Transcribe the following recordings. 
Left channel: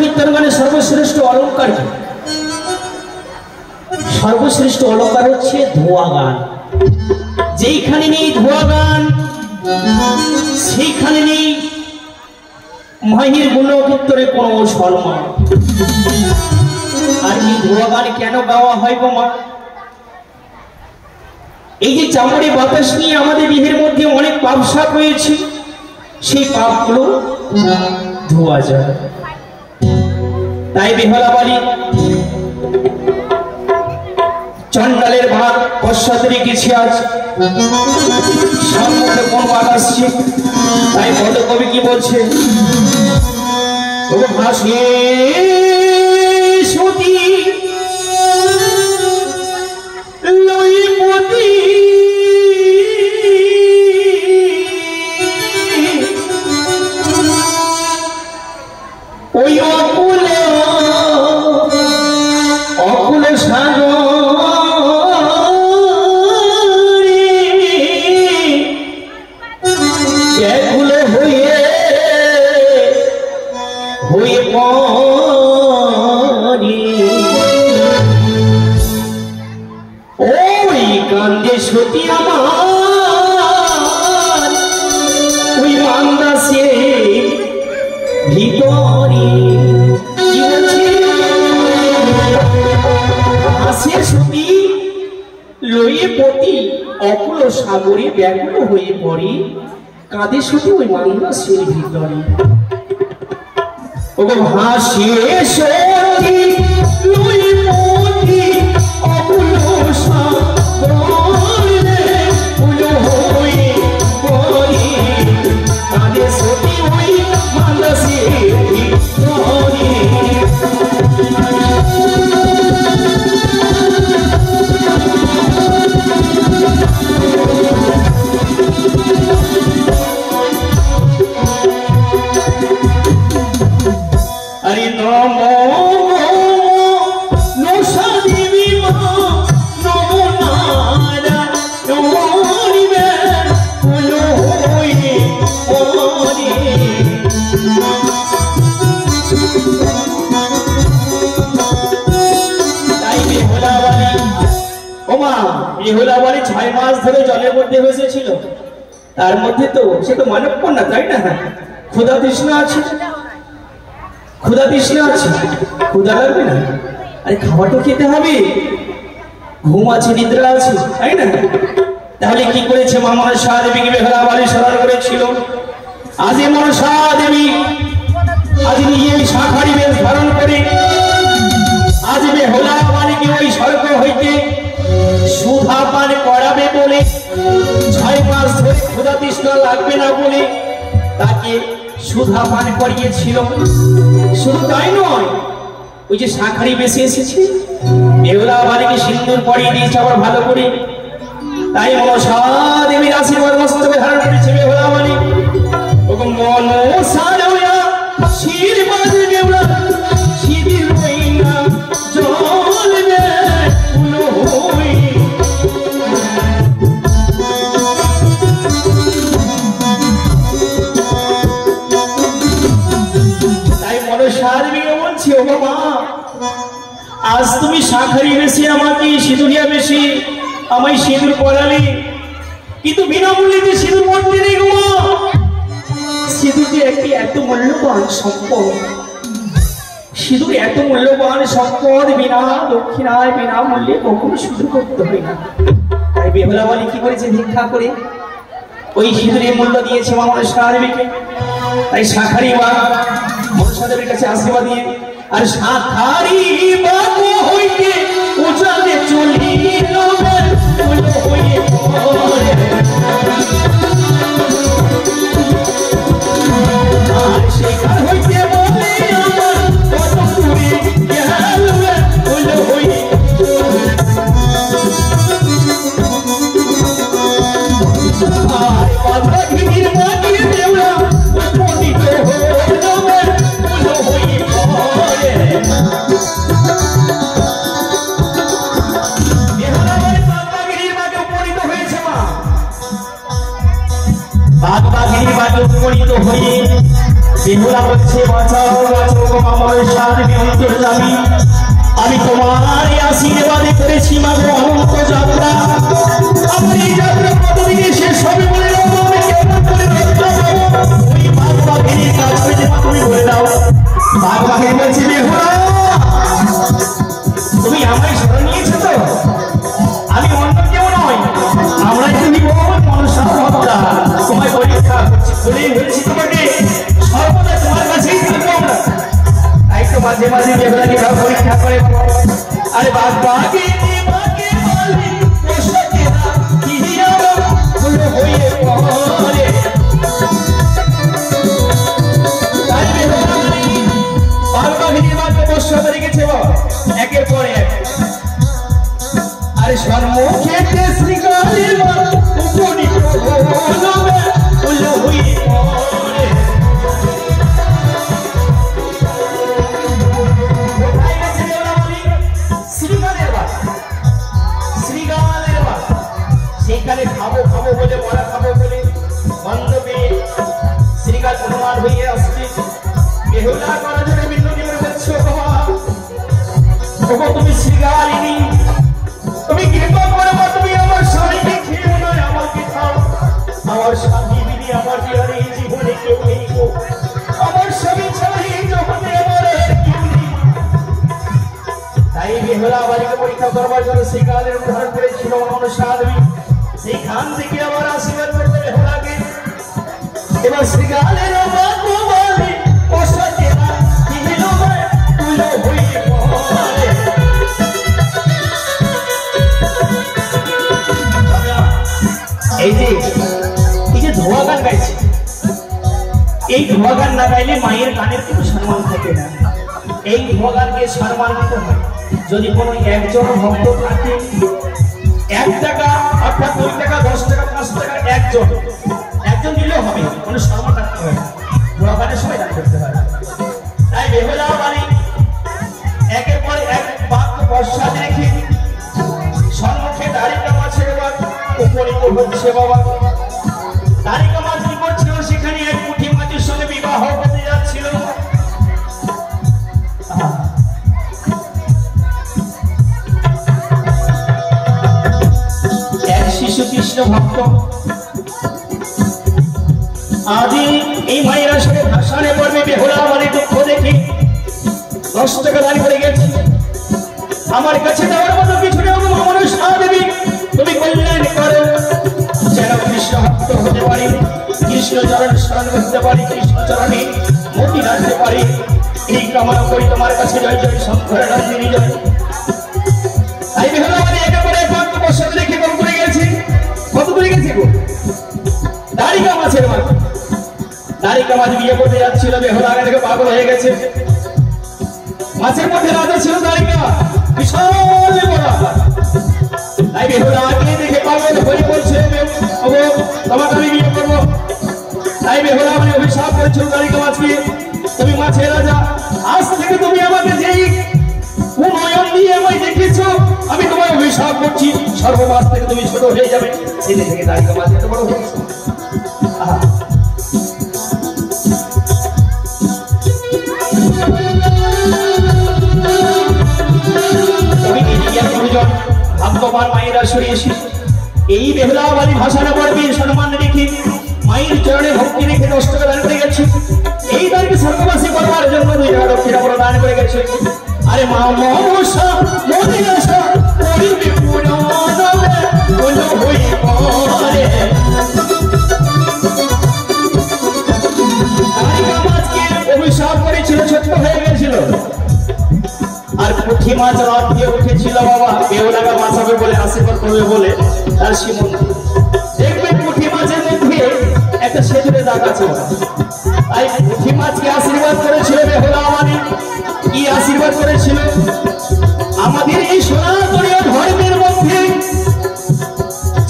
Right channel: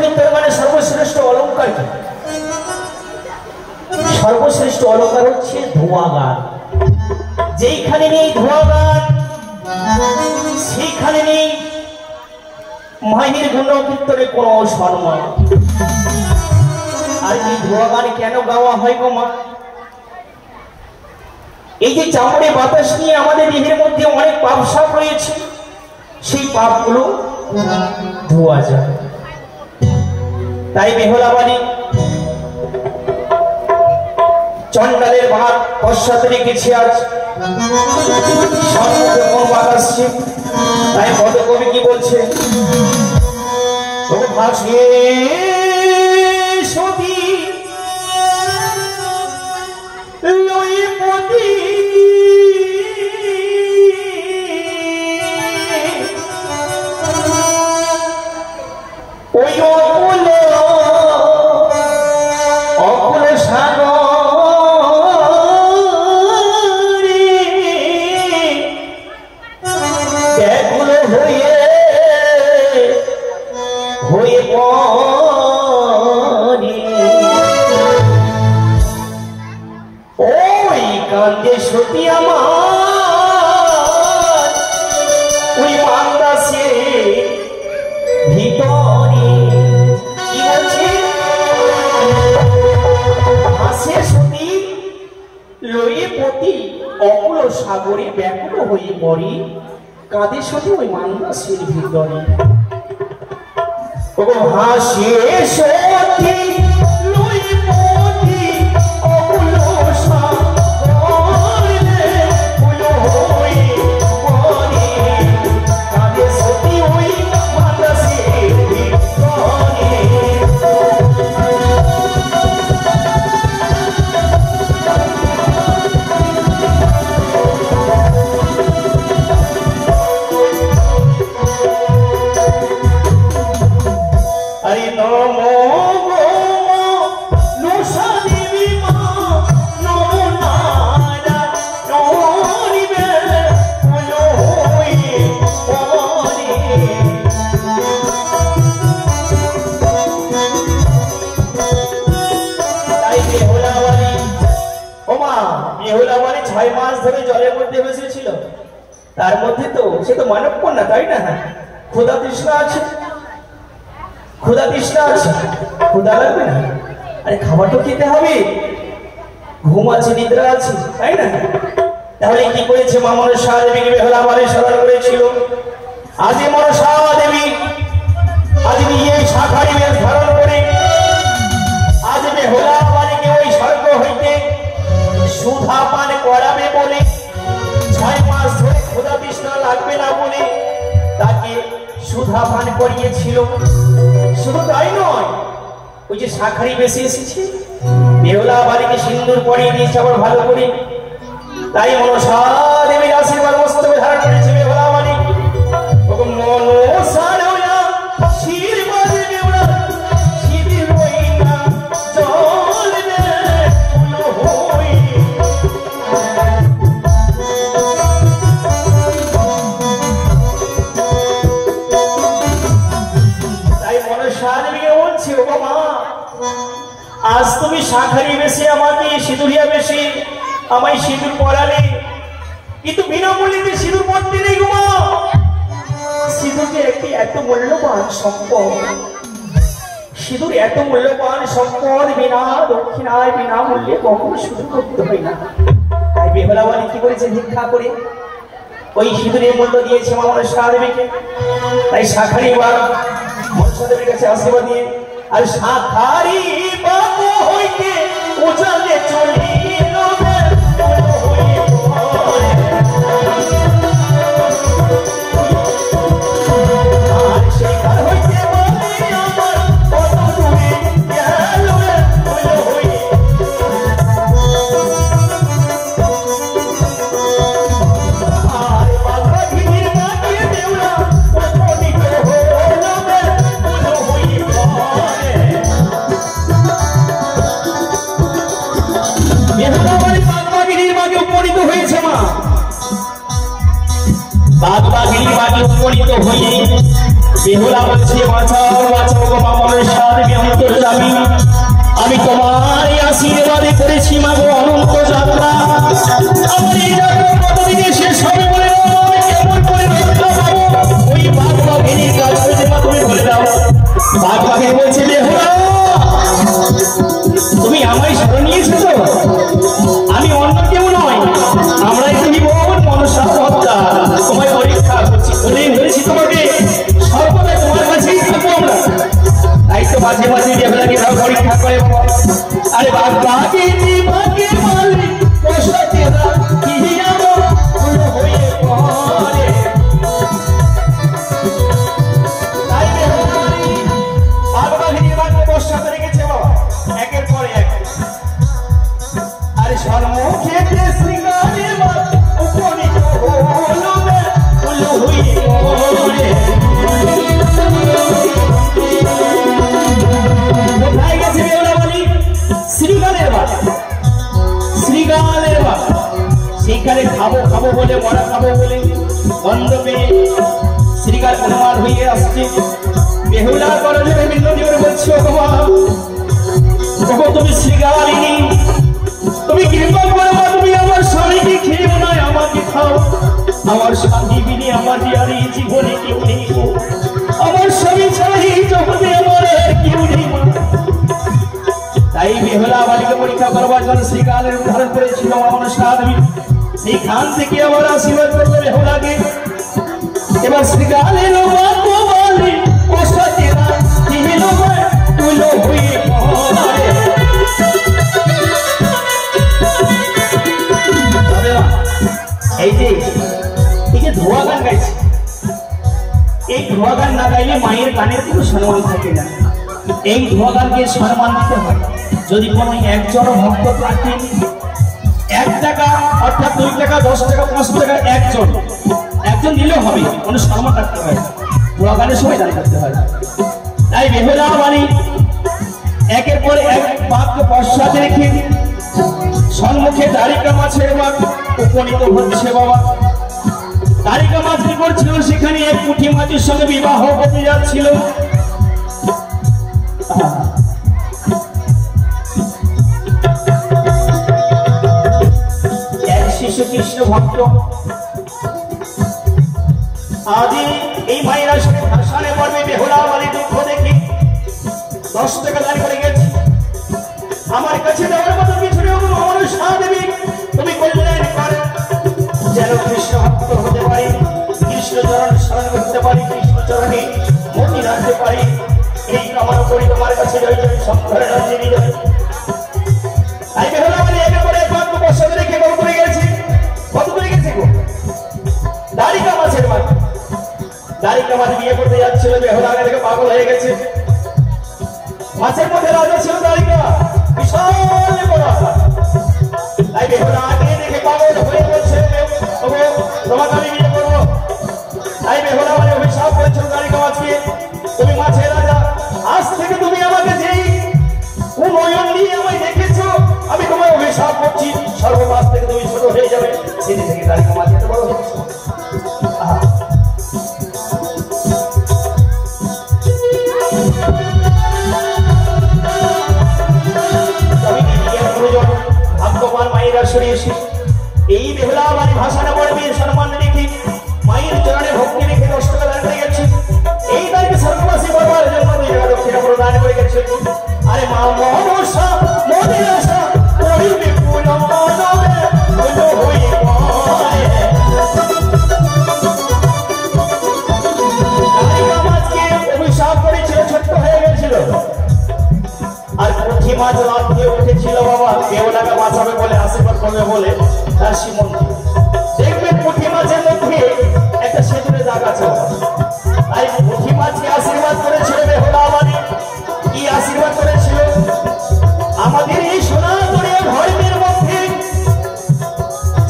কীর্তন মানে সর্বশ্রেষ্ঠ অলঙ্কার কি? সর্বশ্রেষ্ঠ অলঙ্কার হচ্ছে ধোয়া গান। যেইখানে নেই ধোয়া গান সেইখানে নেই মায়ের গুণ কীর্তনে কোনো সম্মান। আর এই ধোয়া গান কেন গাওয়া হয় গো মা? এই যে চামড়ে বাতাস নিয়ে আমাদের দেহের মধ্যে অনেক পাপ সাপ রয়েছে, সেই পাপগুলো ধোয়া যায়। তাই বেহুলা বাড়ি চন্ডালের ভাত পশ্চাতে রেখেছে আজ সামনে কোন আসছে। তাই পদকবি কি বলছে? ও ভাসিয়ে সতী লইপতি ওই অকুল অকুল সাগর ব্যাকুল হয়ে হয়ে পড়ে ওই কান্দে সতী আমার ওই মান্দাসে ভিতরে। কি বলছে? হাসে সতী লয়ে পতি অকুল সাগরে ব্যাকুল হয়ে পড়ে, কাঁদে সতী ওই মান্দাসের ভিতরে। ও হাসে সতী লয়ে পতি অকুল সাগরে হয়ে পড়ে, কাঁদে সতী ওই মান্দাসের ভিতরে। আরে নমো নশা দেবী মা নমো নারায়ণী বে বলো হয়ে পড়ে। তাই বেহুলা বাড়ি ও মা, বেহুলা বাড়ি 6 মাস ধরে জলের মধ্যে বসেছিল। তার মধ্যে তো সে তো মানব কন্যা, তাই না? ক্ষুধা তৃষ্ণা আছে, ক্ষুধা তৃষ্ণা আছে, ক্ষুধা লাগবে না? আরে খাবার তো খেতে হবে, ঘুম আছে, নিদ্রা আছে, তাই না? তাহলে কি করেছে মা মনসা দেবীকে বেহুলা বাড়ি স্মরণ করেছিল? আজ মনসা দেবী আজ নিজে শাখারি বেশ ধারণ করে আজ বেহুলা বাড়িকে ওই স্বর্গ হইতে সুধা পান করাবে বলে, 6 মাস ধরে ক্ষুধা তৃষ্ণা লাগবে না বলে তাকে সুধা পান করিয়েছিল। শুধু তাই নয়, ওই যে শাখারি বেশি এসেছে বেহুলা বাড়িকে সিন্দুর পরিয়ে দিয়েছে আবার ভালো করে। তাই মনসা দেবীর আশীর্বাদ মস্তকে ধারণ করেছে বেহুলা বাড়ি। মনসা আশীর্বাদ বেহুলা শিবির বইনা জল ফুল হই। আজ তুমি শাখারি বেশি আমাকে সিঁদুরিয়া বেশি আমায় সিঁদুর পরালে, কিন্তু বিনামূল্যে সিঁদুর পড়তে নেই গো মা। সিঁদুর যে একটি এত মূল্যবান সম্পদ, সিঁদুর এত মূল্যবান সম্পদ বিনা দক্ষিণায় বিনামূল্যে কখনো সিঁদুর করতে হয় না। তাই বেহুলা বাড়ি কি করেছে? ভিক্ষা করে ওই সিঁদুরের মূল্য দিয়েছে মা মনসা দেবীকে। তাই শাখারি মা মনসা দেবীর কাছে আশীর্বাদ দিয়ে, আর শাখারি বাবু হইতে উজালে চলিল বলো হয়ে পড়ে, আর সেইখান হইতে বলে আমার কত দূরে গেল বলো হয়ে। আর বাবা ঘির মাটির দেওয়া কত দিত হলো বলো হয়ে পড়ে। বেহুলা করা যাবে মিনতি করে বলছো বাবা তুমি শিকারিনী তুমি কৃপা করে তুমি আমার স্বামীকে খেয়ে নয় আমাকে খাও আমার স্বামী বিনে আমার আর এই জীবনে কেউ নেই গো আমার স্বামী ছাড়া এই জগতে আমার কেউ নেই তাই বেহুলা বাড়িকে পরীক্ষা করবার জন্য শিকারের উদাহরণ করেছিল আমার স্বামী সেখান থেকে আমার আশীর্বাদ করতে বেহুলাকে এবার শিকারের এই যে ধোয়া গান গাইছে এই ধোয়া গান না গাইলে মায়ের গানের কোনো সম্মান থাকে না এই ধোয়া গানকে সম্মান দিতে হয় যদি কোনো একজন ভক্ত থাকে 1 টাকা অর্থাৎ 2 টাকা 10 টাকা 5 টাকা একজন দিলেও হবে কোনো সম্মান রাখতে হয় ধোয়া গানের সময় দান করতে হয় তাই বেহুলা বাড়ি একের পর এক বাক্য পশ্চাতে রেখে সম্মুখে তারিকা মাছের মাছ উপনীত হচ্ছে বাবা তারিকা মাছ কি করছিল সেখানে এক পুঁটি মাছের সঙ্গে বিবাহ হতে যাচ্ছিল এক শিশু কৃষ্ণ ভক্ত আদি এই মায়ের আসলে ভাষণে পড়বে বেহুলা মানে দুঃখ দেখি 10 টাকা দাঁড়িয়ে পড়ে গেছে আমার কাছে যাওয়ার মতো কিছু নেই আমার স্বামী তুমি কল্যাণ করো যেন কৃষ্ণ ভক্ত হতে পারি কৃষ্ণ চরণ স্মরণ করতে পারি কৃষ্ণ চরণে মতি রাখতে পারি এই কামনা করি তোমার কাছে জয় জয় শঙ্কর নন্দিনী জয় তাই বেহুলা মানে একে করে কত বছর রেখে কত করে গেছে গো দাড়িকা মাছের মাছ দাড়িকা মাছ বিয়ে করতে যাচ্ছিল বেহুলা থেকে পাগল হয়ে গেছে মাছের মধ্যে রাজা ছিল দাড়িকা বিশাল বড় তাই বেহুলা আগে দেখে পাগল হয়ে বলছে তোমাকে আমি বিয়ে করবো তাই বেহুলা মানে অভিশাপ করেছিল দাড়িকা মাছকে তুমি মাছের রাজা আজ থেকে তুমি আমাকে যেই উন্নয়ন দিয়ে আমায় দেখেছো আমি তোমায় অভিশাপ করছি সর্বমাস থেকে তুমি ছোট হয়ে যাবে সেদিন থেকে দাড়িকা মাছ এত বড় হয়ে এই বেহুলা বাড়ি ভাষাটা পড়বে সম্মান রেখে মায়ের চরণে ভক্তি রেখে 10 টাকা দান করে গেছে এই দানকে স্বর্গবাসী করবার জন্য 2 টাকা দক্ষিণা প্রদান করে গেছে আরে মা মনসা মদিনাসা করিবে পুরাণে বলো হই করে দাড়িকা মাছকে অভিশাপ করেছিল ছোট হয়ে গেছিল আর পুঁটি মাছ রাত দিয়ে উঠেছিল বাবা বেহুলাকে বাঁচাবে বলে আশীর্বাদ করবে বলে তার সীমন্ত দেখবে পুঁটি মাছের মধ্যে একটা সেতুরে দাগ আছে তাই পুঁটি মাছকে আশীর্বাদ করেছিল বেহুলা বাণী কি আশীর্বাদ করেছিল আমাদের এই সনাতনী ধর্মের মধ্যে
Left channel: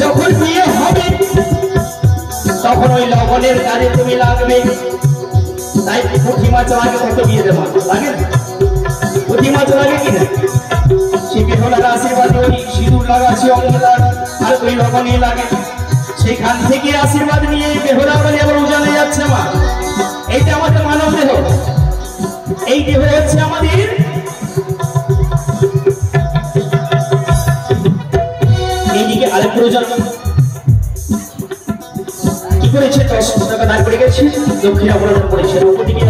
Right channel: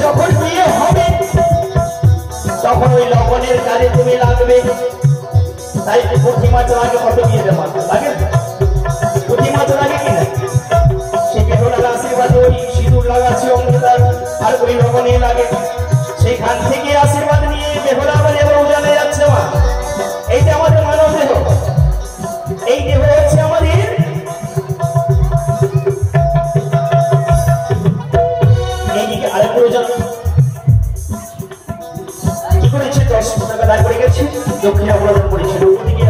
যখন বিয়ে হবে তখন ওই লবণের কাজে তুমি লাগবে তাই পুঁটি মাছ লাগে কত বিয়ে দেওয়া লাগে পুঁটি মাছ লাগে কিনা সে বেহুলার আশীর্বাদ ওই সিঁদুর লাগাচ্ছে অঙ্গীকার আর ওই লবণে লাগে সেইখান থেকে আশীর্বাদ নিয়ে বেহুলা বলে এবার উজানে যাচ্ছে মা এইটা আমাদের মানব দেহ এই দেহ হচ্ছে আমাদের এইদিকে আরেক প্রয়োজন কি করেছে 10 টাকা দান করে গেছে দক্ষিণা প্রদান করেছে ওদিকে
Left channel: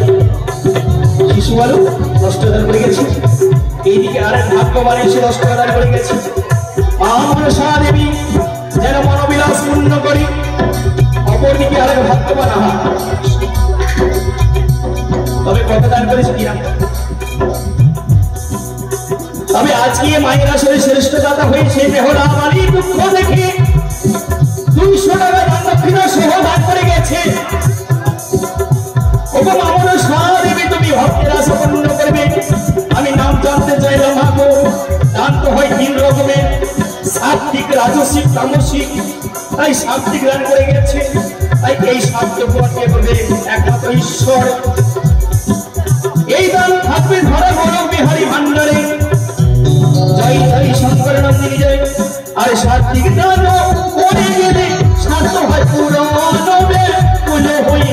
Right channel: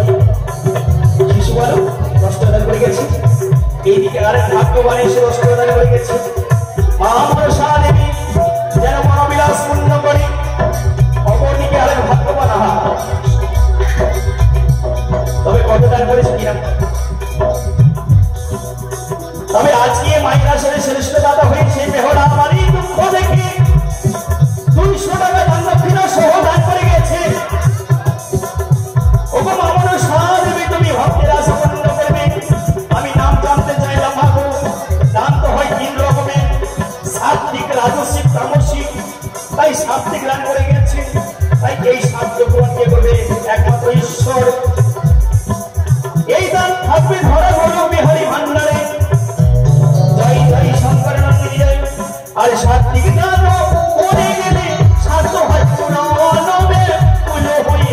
শিশু বালু 10 টাকা দান করে গেছে এইদিকে আরেক ভাগ্যবান এসে 10 টাকা দান করে গেছে মা মনসা দেবী যেন মনোবিলাস পূর্ণ করি অপরদিকে আরেক ভাগ্যবান তবে কত দান করেছে কিনা তবে আজকে মায়ের আসলে শ্রেষ্ঠ দাতা হয়েছে বেহুলা বাড়ি দুঃখ দেখে 200 টাকা দান দক্ষিণা সহ দান করে গেছে ওগো মা মনসা দেবী তুমি ভক্তের আশা পূর্ণ করবে আমি নাম জানতে চাইলাম ভাগো দান তো হয় 3 রকমের সাত্বিক রাজসিক তামসিক তাই সাত্বিক দান করে গেছে তাই এই সাত্বিক কে করবে একমাত্র ঈশ্বর এই দান থাকবে ঘরে ঘরে বিহারী ভান্ডারে জয় জয় শঙ্কর নন্দিনী জয় আরে সাত্বিক দান করে গেলে সাধ্য হয় পুরাণে পুজো হয়ে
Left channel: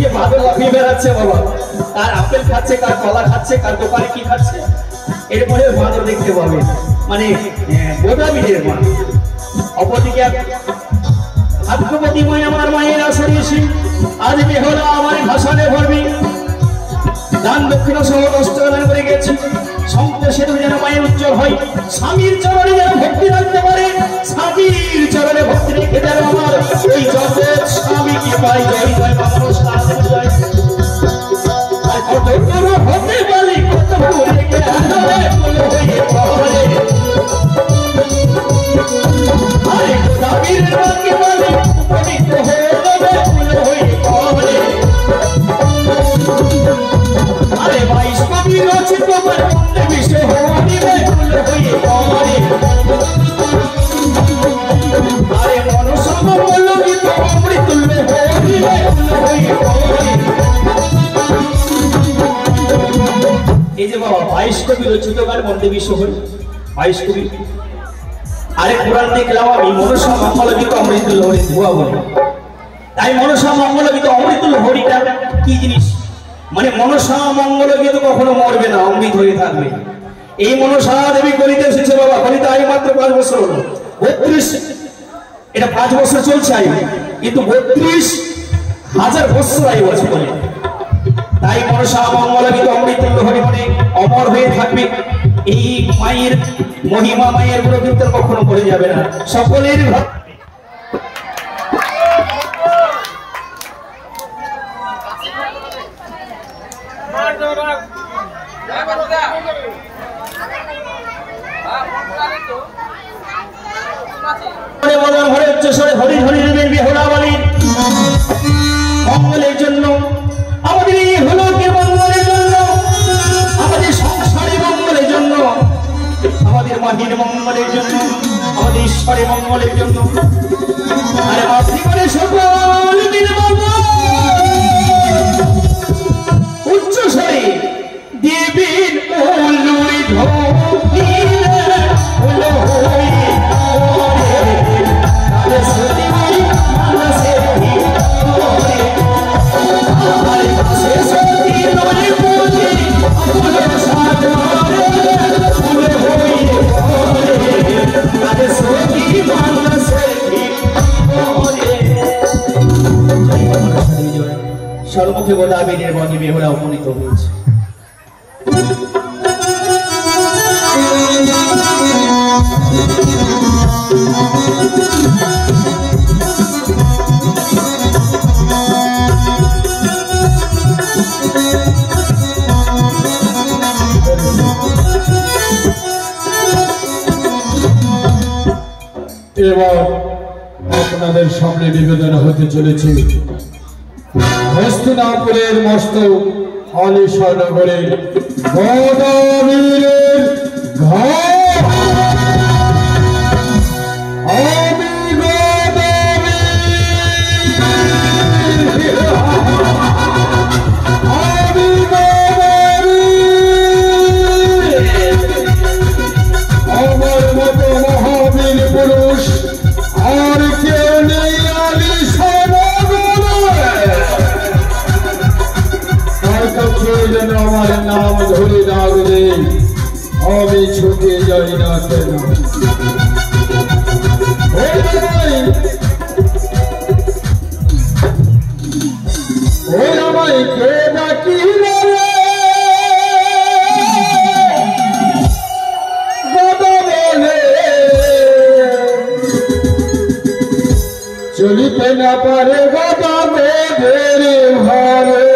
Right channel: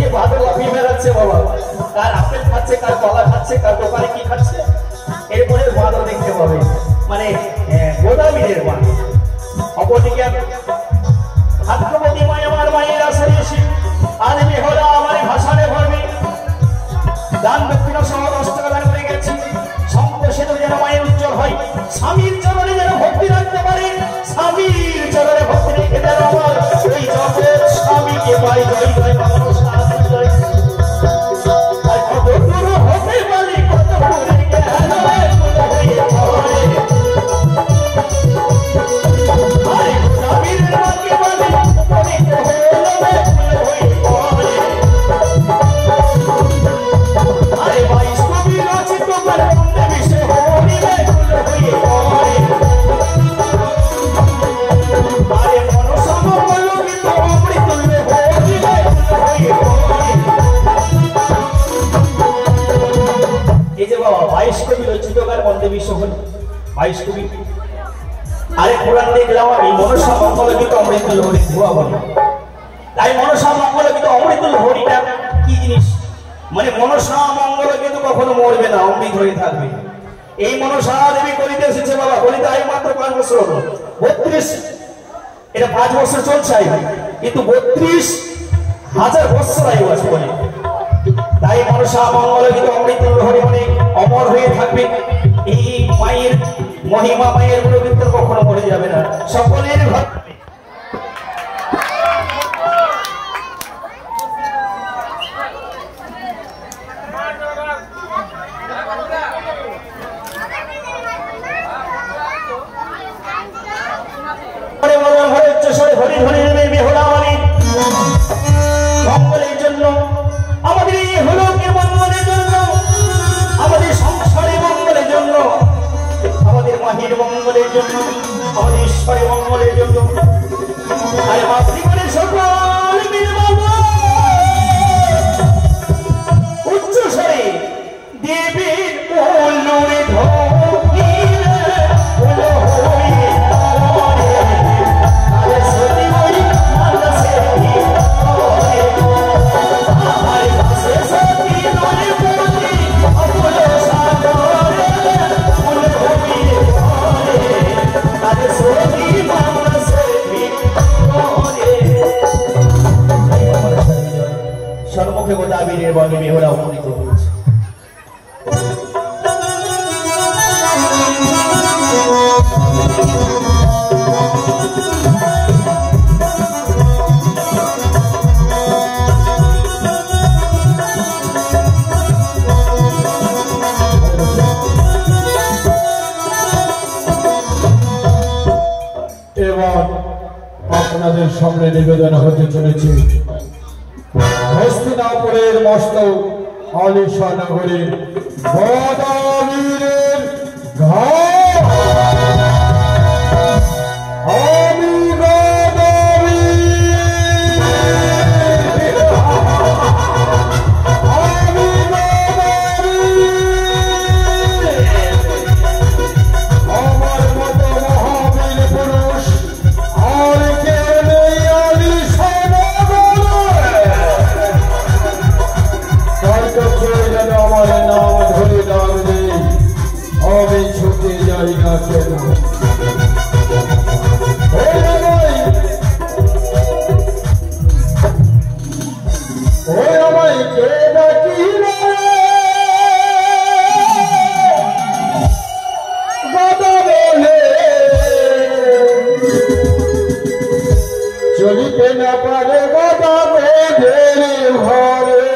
যে ভাবে লাফিয়ে বেড়াচ্ছে বাবা, কার আপেল খাচ্ছে, কার কলা খাচ্ছে, কার দোকানে কি খাচ্ছে, এরপরে বাঁদর দেখতে পাবে, মানে গোদাবীরের মা। অপরদিকে হাতকবতী মায় আমার মায়ের আশারে এসে আজ বেহরা আমার ভাষানে ভরবি, দান দক্ষিণ সহ 10 টাকা দান করে গেছি। শঙ্খ সেতু যেন মায়ের উজ্জ্বল হয়, স্বামীর চরণে যেন ভক্তি রাখতে পারে, স্বামীর চরণে ভক্তি রেখে যেন আমার এই জগৎ স্বামীকে পাই। জয় জয় মা মনসা জয়। আর কত গুরু হতে পারি, কত গুরু হয়ে পড়ে, আরে স্বামীর বাক্যে বলে উপনীত হয়ে পড়ে। আরে বৈষ্ণবী রচিত তার পুণ্যে মিশে হরিবে ফুল হয়ে পড়ে। আরে মনসা মঙ্গল গীত অমৃতুল্য হরিবে ফুল হয়ে পড়ে। এই যে বাবা 22 কবি রচিত গান বন্দে বিশ্ব হরি, 22 কবি। আরে পুরাণ দেখলাম আমি মনসা মঙ্গল গীত অমৃতুল্য হরি ধোয়া বলে। তাই মনসা মঙ্গল গীত অমৃতুল্য হরিটা কি জিনিস? মানে মনসা মঙ্গল গীত কখনো মরবে না, অমৃত হয়ে থাকবে। এই মনসা দেবী কলিতে এসেছে বাবা, কলিতে আই মাত্র 5 বছর হলো, 32 এটা 5 বছর চলছে আই, কিন্তু 32,000 বছর আয়ু আছে বলে। তাই মনসা মঙ্গল গীত অমৃতুল্য হরি মানে অমর হয়ে থাকবে। এই মায়ের মহিমা, মায়ের গুণকীর্তন কখনো মরে যাবে না, সকলের ঘর। মঙ্গলের জন্য, আমাদের এই হলোকের মঙ্গলের জন্য, আমাদের সংসারের মঙ্গলের জন্য, আমাদের মাটির মঙ্গলের জন্য, আমাদের ঈশ্বরের মঙ্গলের জন্য। আরে মাতৃকালে সকল উচ্চ স্বরে দেবীর উল্লুরে ধরি সর্বমুখে গোদাবীরের বনে বেহুলা উপনীত হয়েছে। এবার আপনাদের সামনে নিবেদন হতে চলেছে হস্তিনাপুরের মস্ত আলিশা নগরের গোদাবীরের ঘাট। আমি ছুটে যাই না কেন, ওই আমায় কে ডাকি চলিতে না পারে গাদা মেয়েদের ঘরে,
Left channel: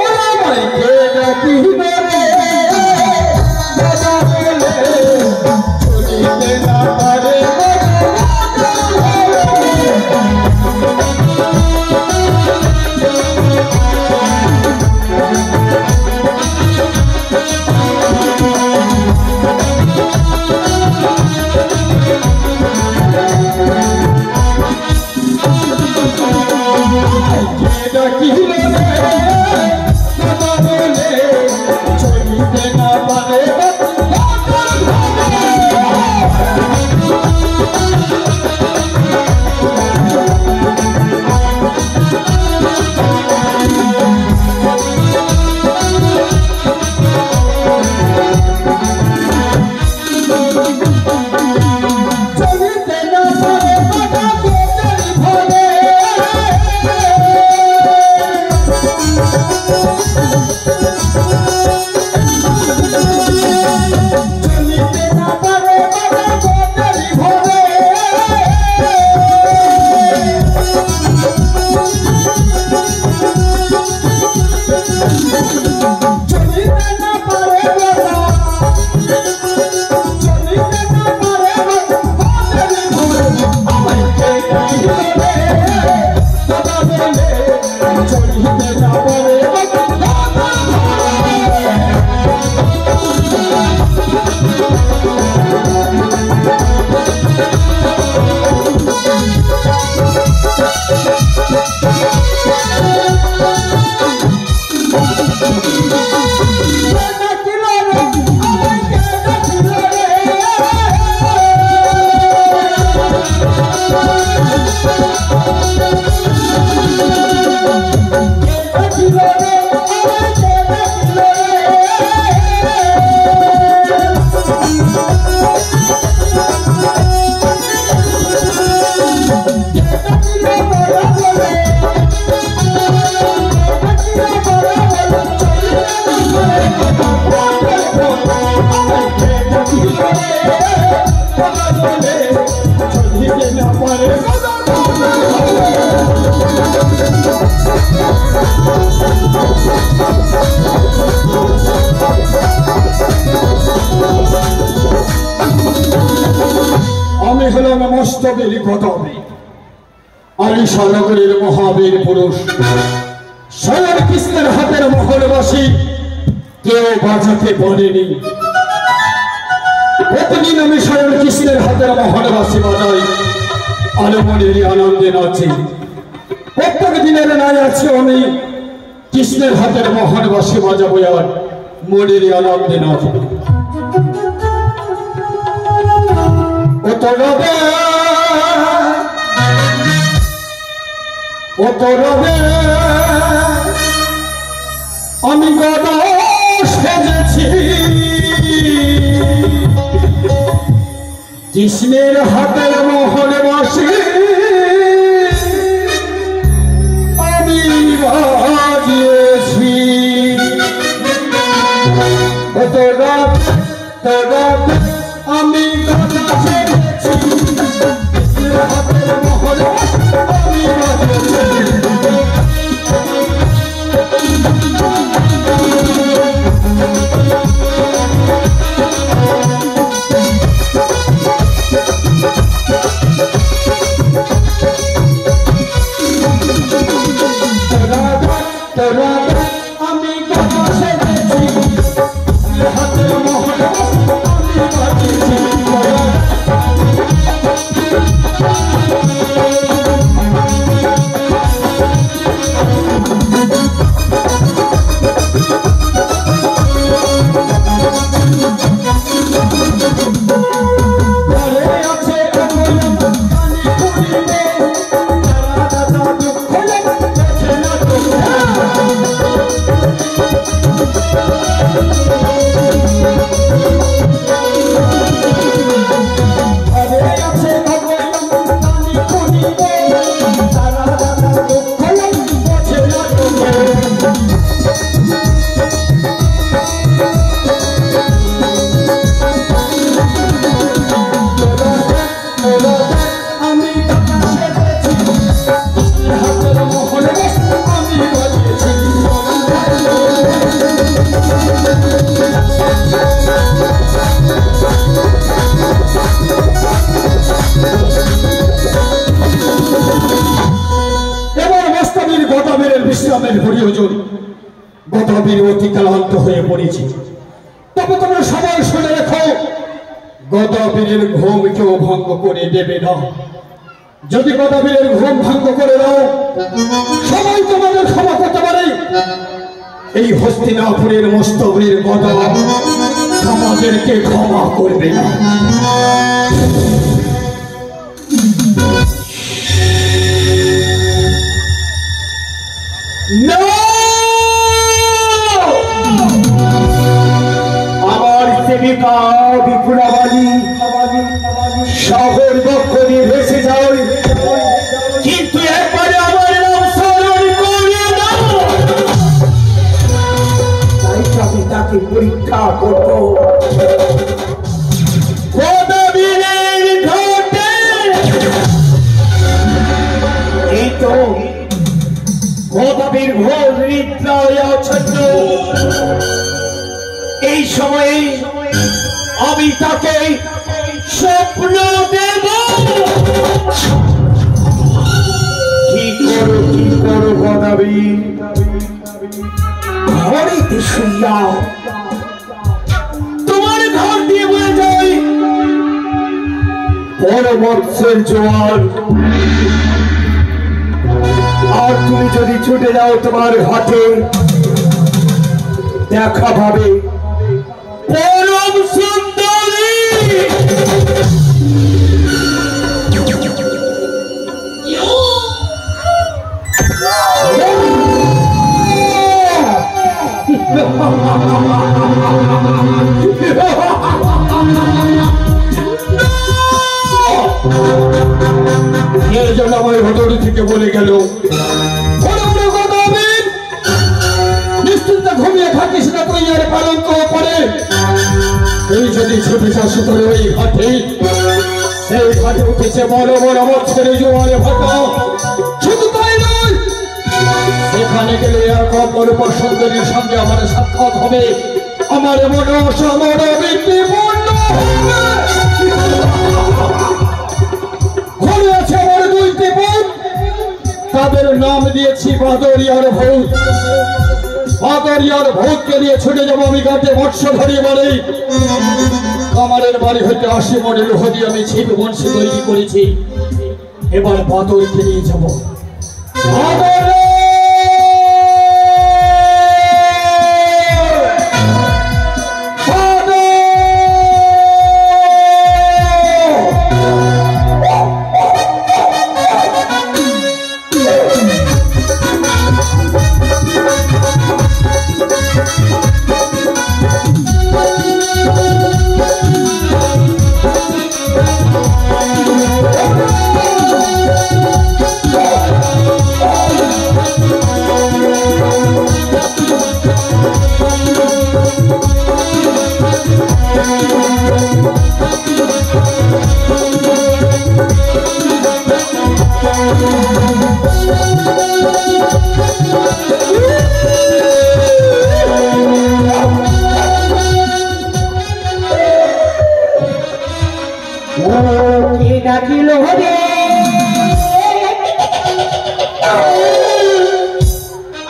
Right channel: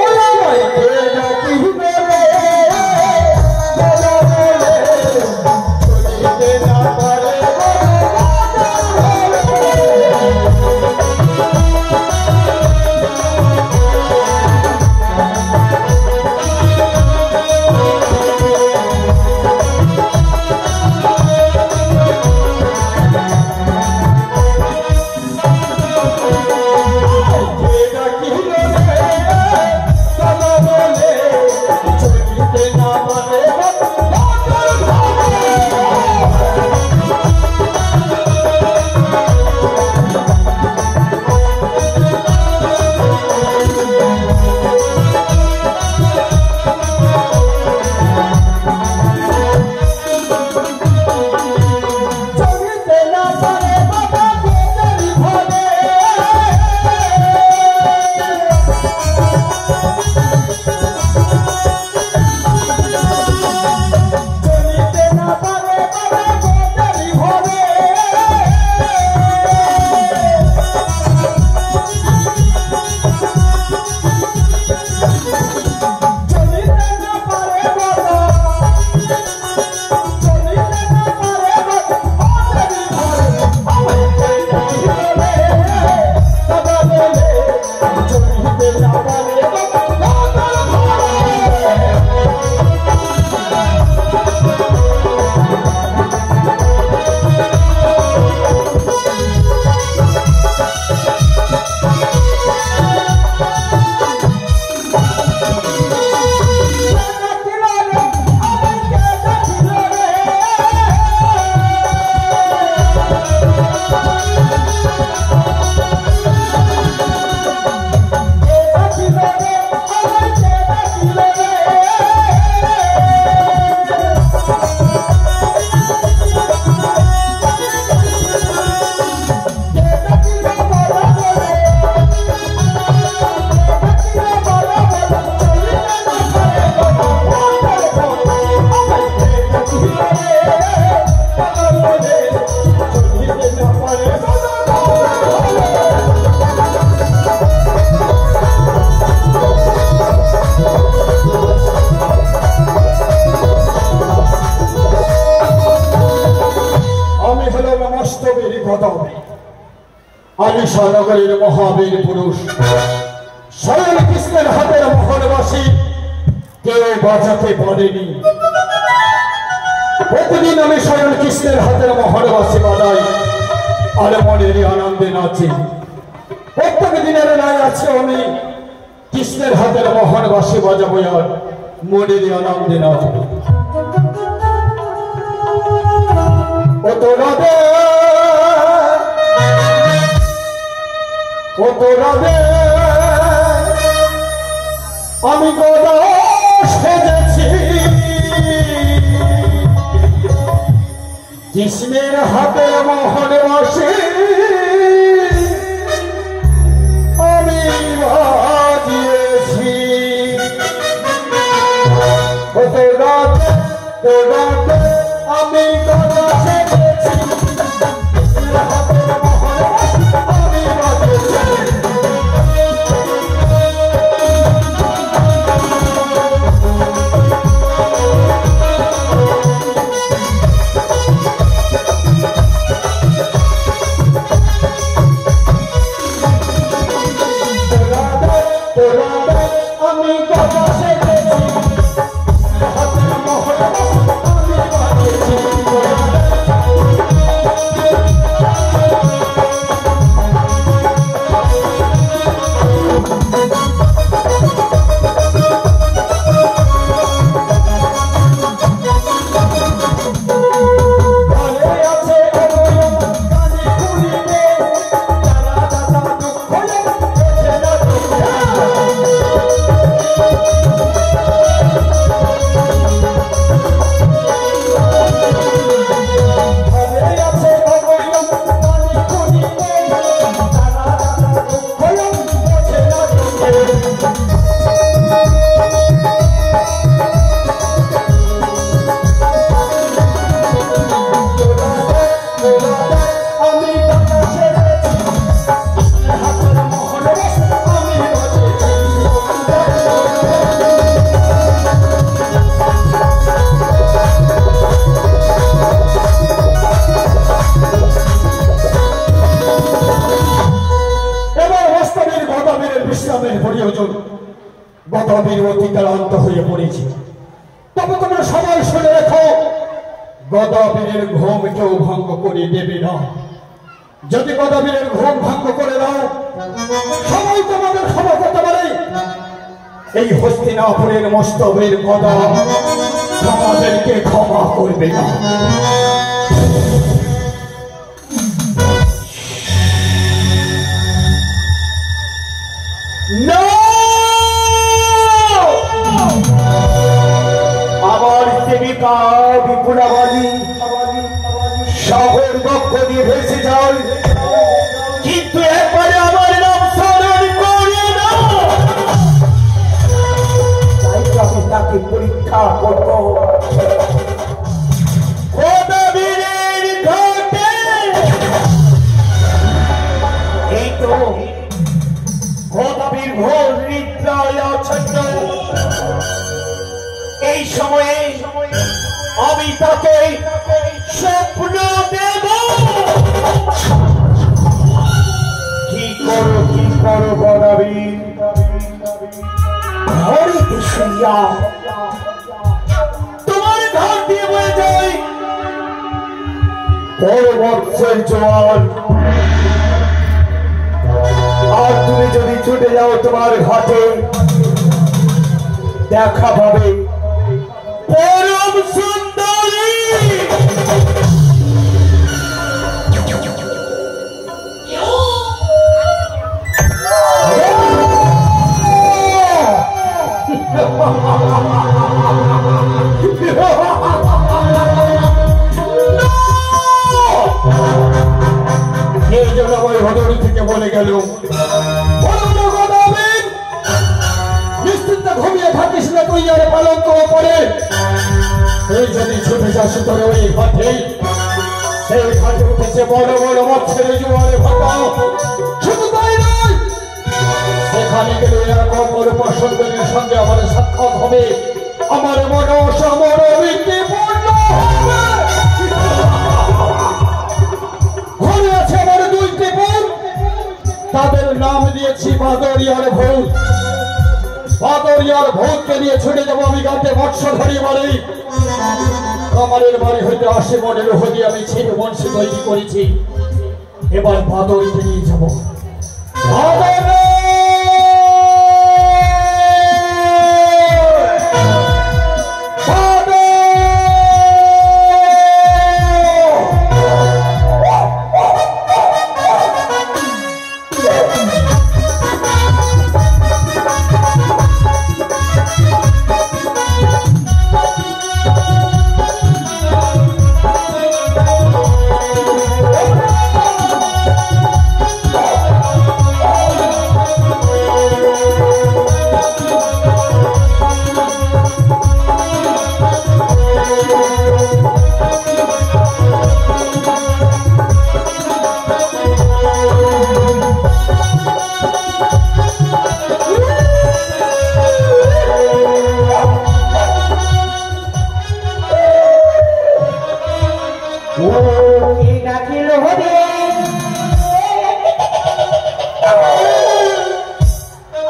ওই আমায় কে ডাকি মস্তবীর গদব আলিশানগরের মহাবীর পুরুষ স্বয়ং কৃষ্ণের হাতের মোহরবাসী কেউ বাজাতে বলেনি। প্রতিদিন আমি স্বয়ং কৃষ্ণের হাতের মোহরবাসী বাজাই আর মনের আনন্দে নাচি। প্রত্যেক দিনের নাই আছে আমি কৃষ্ণের হাতের মোহরবাসী বাজাবো আর মনের আনন্দে নাচবো। আমি গদা সেজেছি কৃষ্ণের হাতের মোহরবাসী আমি বাজিয়েছি। আমি গদা সেজেছি কৃষ্ণের হাতের মোহরবাসী আমি বাজিয়েছি। অতিক্রান্ত হয়ে পড়েছি। তবে তোমরা সবাই শুনে রেখো, গদাবীরের ঘুম কেউ ভঙ্গ করে দেবে না। যদি গদাবীরের ঘুম ভঙ্গ করে দাও সবাই তোমাদের ক্ষমা করতে পারে। এই হস্তিনাপুরের মস্তবের গদা তোমাদেরকে ক্ষমা করবে না। শহর বক্ষণী ভেসে যায়, কিন্তু একবারে আমার নাম স্মরণ করে না। তাই তো আমি তাকে পরীক্ষা করব। গদাবীরের ঘাটে এই তো গদাবীর ঘোর নিদ্রায় আচ্ছন্ন। এই সময়ে আমি তাকে স্বপ্ন দেব। কি করো গদাবীর? ঘরেতে শুইয়া তোমার ঘর দিয়ে বয়ে যায় বড় মৎস্যের জোয়ার। আর তুমি যদি ছুটে যাও তোমার ঘাটে, দেখা পাবে পরম সুন্দরী। এর জন্য আমার ঘটনা থেকে বলে গেল, নিশ্চিন্ত ঘুমিয়ে থাকিস না তুই, আর পালন করে পরে তুই যদি ছুটে যাস তোর ওই ঘাটে, সেই ঘাটে উঠেছে বড় বড় মৎস্যের জোয়ারে ভাটা। শুধু তাই নয়, সেখানে গেলে এক অপরূপ সুন্দরীর সঙ্গে আমার সাক্ষাৎ হবে, আমার মন সমর বৃত্তিপূর্ণ হবে। এখানে আছে আমার দুইটি বোন, তাদের নাম দিয়েছি বাদরিয়ার ভূত। বাদরিয়ার ভূতকে নিয়ে ছুটে যাবো আমি ঘাটে মৎস্যধারী বাড়ি। কামারের বাড়ি হইতে 80 মনের হদি আমি ছিপ বংশী তৈরি করেছি। এবার বাদরকে নিয়ে যাবো।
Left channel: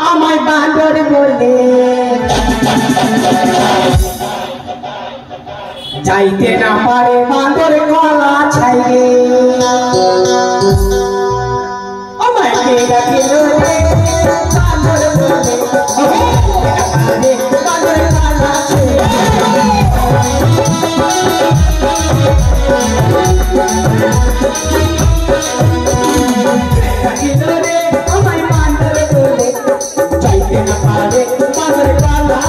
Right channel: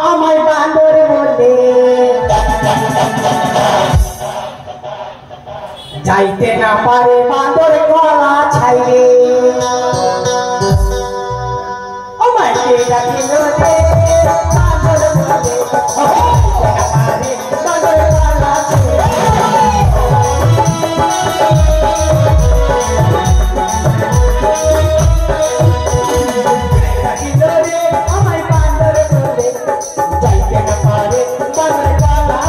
আমায় বাঁদর বলে যাইতে না পারে বাঁদর গলা ছাইলে আমায় কে ডাকিল রে বাঁদর বলে আরে বাঁদর গলা ছাইলে ডাকিল রে আমায় বাঁদর বলে যাইতে না পারে বাঁদর গলা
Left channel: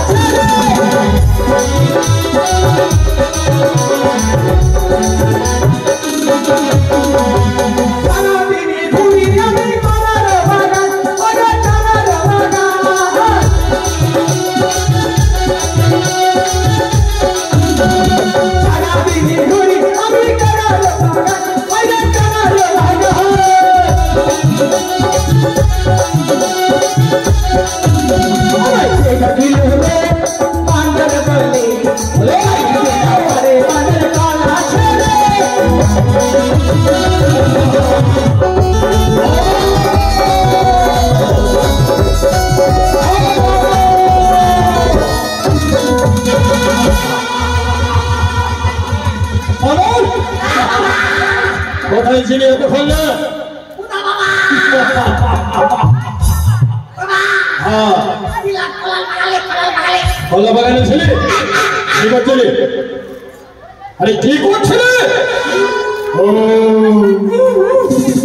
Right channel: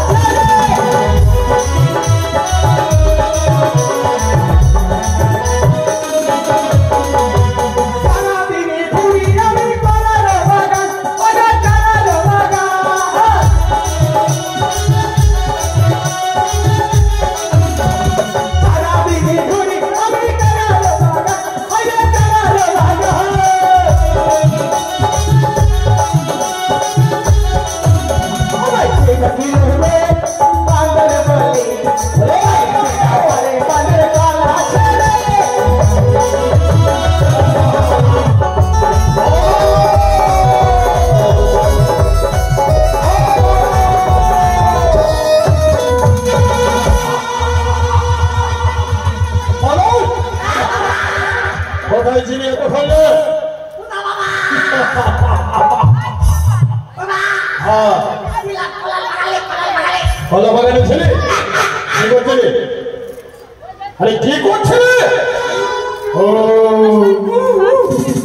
কোথায় ছিলি এতক্ষণ? হ্যাঁ, কলা বাগানে ছিলি? কি করছিলি? আরে কি করছিলি? ও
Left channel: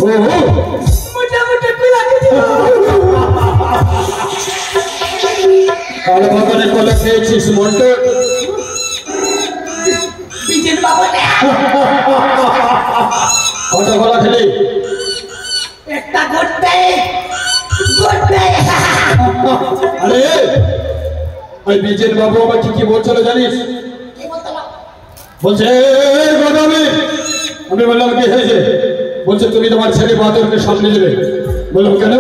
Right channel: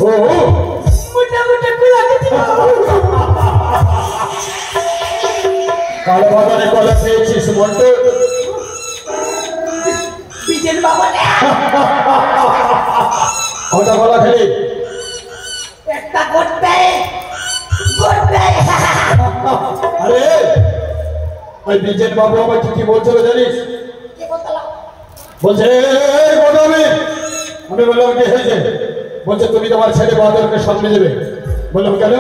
ও কলা বাগানে কলা খেয়েছিস মন্টু? কটা কলা খেলি? একটা গড়তে গড়তে আরে ওই বিজেন বাবু আমাকে কি বলছিল জানিস? কি বলতো? বলছে গোদামি। আমি বললাম কি হয়েছে? বলছে তুমি তোমার ছেলে বাদরকে সামনে দেবে। বললাম কেন?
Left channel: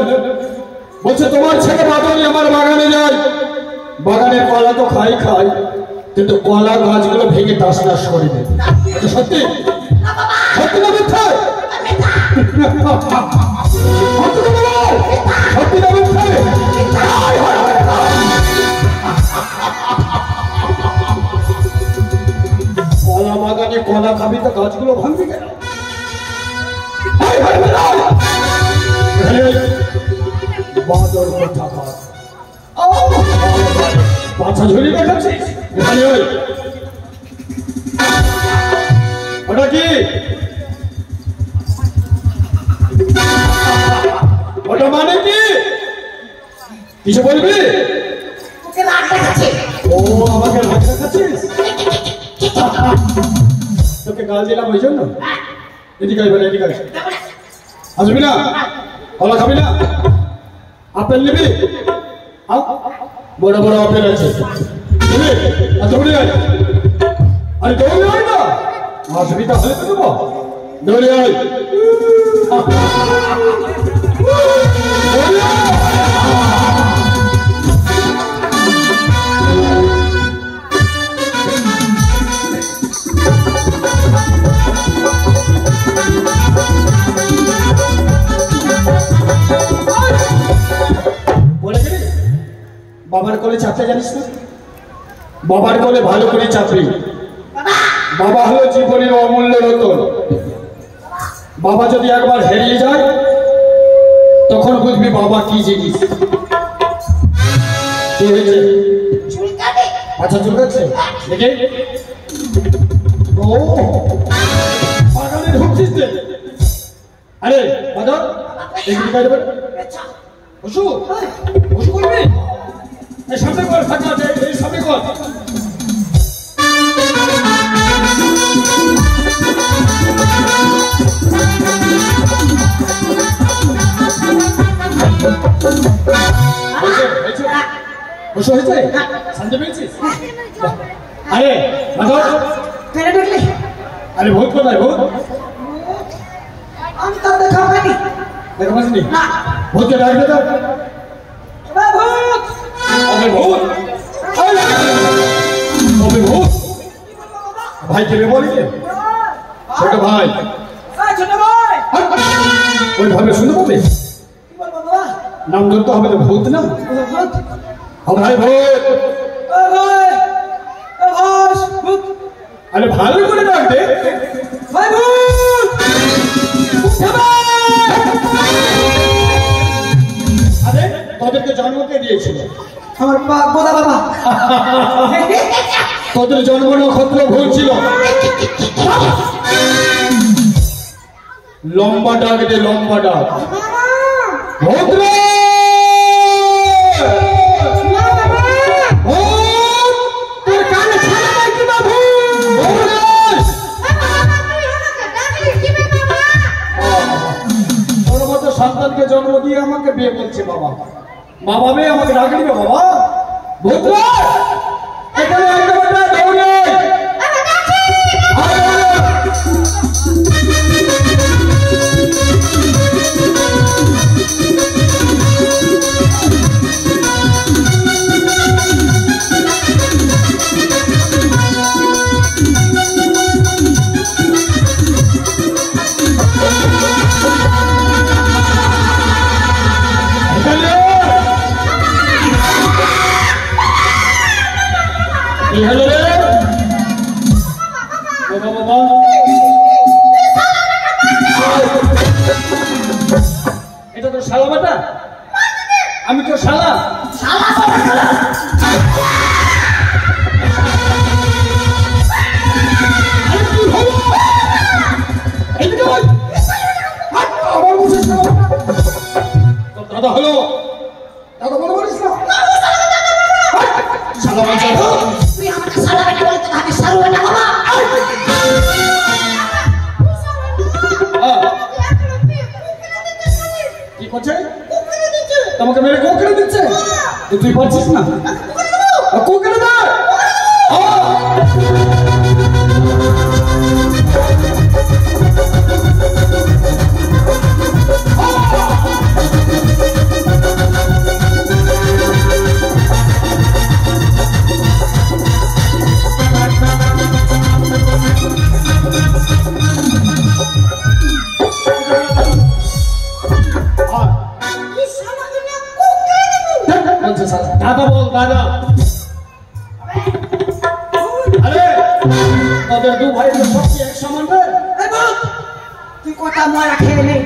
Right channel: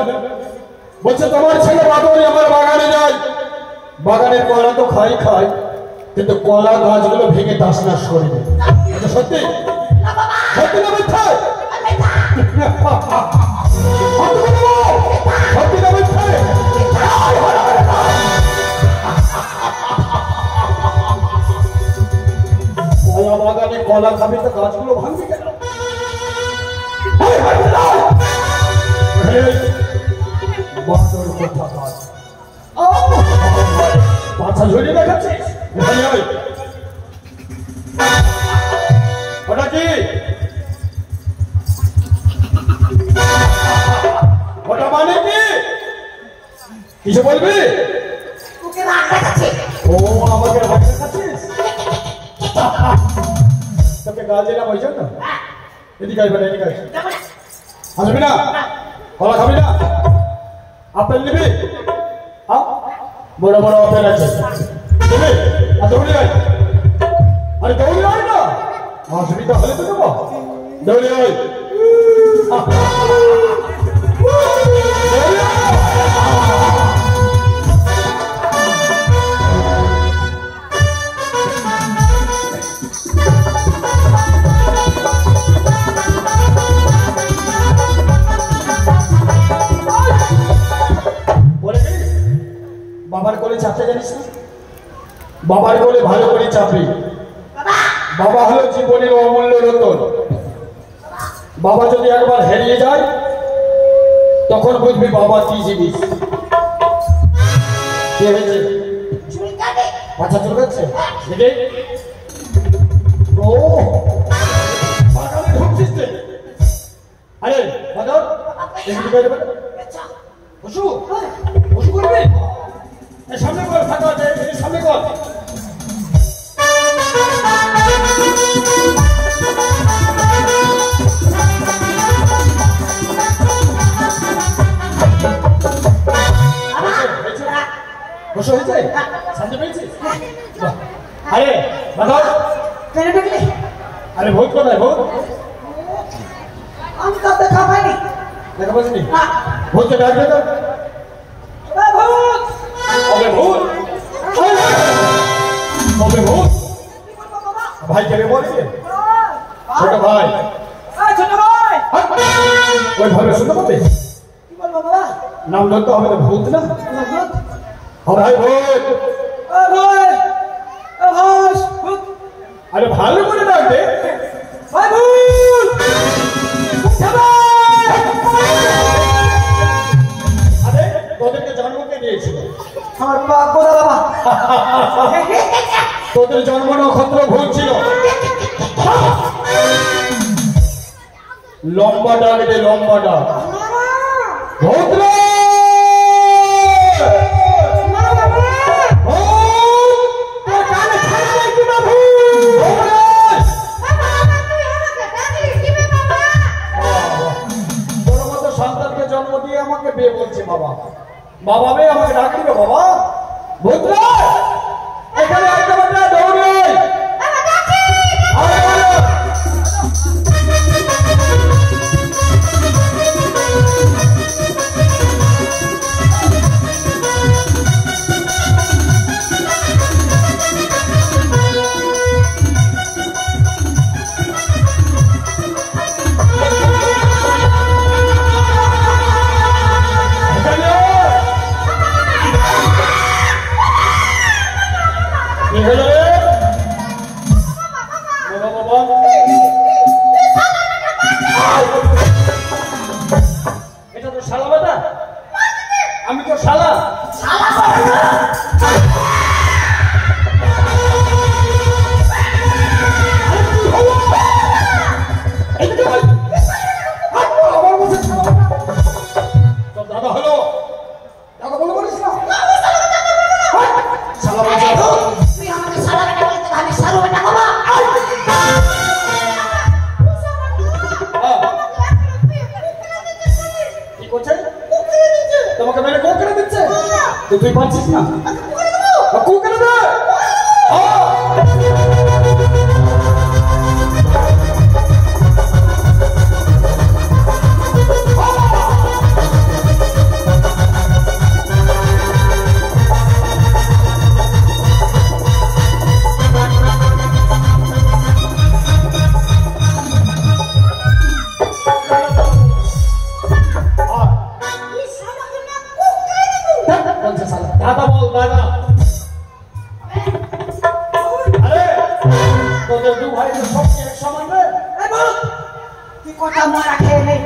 বলছে তোমার ছেলে বাদরই আমার বাগানে যায়, বাগানের কলা তো খাই খাই, কিন্তু কলা গাছগুলো ভেঙে তাস নাশ করে দেয়। এটা সত্যি? সত্যি না মিথ্যা? সত্যি না মিথ্যা? কলা বাগানে কলা খাবি তো গাছগুলো ভাঙবে কেন? বাদর কথা বল, পাছা ঝরিয়ে দেখাচ্ছিস? এখানে ওই ওটা কি? ওটা মানে কি? কিছু বলবি? ওকে রাগ দেখাচ্ছে। ও আমাকে রাগ দেখাচ্ছিস? তোকে গাল দিলাম ওই জন্য? এদিকে আসবে না, এদিকে আসবে। আসবি না? কলা খাবি না? আপেল নিবি? বড় বড় আপেল আছে, নিবি? দৌড়ে আয়। আরে দৌড়ে আয় না, অসুবিধা হলে তো দেবো। দৌড়ে আয়, দৌড়ে আয়। চাপতে জানিস না? বাবার কোলে ভালো করে চাপবি। বাবা হলো জীবনের অমূল্য রতন। বাবা যদি একবার হারিয়ে যায় তখন বুঝবি বাবা কি জিনিস। কি হয়েছে? আচ্ছা চুলকাচ্ছে দেখে। ও বাগানে ঢুকছিস যে? আরে বাদর দেখবি বাইরে বসু বসু করবি? এই সামনে কর, ফাঁকা আছে, এই সামনে কর। বসু হয়েছে? শান্তি পেয়েছিস? আরে বাদর কেন ঢুকলি? আরে ভূত কোথায়? ভূত আমি তো দেখা পাইনি। দেখা পাসনি? ভূতকে ডাকবে তো। ভূত ওকে ভূত, ওকে ভূত। ভাই কে বলেছে? ছোট ভাই। ছোট ভাই ওই ভাবে শুনতে পাবে? কি বলবো বাবা? নাম ধরতে হবে তো, ভূত না? ভূত ও ভাই ভূত। ভাই ভাই ভূত আরে ভালো করে ডাকবে। ভাই ভূত আরে তোদেরকে জন্ম কে দিয়েছিল? আমার বাবা বাবা তোদের জন্ম নক্ষত্র ভুল ছিল। লম্বা ডাক, এটা লম্বা ডাক। ভূত রে! তোর কানে ছাড়া নেই কি না ভূত? ভূত রে! তোর মতো সন্তানকে জন্ম দিয়ে আমাকে বিয়ে বলছে বাবা। বাবা মেয়ে আমাকে ডাকে দিবে বাবা। ভূত রে! এখানে আইতে হবে না, দৌড়ে আয়। কি হলো রে? বাবা বাবা এটা তো শালা বেটা। আমি তো শালা। দাদা হলো দাদা বলে পারিস না? শালা বাচ্চা তুই আমাকে সারা বেটা বলতে আমি সারু বেটা বাবা কি করছে? তোমাকে মেরে কোকড়ে দিচ্ছে তো তুই পারছিস না? কোকড়ে দে। দাদা বল দাদা। আরে তোদের দু ভাই তো সব এক সমান রে। তুই কটা মারা খেয়ে নে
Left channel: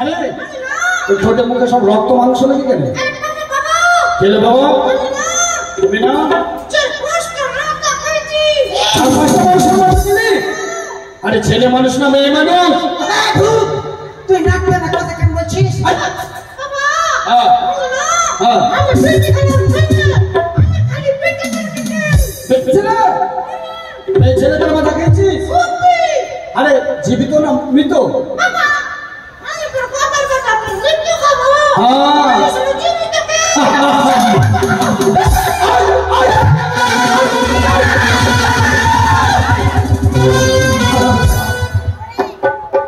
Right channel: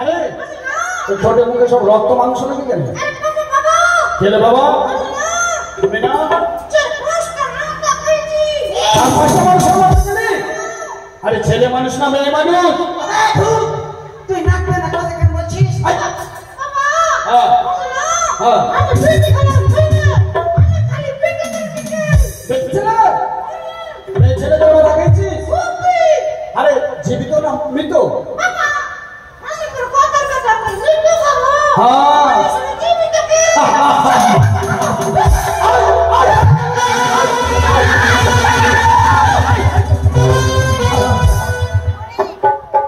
আরে তোর ছোট মুখে সব রক্ত মাংস লেগে কেন? গেলে বাবা তুমি না আরে ছেলে মানুষ না মেয়ে মানুষ? তুই নাক না কথা কেন বলছিস? ছেলেদের মজা খেয়েছিস? আরে জীবিত না মৃত?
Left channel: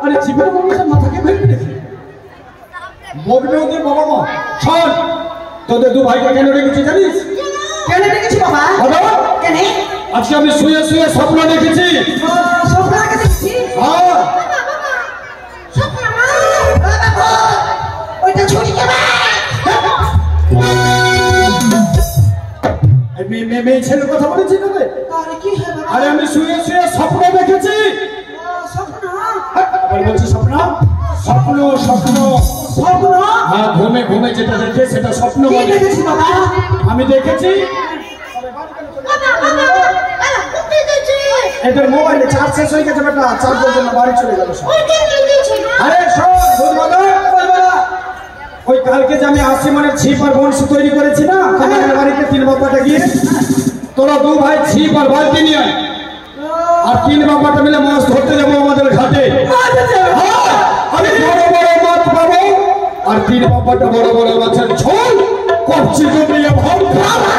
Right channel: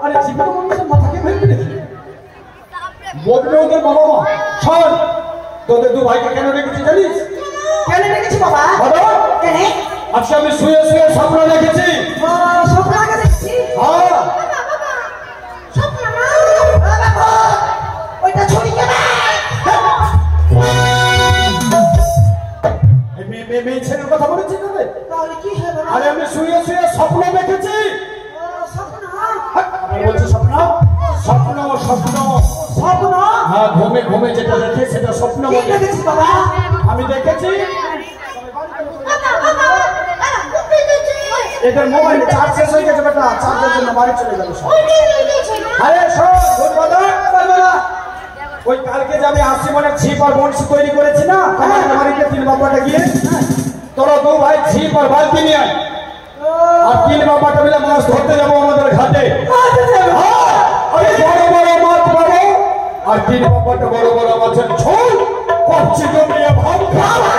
আরে জীবিত মানুষের মাথাকে ফেলবি নাকি? বলবে ওদের বাবা মা শোন, তোদের দু ভাইকে কেন রেখেছি জানিস? কেন রেখেছি বাবা? কেন? আজকে আমি শুয়ে শুয়ে স্বপ্ন দেখেছি। স্বপ্ন আগে দেখেছি? হ্যাঁ ওটা মেয়ে ছেলের কথা বলেছি না রে? তাহলে কি হয় বাবা? আরে আমি শুয়ে শুয়ে স্বপ্ন দেখেছি। স্বপ্ন আবার বলছি স্বপ্ন স্বপ্ন স্বপ্ন স্বপ্ন হ্যাঁ, ঘুমে ঘুমে যেটা দেখে সেটা স্বপ্ন কি বলে। দেখেছিস বাবা? আমি দেখেছি এদের মোবাইলে চার্জ শেষ হয়ে গেছে বেটা, চার্জের জন্য বাড়ি চলে যাবে সব। আরে শোন বুঝবাদা, ওই কালকে যে আমি 80 মনের ছিপ আর বংশী তৈরি করেছি না কমানের বাড়িতে 3 বাবাটা গিয়ে, তোরা 2 ভাই ছিপ আর বালতি নিয়ে আয়, আর 3 বাবাটা মিলে মাছ ধরতে যাবো আমাদের ঘাটে। হ্যাঁ, আরে বড় বড় মাছ পাবো, আর 3 বাবাটা বড় বড় মাছের ঝোল কচ্ছি জমিয়ে ভাত খাবো।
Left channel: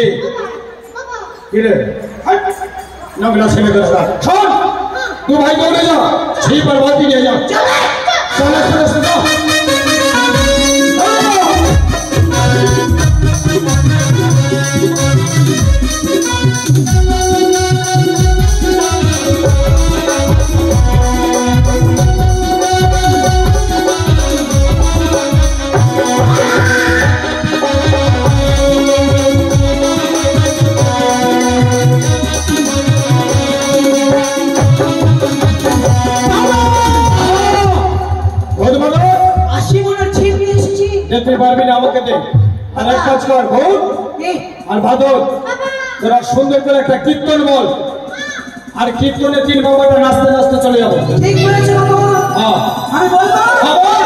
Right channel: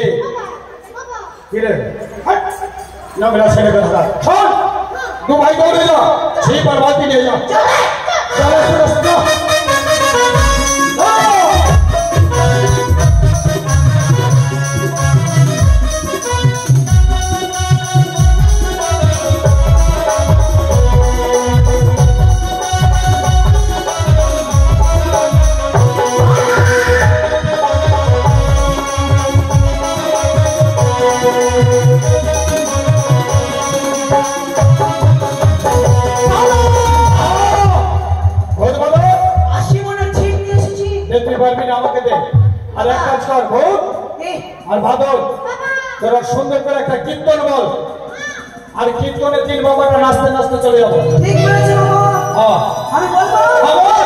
এ কি রে? হাট! নোংরা ছেলে বেরোবা। শোন, 2 ভাই দৌড়ে যা, ছিপ আর বালতি নিয়ে যা। চলে চলে চলে। তুই পারবি না, আমাকে দে। আর এক কাজ কর, ভূত আর বাদল, তোরা সুন্দর করে একটা কীর্তন বল, আর কীর্তনে 3 বাবাটা নাচতে নাচতে চলে যাবো। ঠিক বলেছো বাবা। হ্যাঁ আমি বলবো। হ্যাঁ, বল।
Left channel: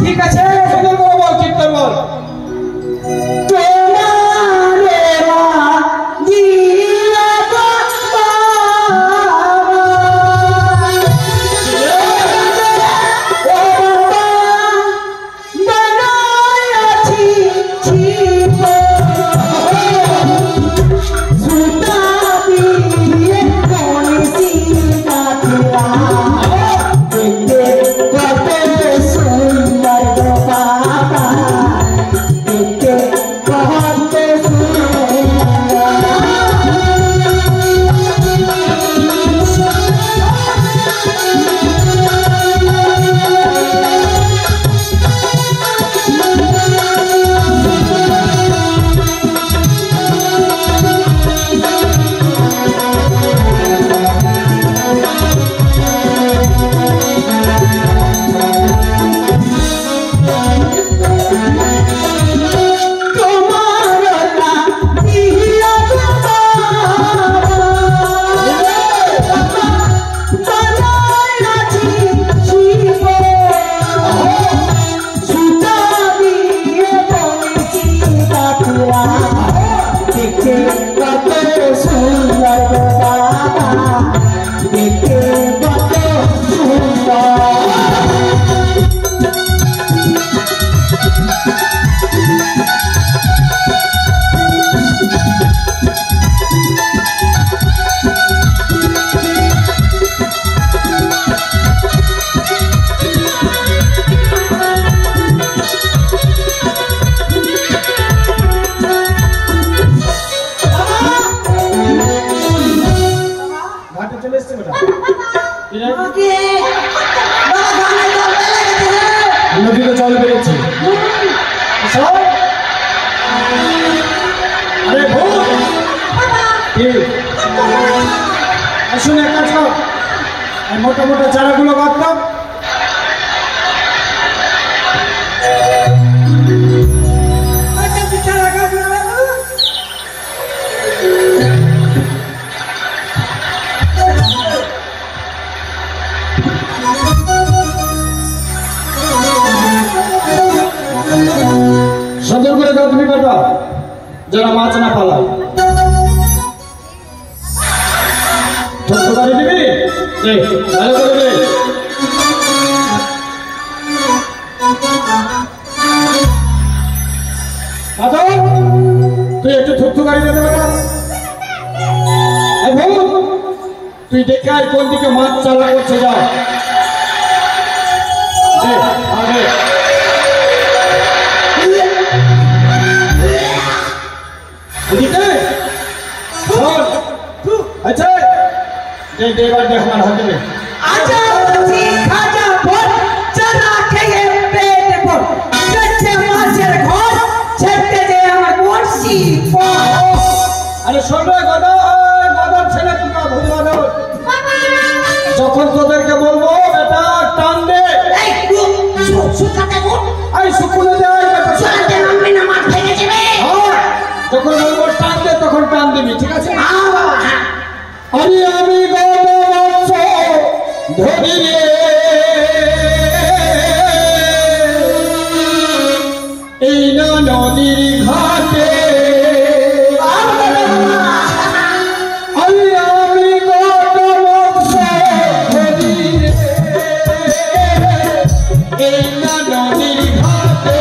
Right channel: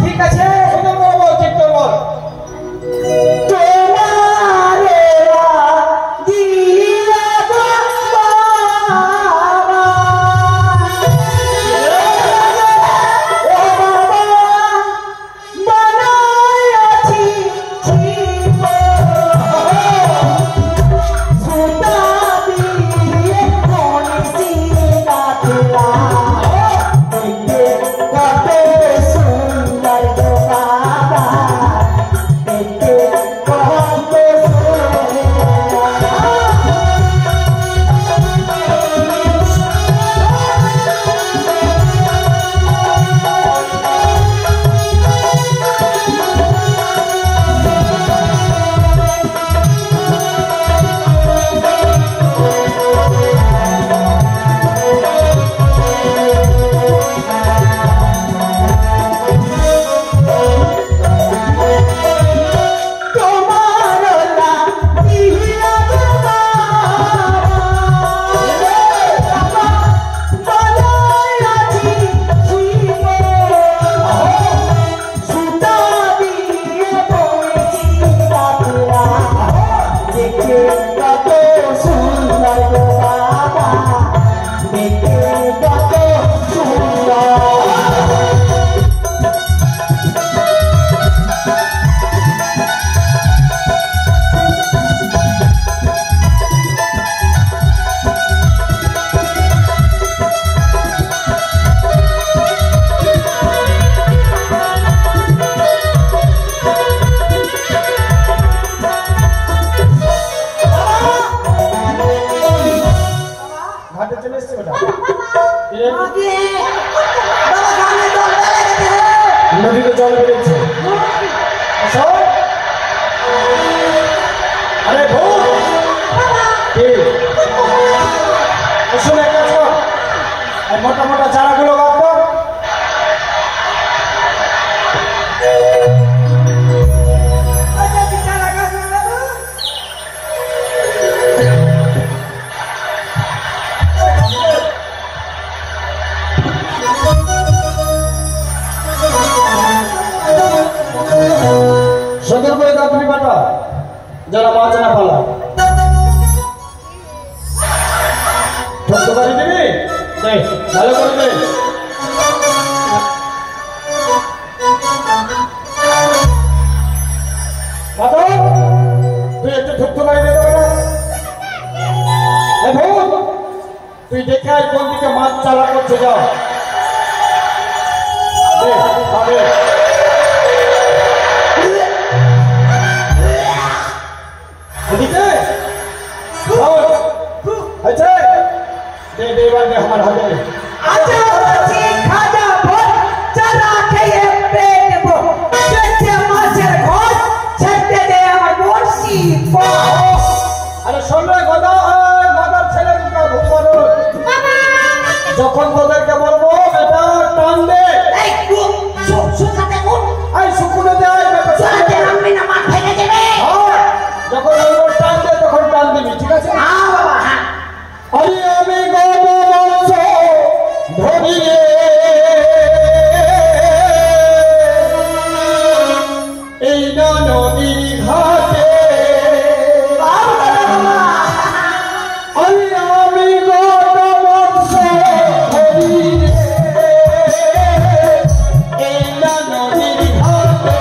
ঠিক আছে। সুন্দর করে বল, কীর্তন বল। নদীতে চলে বেরিয়েছে। আরে ভূত শুনে একটা সব মোটা মোটা চারাগুলো বাঁধতাম। সুন্দর করে দাও তুমি কাটা, যারা মাছ না পালা। ধরতে পারি দিবি, ভালো করে দে। তুই একটু ধরতে পারি দিতে পারো। তুই দেখে আয় কোন দিকে মাছ চালা করছে, যাও अच्छा दे दे बार दे हमारा हो जाए। आजा खाजा भर चला के ये पेट শোন রে গদা, গদার ছেলে দুটো ভূত বাদর। যখন তোদেরকে বলবো বেটা টান দে, এই সুখাতে কোন আরে শুকুরে দে বেটা, চলতে নামবি না মার ভেঙে যাবে। যখন বলবো টান দে তখন টান দিবি, ঠিক আছে? হ্যাঁ বাবা হ্যাঁ। আরে আমি গদ বংশ ধরি রে, এই না নদীর ঘাটে। আরে আমি গদ বংশ ধরি রে, এই না নদীর ঘাটে।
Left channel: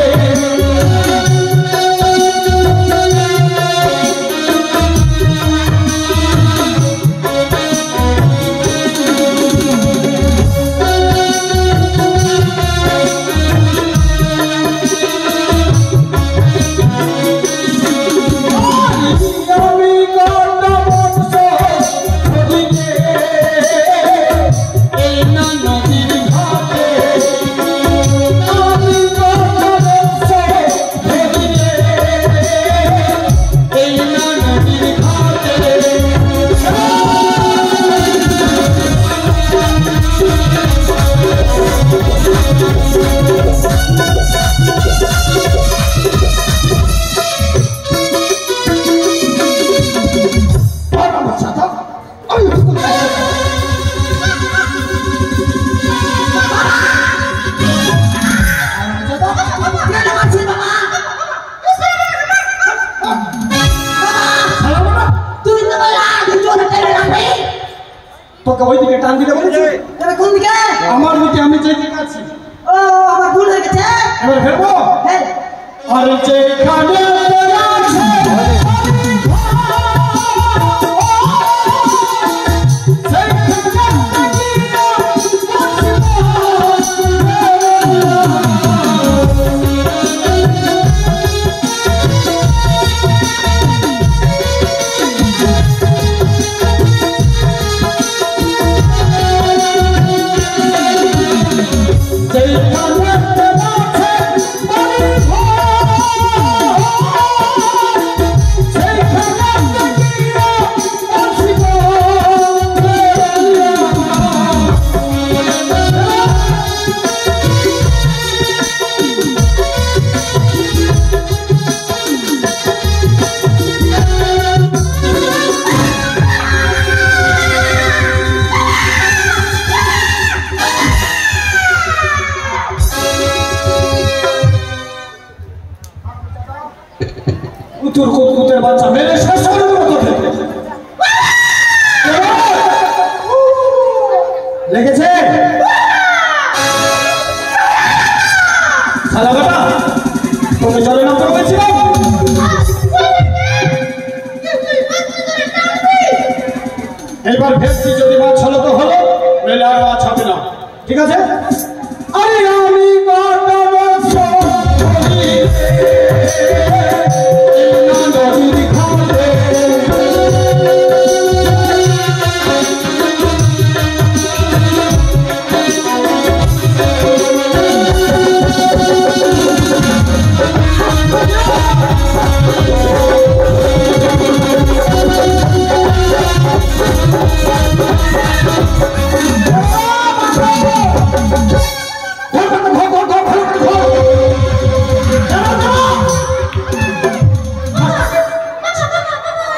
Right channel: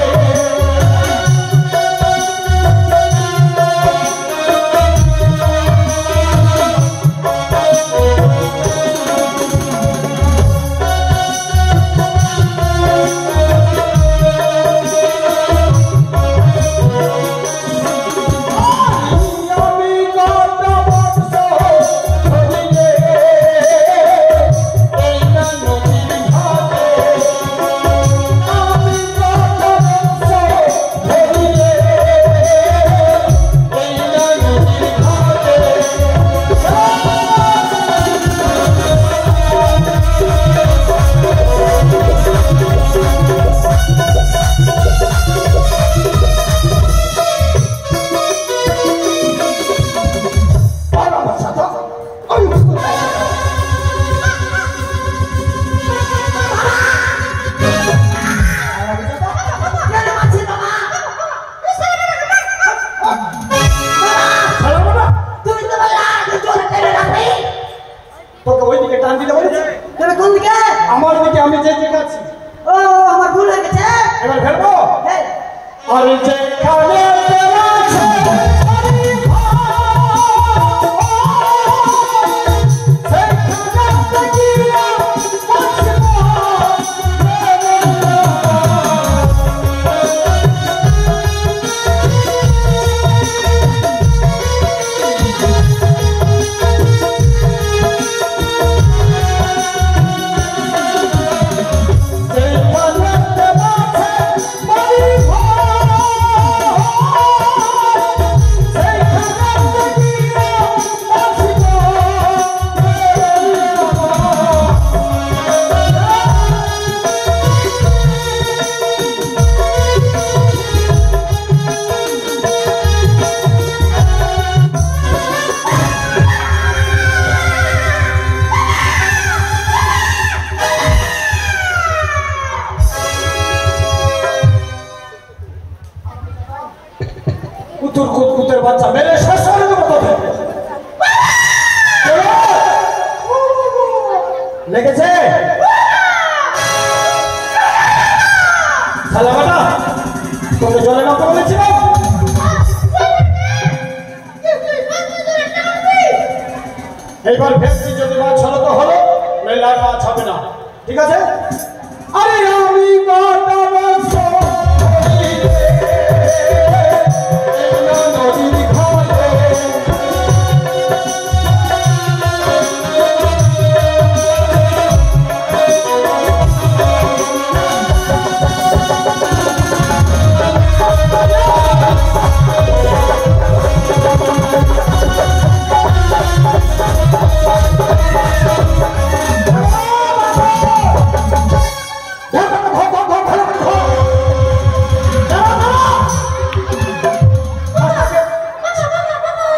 তোকে ওইদিকে টান দিতে বলেছি, তবে কোন দিকে? আমার দিকে, আমি যেদিকে আছি। ও আমার ভুল হয়ে গেছে। এবার ফেলবো। হ্যাঁ আর যেখানে আছে কুতুর বাচ্চা মেরে শেষ করে দেবো তোকে। লেগেছে শালা, তোকে জলে নামতে বলেছিলাম। এইবার ভেবছি যদি মাছ হলো তো হলো, নইলে আর মাছ হবে না, ঠিক আছে? আরে আমি গদ বংশ ধরি রে, এই না নদীর ঘাটে।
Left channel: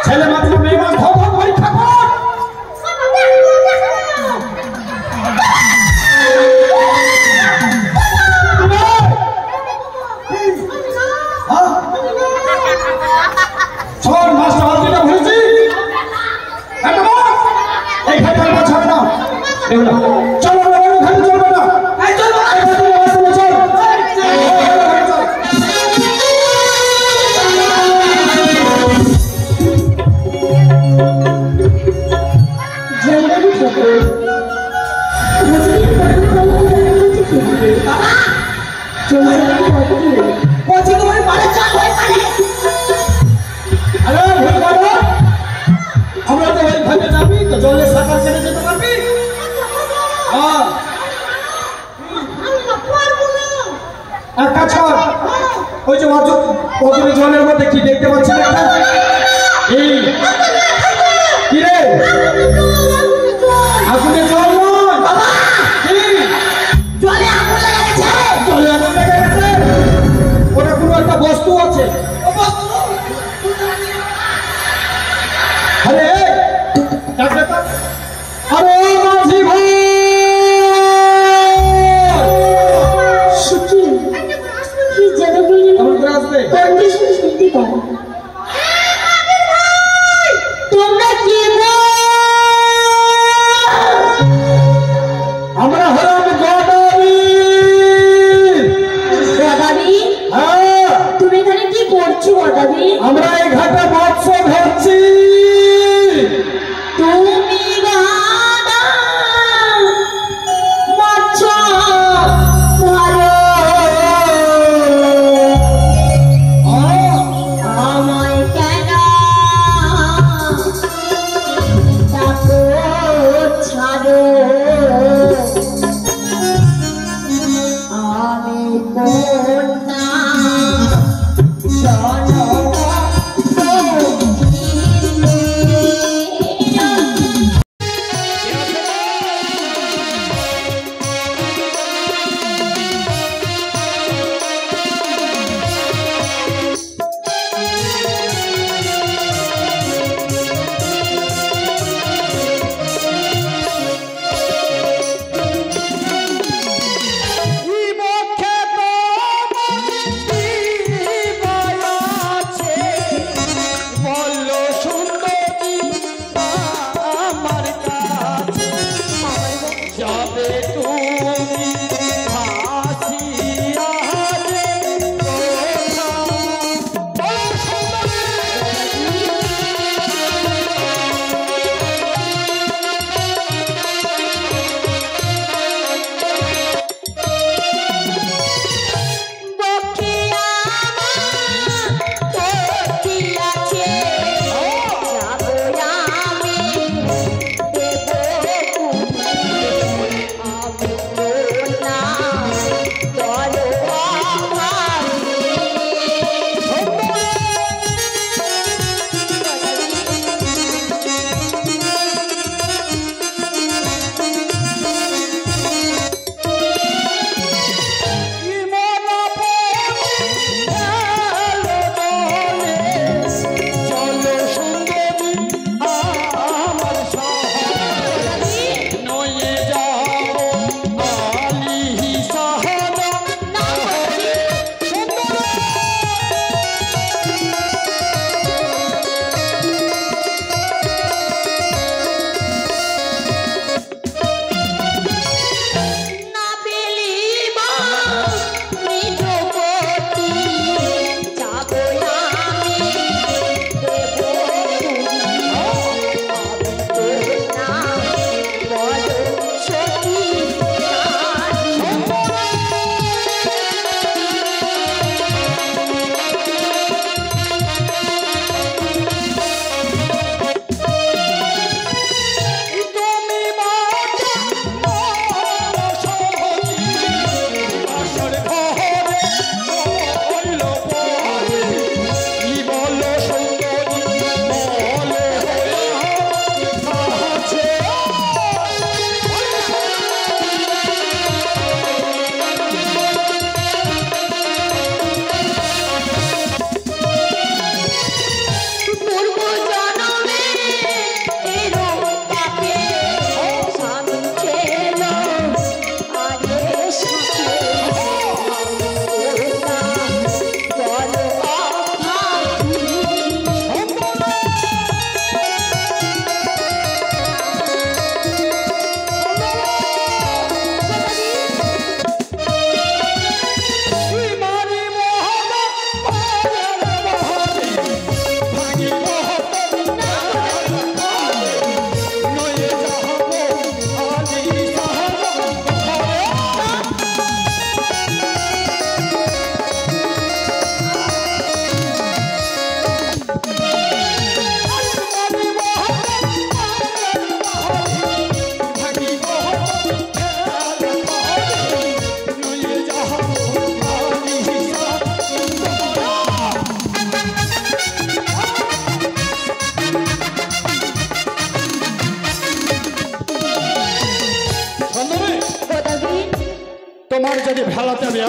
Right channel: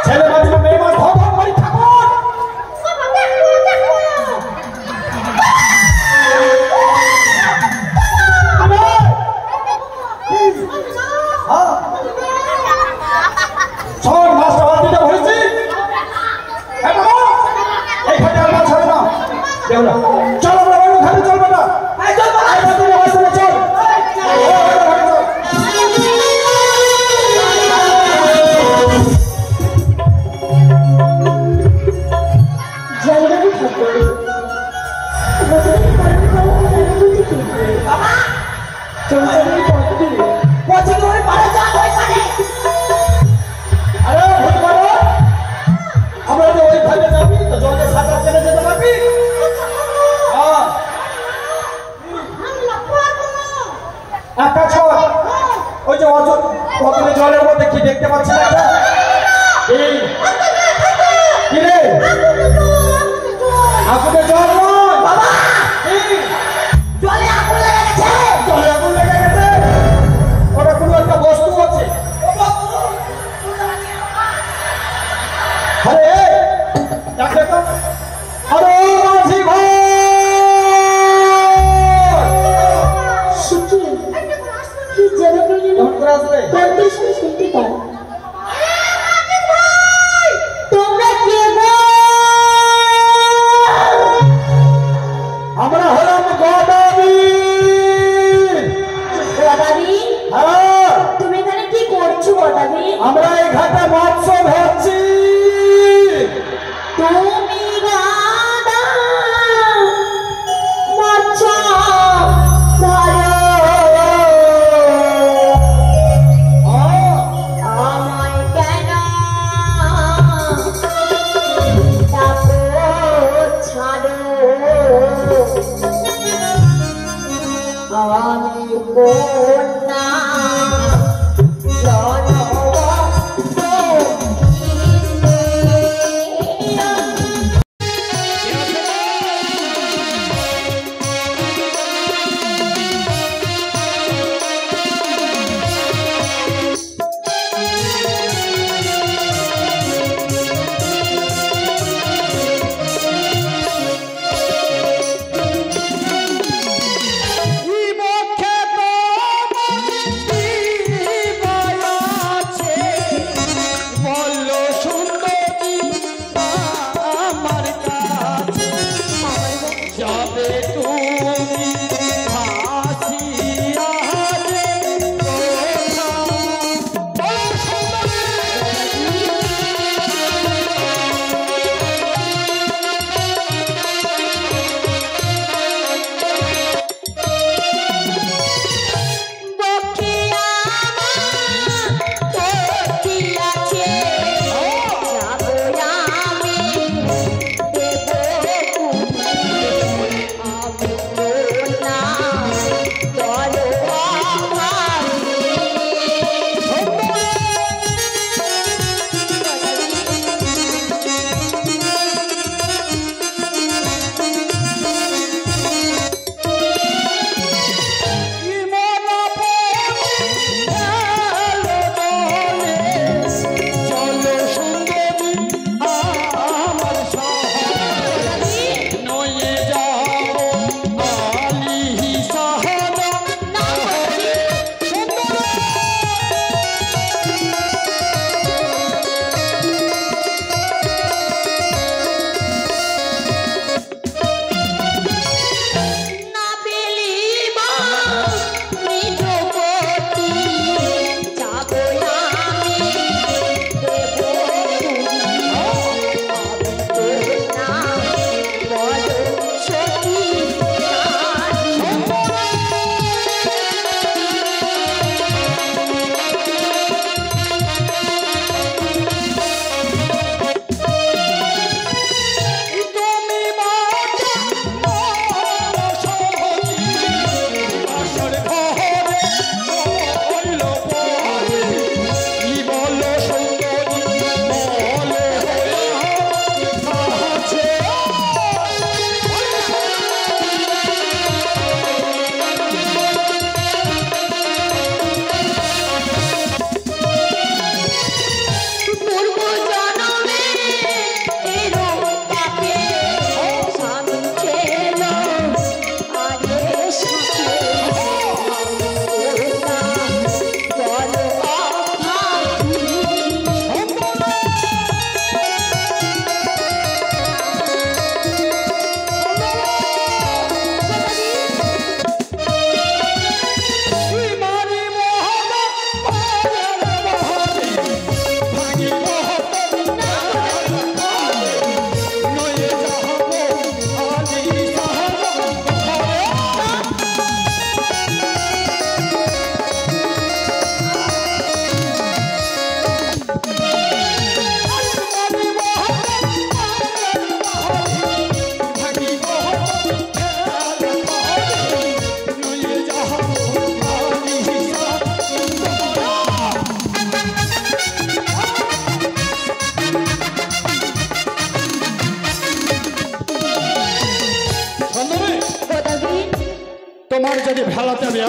ছেলে মাছ মেয়ে মাছ ধর ধর করে থাকো। সব মাছটা বাদ দিতে ভুলেছি। এইখানে আর মাছ হবে না, দেও না। চলো না, ওখানে চলবে না। এই চল, এই চল, চল, চল। জলদি খেতে মজুরি করতে বাবা চলছে পড়তে পছন্দ করে পারে যা হয় পারে। আরে ভুল করবো, আমরা তো এইখানে যাবি তো জলে সাঁতার কেটে যেতে পারবি। হ্যাঁ, এক কাজ কর, ওই যে অর্জুন জলের মধ্যে কি দেখতে পাচ্ছেন একটা? এই কি রে আগুনে জল বাবা কি জলে আগুন লেগেছে জলে আগুন লেগে গেছে ওটা কোনো একটা বস্তু আছে আরে ডাকলে তো আরে মাঝি ভাই সুখী কি জেনে গেলি কেমন করে আসবে কোনটি শুনতে পারে তোমরা কে গো আমরা হলাম গদাবি গদাবি হ্যাঁ তুমি এখানে কি করছো গদাবি আমরা এই ঘাটে মৎস্য ধরছি তুমি গাদা মাছ ধরো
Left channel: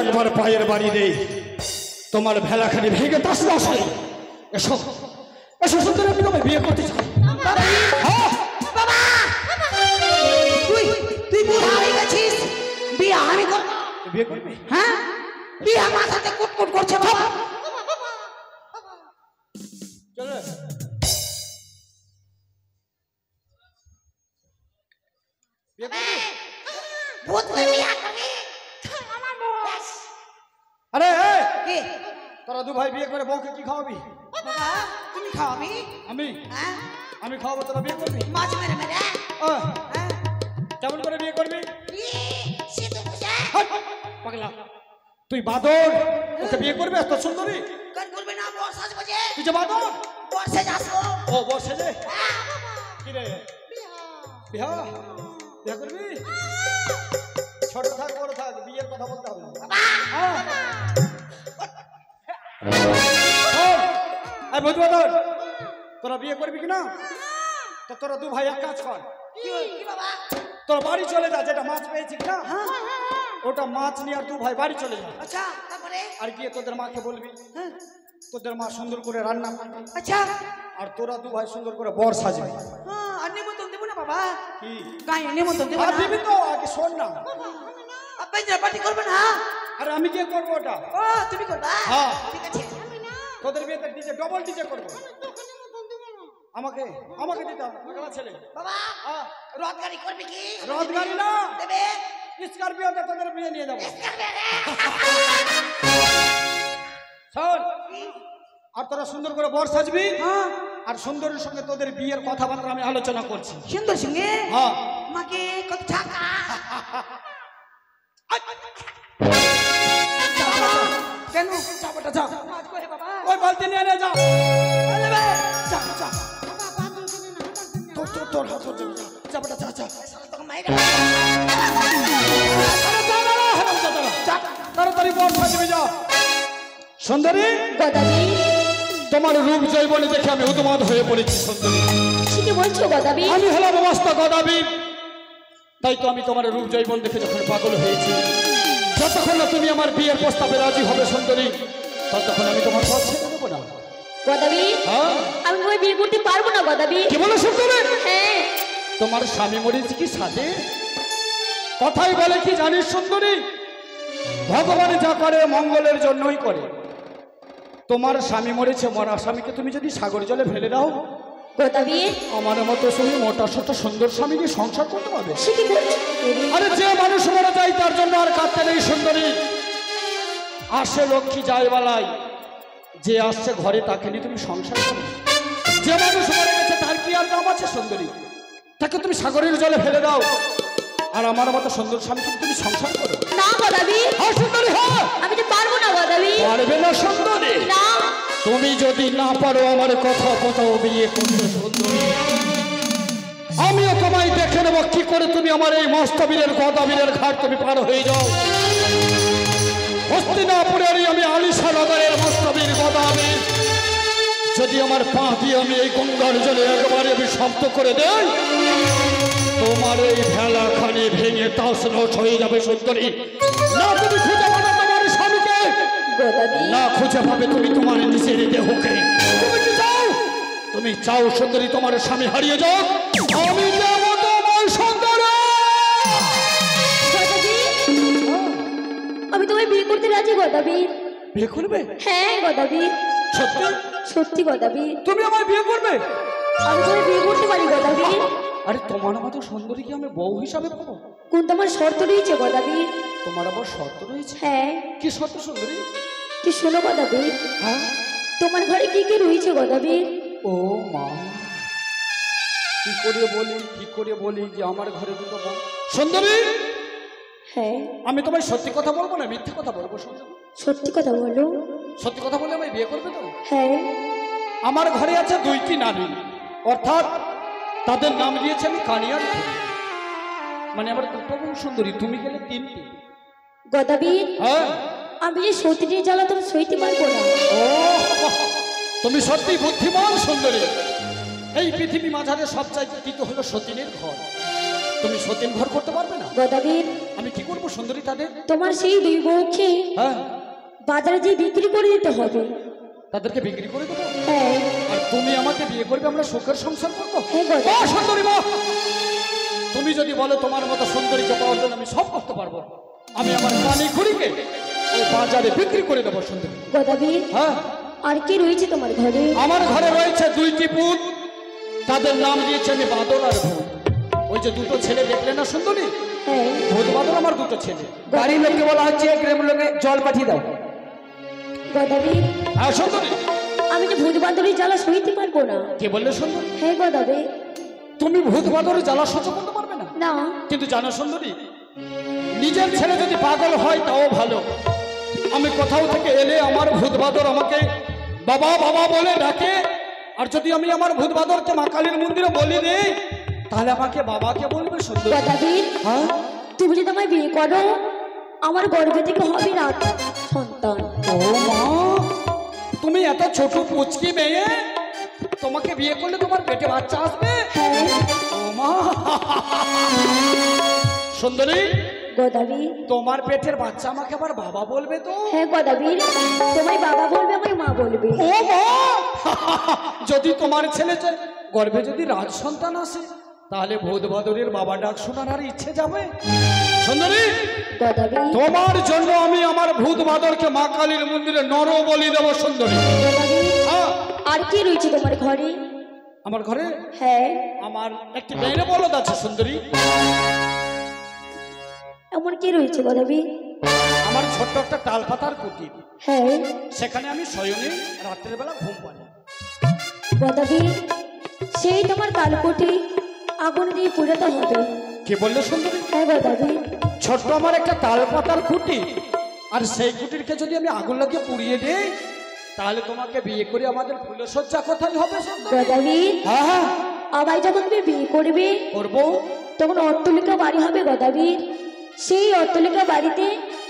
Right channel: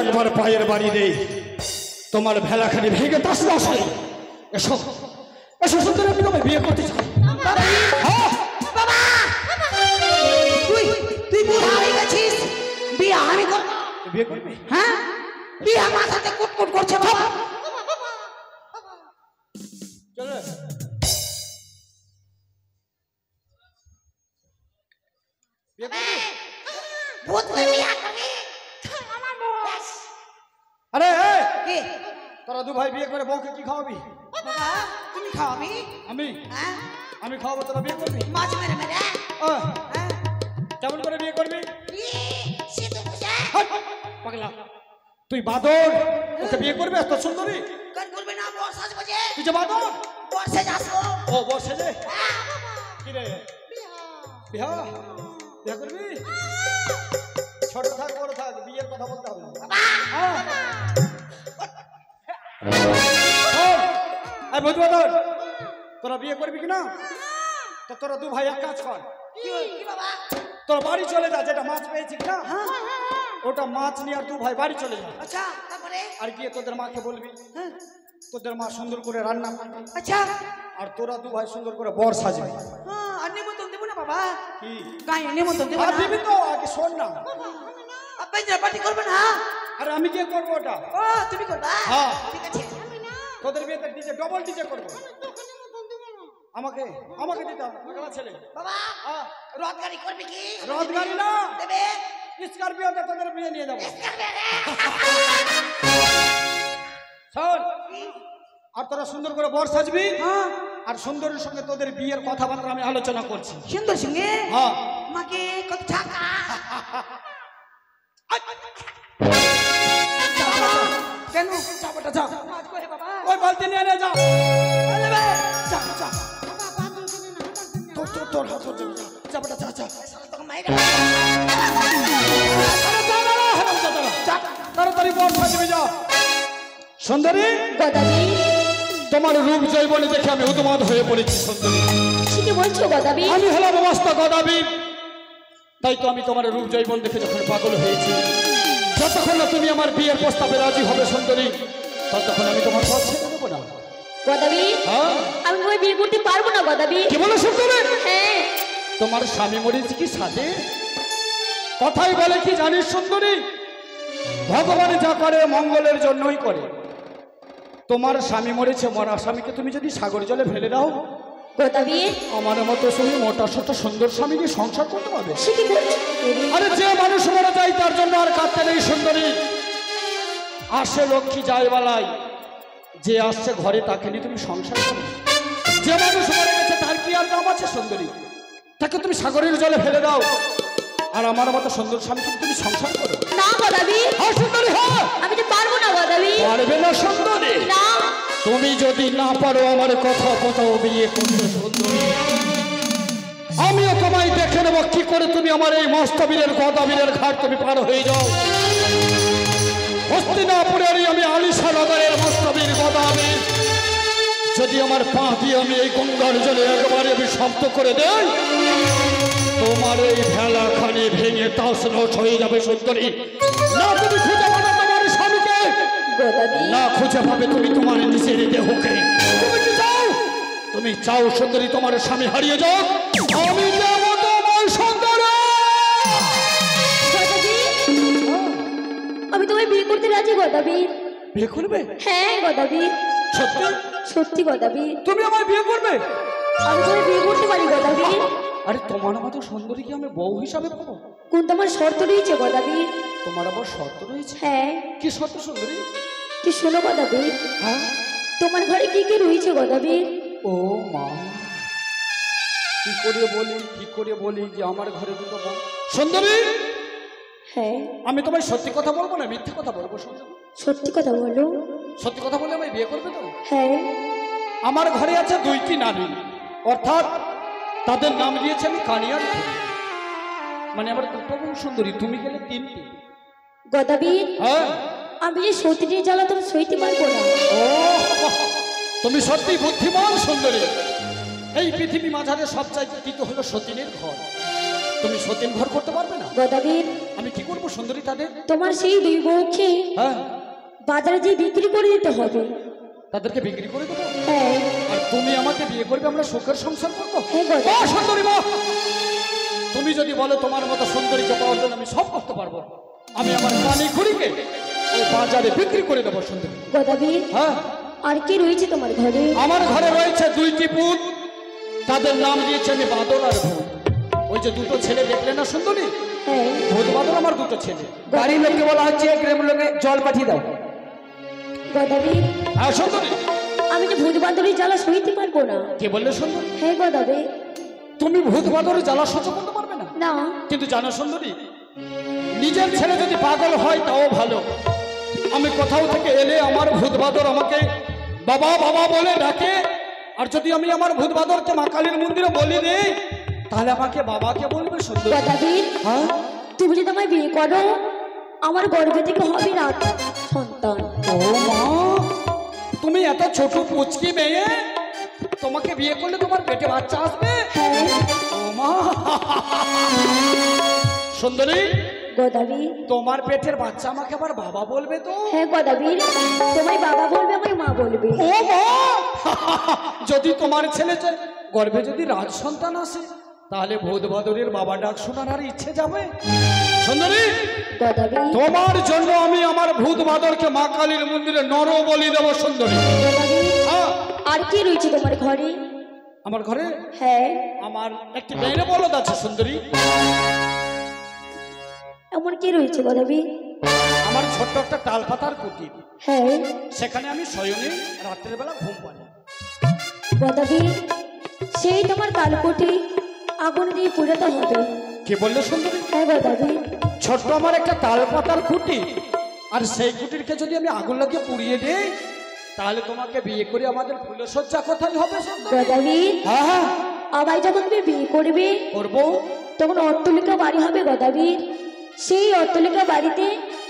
একবার পায়ের বাড়ি দেই তোমার ভেলাখানি ভেঙে তাস নাস হয়। এসো এসো সুন্দরী, আমি তোমায় বিয়ে করতে চাই। হ্যাঁ, বাবা তুই তুই বুড়া হয়ে গেছিস, বিয়ে আমি করব। তুই বিয়ে করবি? হ্যাঁ, বিয়ে মাথাতে কুটকুট করছে বাবা। চলো। বিয়ে করবি? ভূত হয়ে বিয়ে করবি? আমার বস। আরে কি তোরা দু ভাই বিয়ে করে বউকে কি খাওয়াবি? বাবা তুমি খাওয়াবি? আমি হ্যাঁ, আমি খাওয়াবো, তোরা বিয়ে করবি? মাছ মেরে মেরে। আহ, হ্যাঁ, কেমন করে বিয়ে করবি? সিধু বুঝে হাট, পাগলা তুই বাদর, ওকে বিয়ে করবি এত সুন্দরী? কেন করবে না? বর্ষা বুঝে তুই যে বাদর। বর্ষে যাসো। ও বসে যে হ্যাঁ বাবা, কি রে বিয়া বিয়ে করবি? ছোট থাক বড় থাক, বিয়ের কথা বলতে হবে না। হ্যাঁ। এই বধূ বাদর, তোরা বিয়ে করবি কিনা? তো তোরা দু ভাই এক কাজ কর, কি কি বাবা? তোরা বাড়ি চলে যা, যেটা মাছ পেয়েছি কিনা হ্যাঁ, ওটা মাছ নিয়ে আর দু ভাই বাড়ি চলে যা। আচ্ছা তারপরে? আর গিয়ে তোদের মাকে বলবি হ্যাঁ, তোদের মা সুন্দর করে রান্না করবে, আচ্ছা। আর তোরা দু ভাই সুন্দর করে বর সাজবে। হ্যাঁ, আর নিমন্ত্রণ দেবো না বাবা? কি গায়ে নিমন্ত্রণ দেবো আর না? দিবি তো? আগে শোন না। আপনি যে পার্টি করবে না? আরে আমি কি করবো ওটা? ও তুমি করবা? হ্যাঁ। ঠিক আছে। তোদের বিয়েতে ডিজে ডবল ডিজে করবো। আমাকে আমাকে দিতে হবে, পাগলা ছেলে। বাবা হ্যাঁ, রথ গাড়ি করবে কি? রথ গাড়ি না, দেবে? স্করপিওতে তোদের বিয়ে নিয়ে যাবো। করবে রে। শোন, আর তোরা সুন্দর করে বর সাজবি, হ্যাঁ, আর সুন্দরের সঙ্গে তোদের বিয়ের কথাবার্তা আমি আলোচনা করছি। সুন্দর সঙ্গে হ্যাঁ, মাকে কত টাকা? কেন চাপাটা যা, মাছ করে বাবা? ওই বালতি নিয়ে নে, যা নেবে? যা যা, তোর তোর তোর হাত ধরে যা, চাপাটা যা যা। তোকে মাইরে তাড়াতাড়ি বর সাজবি, যা। সুন্দরী, গদাবি, তোমার রূপ জৈবনে দেখে আমি উন্মাদ হয়ে পড়েছি। সুন্দরী, কি বলছো গদাবি? আমি হলাম অবস্থা গদাবীর, তাই তো আমি তোমার রূপ জৈবন দেখে যখন পাগল হয়েছি। যতক্ষণ না তুমি আমার বিয়ের প্রস্তাবে রাজি হবে সুন্দরী, ততক্ষণ আমি তোমার পথ ছেড়ে দেবো না। গদাবি, হ্যাঁ, আমি তোমায় বিয়ে করতে পারবো না গদাবি। কি বলো সুন্দরী? হ্যাঁ, তোমার স্বামী মরেছে কি সাথে? কথাই বলে কি জানিস সুন্দরী, ভগবান যা করে মঙ্গলের জন্যই করে। তোমার স্বামী মরেছে, মরা স্বামীকে তুমি যদি সাগর জলে ফেলে দাও, গদাবি, আমার মতো তুমি মোটা সোটা সুন্দর স্বামী নিয়ে সংসার করতে পারবে? সে কি বলছো? আরে যে মানুষ মারা যায় তার জন্য আর কাঁদতে নেই সুন্দরী। আসে লক্ষ্মী যায় বালাই, যে আসছে ঘরে তাকে নিয়ে তুমি সংসার করো। যে মানুষ মরে গেছে তার কি আর দাম আছে সুন্দরী? তাকে তুমি সাগরের জলে ফেলে দাও, আর আমার মতো সুন্দর স্বামীকে তুমি সংসার করো। না গদাবি, হ্যাঁ সুন্দরী, হ্যাঁ। আমি তো পারবো না গদাবি। পারবে না সুন্দরী? না, তুমি যদি না পারো আমার কথা কোথাও বিয়ে করতে সুন্দরী, আমিও তোমায় দেখে নেবো কি করে তুমি আমার এই মস্তবীরের গদাবীরের ঘাট তুমি পার হয়ে যাও। হস্তিনাপুরেরই আমি আলিশা নগরের মস্তবীর গদাবীর, যদি আমার পা দিয়ে আমি এই গঙ্গার জলে একবারে আমি শব্দ করে দেই, তোমার এই ভেলাখানি ভেঙে তাসনস হয়ে যাবে সুন্দরী। না তুমি খুঁজে পাবে তোমার স্বামীকে, গদাবি, না খুঁজে পাবে তুমি তোমার নিজের দেহকে। তুমি কি চাও? তুমি চাও সুন্দরী তোমার স্বামী হারিয়ে যাও? আমি দেব তোমার সুন্দরী। গদাবি, আমি তোমায় বিয়ে করতে রাজি গদাবি। বিয়ে করবে? হ্যাঁ গদাবি, সত্যি? সত্যি গদাবি, তুমি আমায় বিয়ে করবে? আমি তোমায় বিয়ে করতে পারি গদাবি। আরে তোমার মতো সুন্দরী কি আমি বউ হিসাবে পাবো? কোন তোমার শর্ত রয়েছে গদাবি? তোমার আবার শর্ত রয়েছে? হ্যাঁ, কি শর্ত সুন্দরী? কি শোনো গদাবি, হ্যাঁ, তোমার ঘরে কি কি রয়েছে গদাবি? ও মা, কি করে বলি যে আমার ঘরে দুটো বউ। সুন্দরী, হ্যাঁ, আমি তোমায় সত্যি কথা বলবো না মিথ্যে কথা বলবো সুন্দরী? সত্যি কথা বলো। সত্যি কথা বলে আমায় বিয়ে করবে তো? হ্যাঁ, আমার ঘরে আছে দুইটি নারী, অর্থাৎ তাদের নাম দিয়েছে আমি কানিয়ার ফুল। মানে আমার দুটো বউ সুন্দরী, তুমি গেলে তিনটি। গদাবি, হ্যাঁ, আমি যে সতীনের জ্বালা তুমি সইতে পারবো না। ও তুমি সত্যি বুদ্ধিমান সুন্দরী। এই পৃথিবী মাঝারে সবচাইতে দ্বিতীয় হলো সতীনের ঘর। তুমি সতীন ঘর করতে পারবে না? গদাবি, আমি কি করবো সুন্দরী তাদের? তোমার সেই দুই বউকে হ্যাঁ, বাজারে যে বিক্রি করে দিতে হবে। তাদেরকে বিক্রি করে দেবো? হ্যাঁ। আর তুমি আমাকে বিয়ে করবে, আমরা সুখের সংসার করবো? হ্যাঁ গো। ও সুন্দরী মা, তুমি যদি বলো তোমার মতো সুন্দরীকে পাওয়ার জন্য আমি সব করতে পারবো, আমি আমার কানে ঘুরিকে ওই বাজারে বিক্রি করে দেবো সুন্দরী। গদাবীর, হ্যাঁ। আর কি রয়েছে তোমার ঘরে? আমার ঘরে রয়েছে দুইটি পুত, তাদের নাম দিয়েছে আমি বাদল আর ভূত। ওই যে দুটো ছেলে দেখলে না সুন্দরী, হ্যাঁ। ভূত বাদল আমার দুটো ছেলে। বাড়ির লোককে বলা হচ্ছে গ্রামের লোকে জল পাঠিয়ে দাও। গদাবীর, হ্যাঁ সুন্দরী। আমি যে ভূত বান্ধবীর জ্বালা সইতে পারবো না। কে বললে সুন্দরী? হ্যাঁ গদাবীর। তুমি ভূত বাদলের জ্বালা সহ্য করতে পারবে না? না। কিন্তু জানো সুন্দরী, নিজের ছেলে যদি পাগল হয় তাও ভালো। আমি কোথাও থেকে এলে আমার ভূত বাদর আমাকে বাবা বাবা বলে ডাকে, আর যদি আমি আমার ভূত বাদরকে মা কালীর মন্দিরে বলি দেই তাহলে আমাকে বাবাকে বলবে সুন্দরী। গদাবীর, হ্যাঁ, তুমি যদি আমায় বিয়ে করো, আমার গর্ভে থেকে হবে না সন্তান। ও মা, তুমি এত ছোট পুচকি মেয়ে, তোমাকে বিয়ে করলে তোমার পেটে বাচ্চা আসবে? হ্যাঁ। ও মা, সুন্দরী, গদাবীর, তোমার পেটের বাচ্চা আমাকে আবার বাবা বলবে তো? হ্যাঁ গদাবীর, তোমায় বাবা বলবে, আমায় মা বলবে। ও মা, যদি তোমার ছেলে গর্ভে যদি রাজ সন্তান আসে তাহলে ভূত বাদরের বাবা ডাক শোনার আর ইচ্ছে যাবে? সুন্দরী, গদাবীর, তোমার জন্য আমি আমার ভূত বাদরকে মা কালীর মন্দিরে নর বলি দেব সুন্দরী। গদাবীর, হ্যাঁ, আর কি রয়েছে তোমার ঘরে? আমার ঘরে হ্যাঁ। আমার একটি বেড়ে বলদ আছে সুন্দরী। এমন কি রয়েছে গদাবীর? আমার ছোট্ট একটা তাল পাতার কুটির, হ্যাঁ। সেখানে আমি শয়নে রাত্রের বেলা ঘুম পাই। গদাবীর, সেই তোমার তালকুটি আগুন দিয়ে পুড়াতে হবে। কে বললে সুন্দরী? হ্যাঁ গদাবীর। ছোট্ট আমার একটা তাল পাতার কুটি, আর সেই কুটিরকে যদি আমি আগুন লাগিয়ে পুড়িয়ে দিই তাহলে তোমাকে বিয়ে করে আমাদের ফুলসজ্জা কোথায় হবে সুন্দরী? গদাবীর, হ্যাঁ হ্যাঁ, আবার যখন তুমি বিয়ে করবে করবো। তখন অট্টালিকা বাড়ি হবে গদাবীর। সেই অট্টালিকা বাড়িতে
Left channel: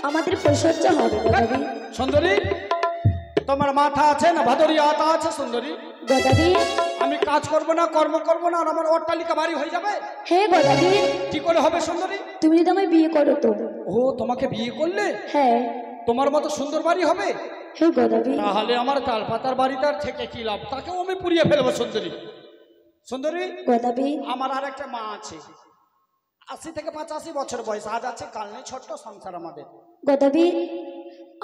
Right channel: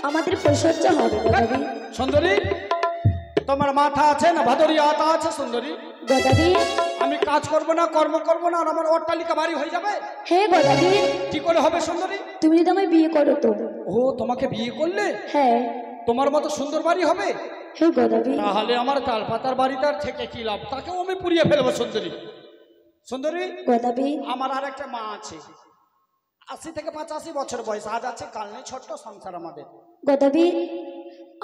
আমাদের পরিচর্যা হবে গদাবীর। সুন্দরী, তোমার মাথা আছে না ভাদরি আতা আছে সুন্দরী? গদাবীর, আমি কাজ করব না, কর্ম করব না, আর আমার অট্টালিকা বাড়ি হয়ে যাবে? হ্যাঁ গদাবীর, কি করে হবে সুন্দরী? তুমি যদি আমায় বিয়ে করো তো। ও, তোমাকে বিয়ে করলে হ্যাঁ। তোমার মতো সুন্দর বাড়ি হবে? হ্যাঁ গদাবীর। তাহলে আমার তাল পাতার বাড়িটার থেকে কি লাভ? তাকেও আমি পুড়িয়ে ফেলবো সুন্দরী। সুন্দরী, গদাবীর, আমার আর একটা মা আছে, 80 থেকে 85 বছর বয়স, আজ আছে কাল নেই, ছোট্ট সংসার আমাদের। গদাবীর,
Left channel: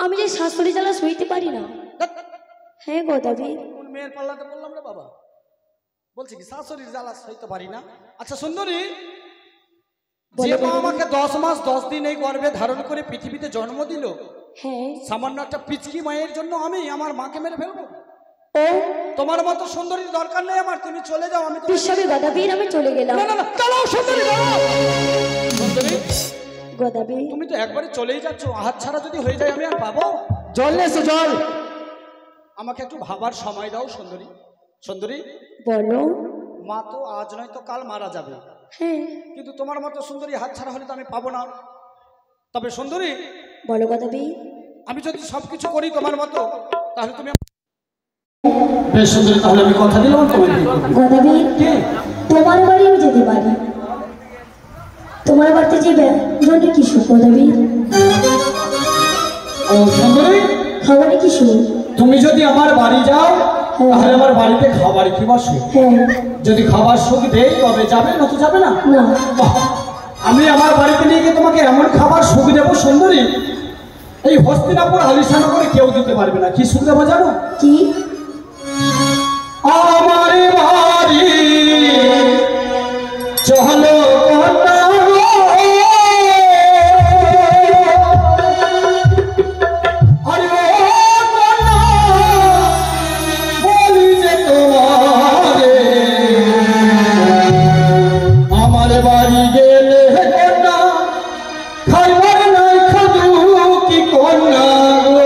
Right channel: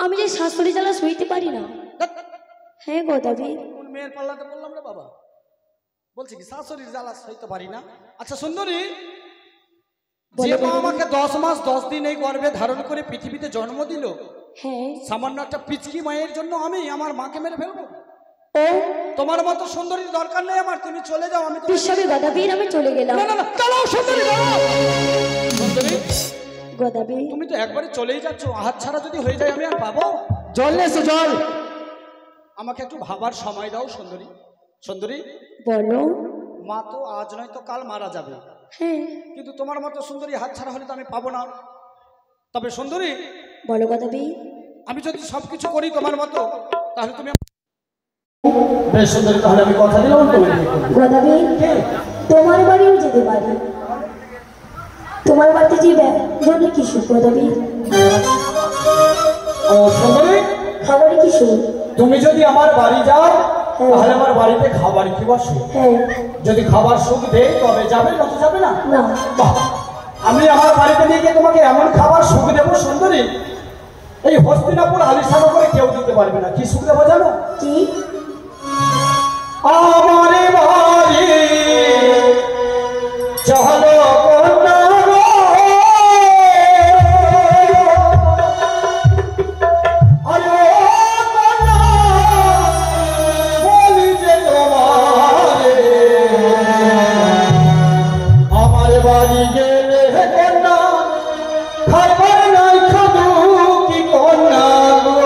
আমি যে শাশুড়ি জ্বালা সইতে পারি না। ধ্যাৎ, হ্যাঁ গদাবীর। কোন মেয়ের পাল্লাতে বললাম রে বাবা, বলছি কি শাশুড়ির জ্বালা সইতে পারি না? আচ্ছা সুন্দরী, যে মা আমাকে 10 মাস 10 দিন এই গর্ভে ধারণ করে পৃথিবীতে জন্ম দিল, হ্যাঁ। সামান্য একটা পিচকি মায়ের জন্য আমি আমার মাকে মেরে ফেলবো? ও তোমার মতো সুন্দরীর দরকার নেই আমার, তুমি চলে যাও। আমি বিশ্ববে গদাবীর, আমি চলে গেলাম। না না না, দাঁড়াও সুন্দরী, দাঁড়াও। সুন্দরী, গদাবীর, তুমি তো একবারে চলেই যাচ্ছ, হাত ছাড়া যদি হয়ে যায় আমি আর পাবো? জল এসো, জল। আমাকে একটু ভাবার সময় দাও সুন্দরী। সুন্দরী, বলো। মা তো আজ নয় তো কাল মারা যাবে, হ্যাঁ। কিন্তু তোমার মতো সুন্দরী হাত ছাড়া হলে তো আমি পাবো না। তবে সুন্দরী, বলো গদাবীর। আমি যদি সবকিছু করি তোমার মতো তাহলে তুমি বেশ সুন্দরী, তাহলে আমি কথা দিলাম তুমি বিয়ে করবে। গদাবীর, তোমার বাড়িও যেতে পারি। তোমার বাড়িতে যে জন্য কি সুখ গদাবীর? ও সুন্দরী, খাবারে কি সুখ? তুমি যদি আমার বাড়ি যাও তাহলে আমার বাড়িতে খাবার কি বসে? হ্যাঁ। যদি খাবার সুখ দেয় তবে যাবে, না তো যাবে না। না। বাহ, আমি আমার বাড়িতে নিয়ে গিয়ে তোমাকে এমন খাবার সুখ দেবো সুন্দরী, এই হস্তিনাপুর আলিশানগরে কেউ দিতে পারবে না। কি সুখ দেবো জানো? কি? আমার বাড়ি চলো আমার বাড়ি গেলে খাইবার নাই খাজু কি কন্যা গো।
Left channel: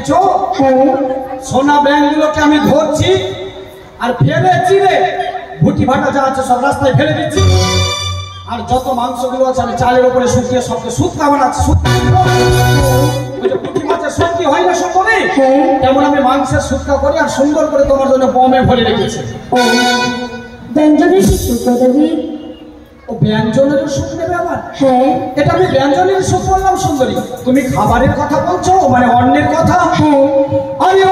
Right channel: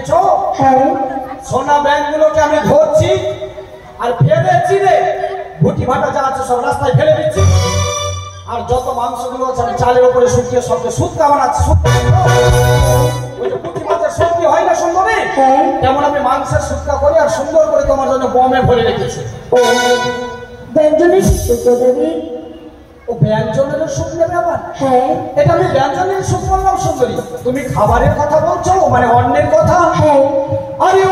দেখেছো? হ্যাঁ সোনা ব্যাংকগুলোকে আমি ধরছি আর ফেলে চিরে ভুটি ভাটা যা আছে সব রাস্তায় ফেলে দিচ্ছি। আর যত মাংসগুলো আছে আমি চালের উপরে শুকিয়ে সবকে সুদ কামাচ্ছি। সুদ ওই যে পুঁটি মাছের শুটকি হয় না সুন্দরী, হ্যাঁ তেমন আমি মাংসের শুটকা করে আর সুন্দর করে তোমার জন্য বমে ভরে রেখেছি। ও ব্যঞ্জনের কি সুখ গো দেবী? ও ব্যঞ্জনের সুখ নেবে আবার? হ্যাঁ এটা আমি ব্যঞ্জনের সুখ বললাম সুন্দরী, তুমি খাবারের কথা বলছো মানে অন্যের কথা? হ্যাঁ আরে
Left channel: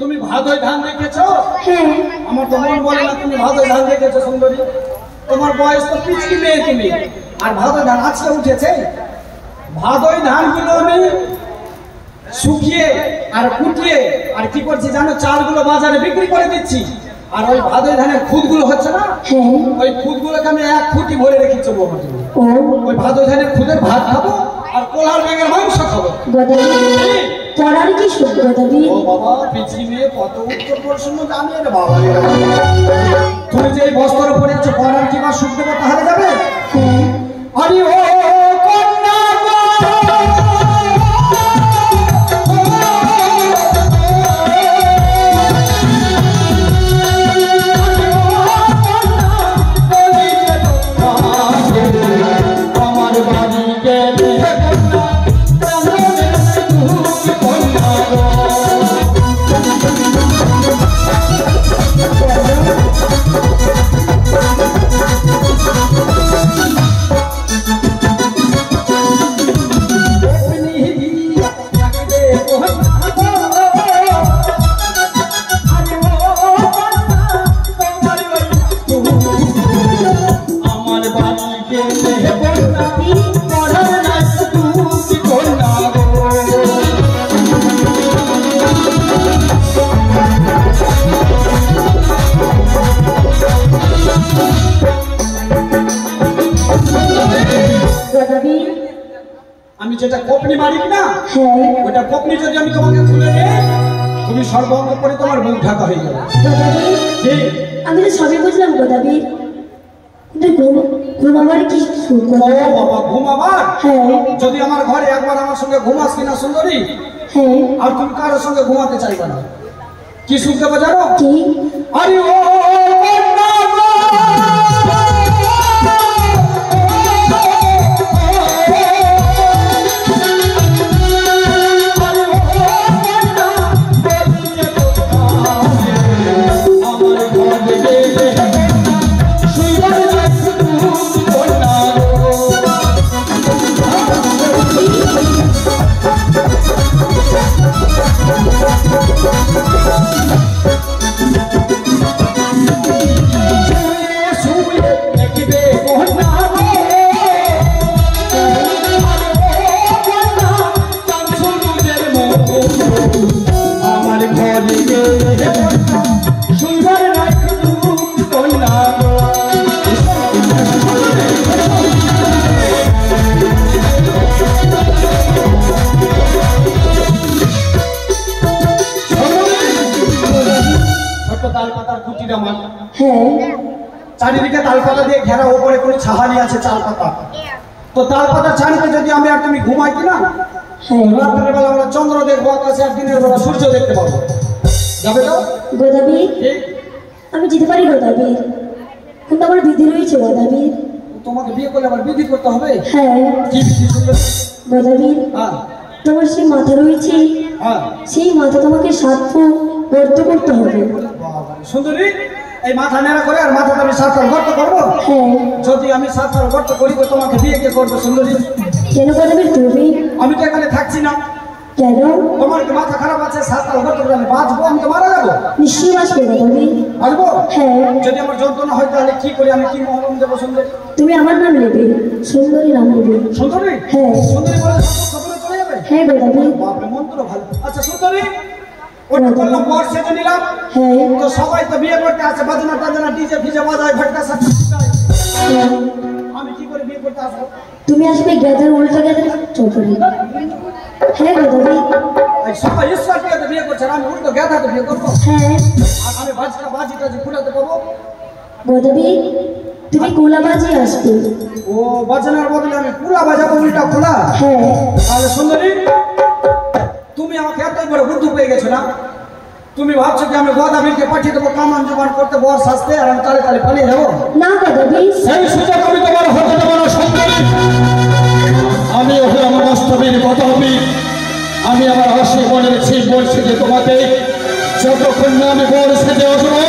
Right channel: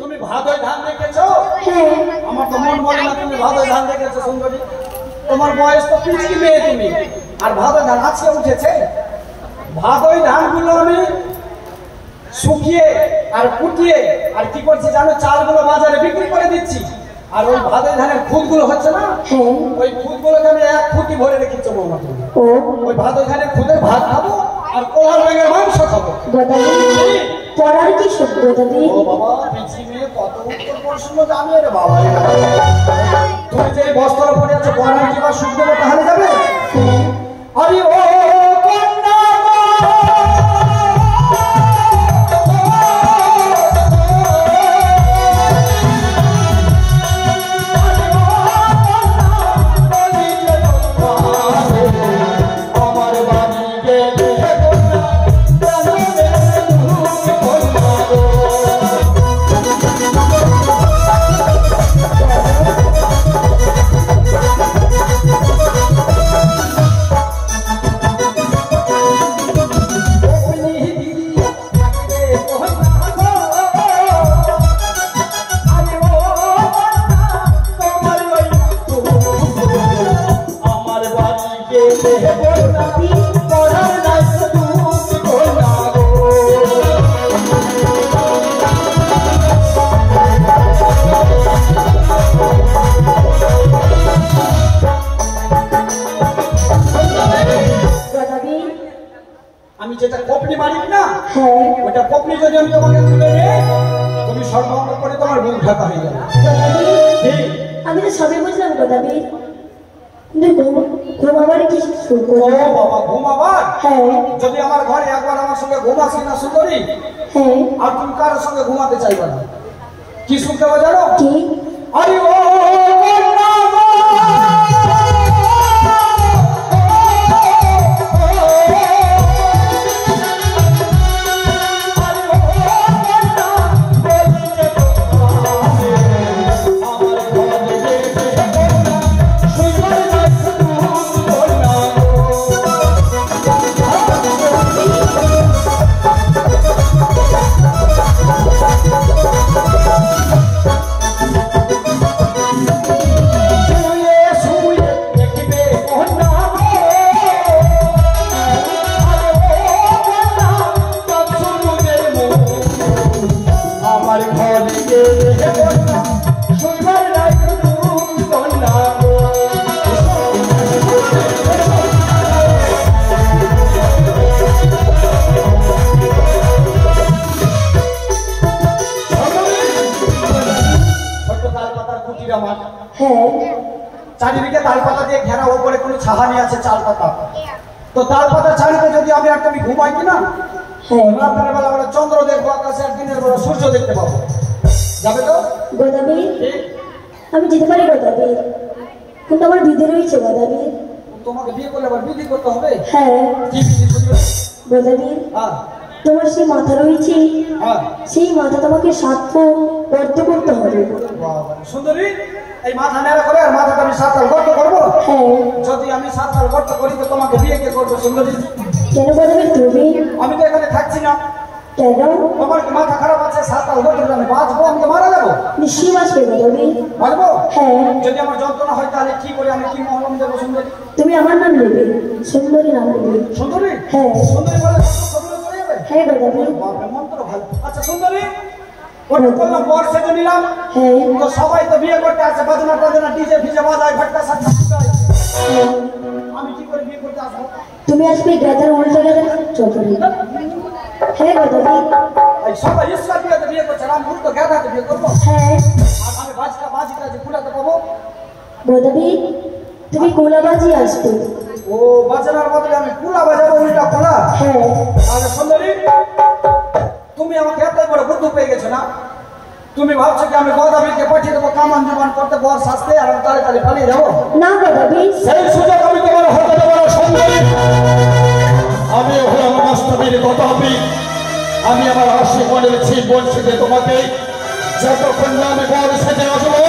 তুমি ভাদই ধান দেখেছো? হ্যাঁ আমার তো মন বলে না তুমি ভাদই ধান দেখেছো সুন্দরী। তোমার বয়স তো পিচকি মেয়ে তুমি, আর ভাদই ধান আজকে উঠেছে। ভাদই ধানগুলো আমি শুকিয়ে আর কুটিয়ে আর কি করছি জানো, চালগুলো বাজারে বিক্রি করে দিচ্ছি। আর ওই ভাদই ধানের খুদগুলো হচ্ছে না, হ্যাঁ ওই খুদগুলোকে আমি এক খুঁটি ভরে রেখেছি বৌমা তুমি। ও ওই ভাদই ধানের খুদের ভাত খাবো আর কোলার ব্যাঙের মাংস খাবো। গো দেবী পড়ার কি সুখ গো দেবী? ও বাবা পিচকি মেয়ে কত উত্তর প্রশ্ন জানে রে বাবা। তুমি যে বস্ত্র পরে আছো পরার কি বা সুখ দেবো তাহলে যাবে? হ্যাঁ আরে ও কন্যা গো, আমার বাড়ি গেলে আমার বাড়ি গেলে পড়ার নাই তুমি কন্যা গো। গো দেবী আমি যেটা কপনি মালিক না, হ্যাঁ ওটা কপনি যদি আমি তোমাকে তুলে দিই তুমি সর্বাঙ্গ করে তোমার মুখ ঢাকা হয়ে যাবে। গো দেবী ঠিক? আমি তো সবই বুঝলাম গো দেবী, কিন্তু ঘুমাবার কি সুখ গো ও দেবী? বাবা ঘুমাবার? হ্যাঁ যদি আমার ঘরে একবার আমার সঙ্গে ঘুমাস কিনা সুন্দরী, হ্যাঁ আর তুমি কারোর সঙ্গে ঘুমাতে চাইবে না, কি সুখ দেবে জানো? কি? আরে ও কন্যা গো, চারিদিকে তালপাতা দিয়ে ঘেরা, ওপরে কোনো ছাহানি আছে চাল পাতা। তো তালপাতা ছাড়িতে যদি আমি আর তুমি ঘুমাই কিনা, রাত্রের বেলা আমরা চন্দ্র দেখবো আকাশে, আর দিনের বেলা সূর্য দেখতে পাবো। যাবে তো? গোদাবি আমি যেতে পারি গোদাবি, কিন্তু আমার বিধি রয়েছে গোদাবি। তোমাকে বিয়ে করলে আবার বিধি করতে হবে। হ্যাঁ কি বিধি সুন্দরী? গদাবি হ্যাঁ তোমার সেই মাথা রয়েছে, হ্যাঁ সেই মাথা তোমাকে সাধ্য বদ্ধ করতে হবে। বাবা সুন্দরী, এই মাথা নেড়া করে আর মাথাটা আমি 7 তাল গর্ত করবো। হ্যাঁ যদি আমি 7 তাল গর্ত করি তো তোমাকে বিয়ে কে করবো সুন্দরী? কেন গদাবি তুমি? আমি তো এখানে থাকছি না। কেন? তোমার কি মাথা খারাপ আছে? 7 তাল গর্ত করে আমি বাঁচবো? আমি তো মারা যাবো। নিশ্চয়ই আসবে গদাবি। পারবো? হ্যাঁ যদি আমার যন্ত্রণা হয় তাহলে কি করে আমি কি মহলম দেবো সুন্দরী? তুমি আমার নাম নেবে, সুন্দরী নাম নেবে। সুন্দরী? হ্যাঁ সুন্দরী বলে কবুলে পড়ে যাবে? হ্যাঁ গদাবি। বাপরে মন্ত্র ভালো। আচ্ছা সুন্দরী, ওটা করলাম, বর সেজে নিলাম। হ্যাঁ তো সবাই তো বিয়ে করতে আসে, বাজনা টাজনা ডিজে ফিজে বাজায়, ঘটকা সাথে হ্যাঁ। আমি কি করে বিয়ে করতে আসবো? তুমি আসবে গ্যাদার উল্টো গ্যাদার চটরি। হ্যাঁ গদাবি। এই সবাই ঈশ্বর বিয়েতে বিয়ে করছে, আমি উল্টো গেঁদাতে বিয়ে করবো? হ্যাঁ আর আমি বাজি টাজি ফুটাতে পাবো? গদাবি তুমি কোলাবাজি আসবে। ও বাজনার বদলে আমি পুলা বাজাবো, উল্টা খোলা? হ্যাঁ তাহলে সুন্দরী, তুমি আমাকে এতই বড় বুদ্ধি পেয়ে গেছো না? তুমি ভাবছো কি আমি গদাবীরকে পাঠিয়ে দেবো কামান জবান করতে, বর শাস্তে, আর আমি তালে তালে পালিয়ে যাবো? না গদাবি। সেই সুযোগ আমি তোমার হাতে দেবো না সুন্দরী। আমি হলাম বাস্তবের গদাবী। আমি আমার হাসি মনে রেখেছি, বলছি যে তোমাকে যতক্ষণ না আমি বর সেজে আসবো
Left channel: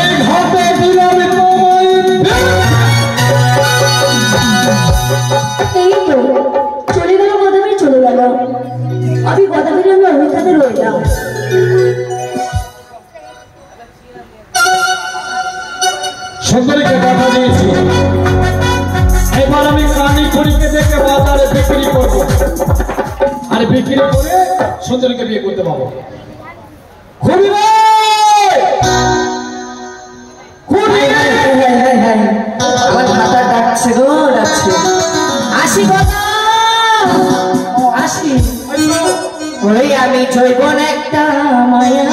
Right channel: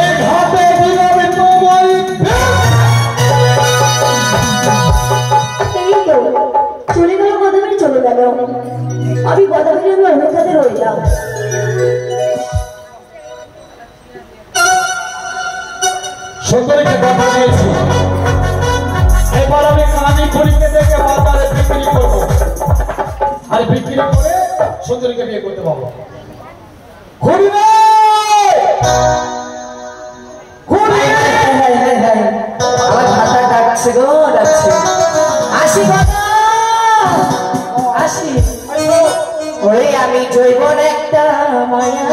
এই ঘাটে দিব আমি তোমায়। এই তো চলে গেল গদাবি, চলে গেল। আমি গদাবির আমি অভিজ্ঞতা রইলাম। সুন্দরীকে কথা দিয়েছি, এবার আমি কানি করিকে দেখে বাজারে বিক্রি করবো, আর বিক্রি করে সুন্দরীকে বিয়ে করতে পারবো। খুবই রে! খুবই রে! আমার ভাতা ডাকছে গো, ডাকছে। আসি ভাতা, আসি। ওই আমি জৈবন একটা মায়া,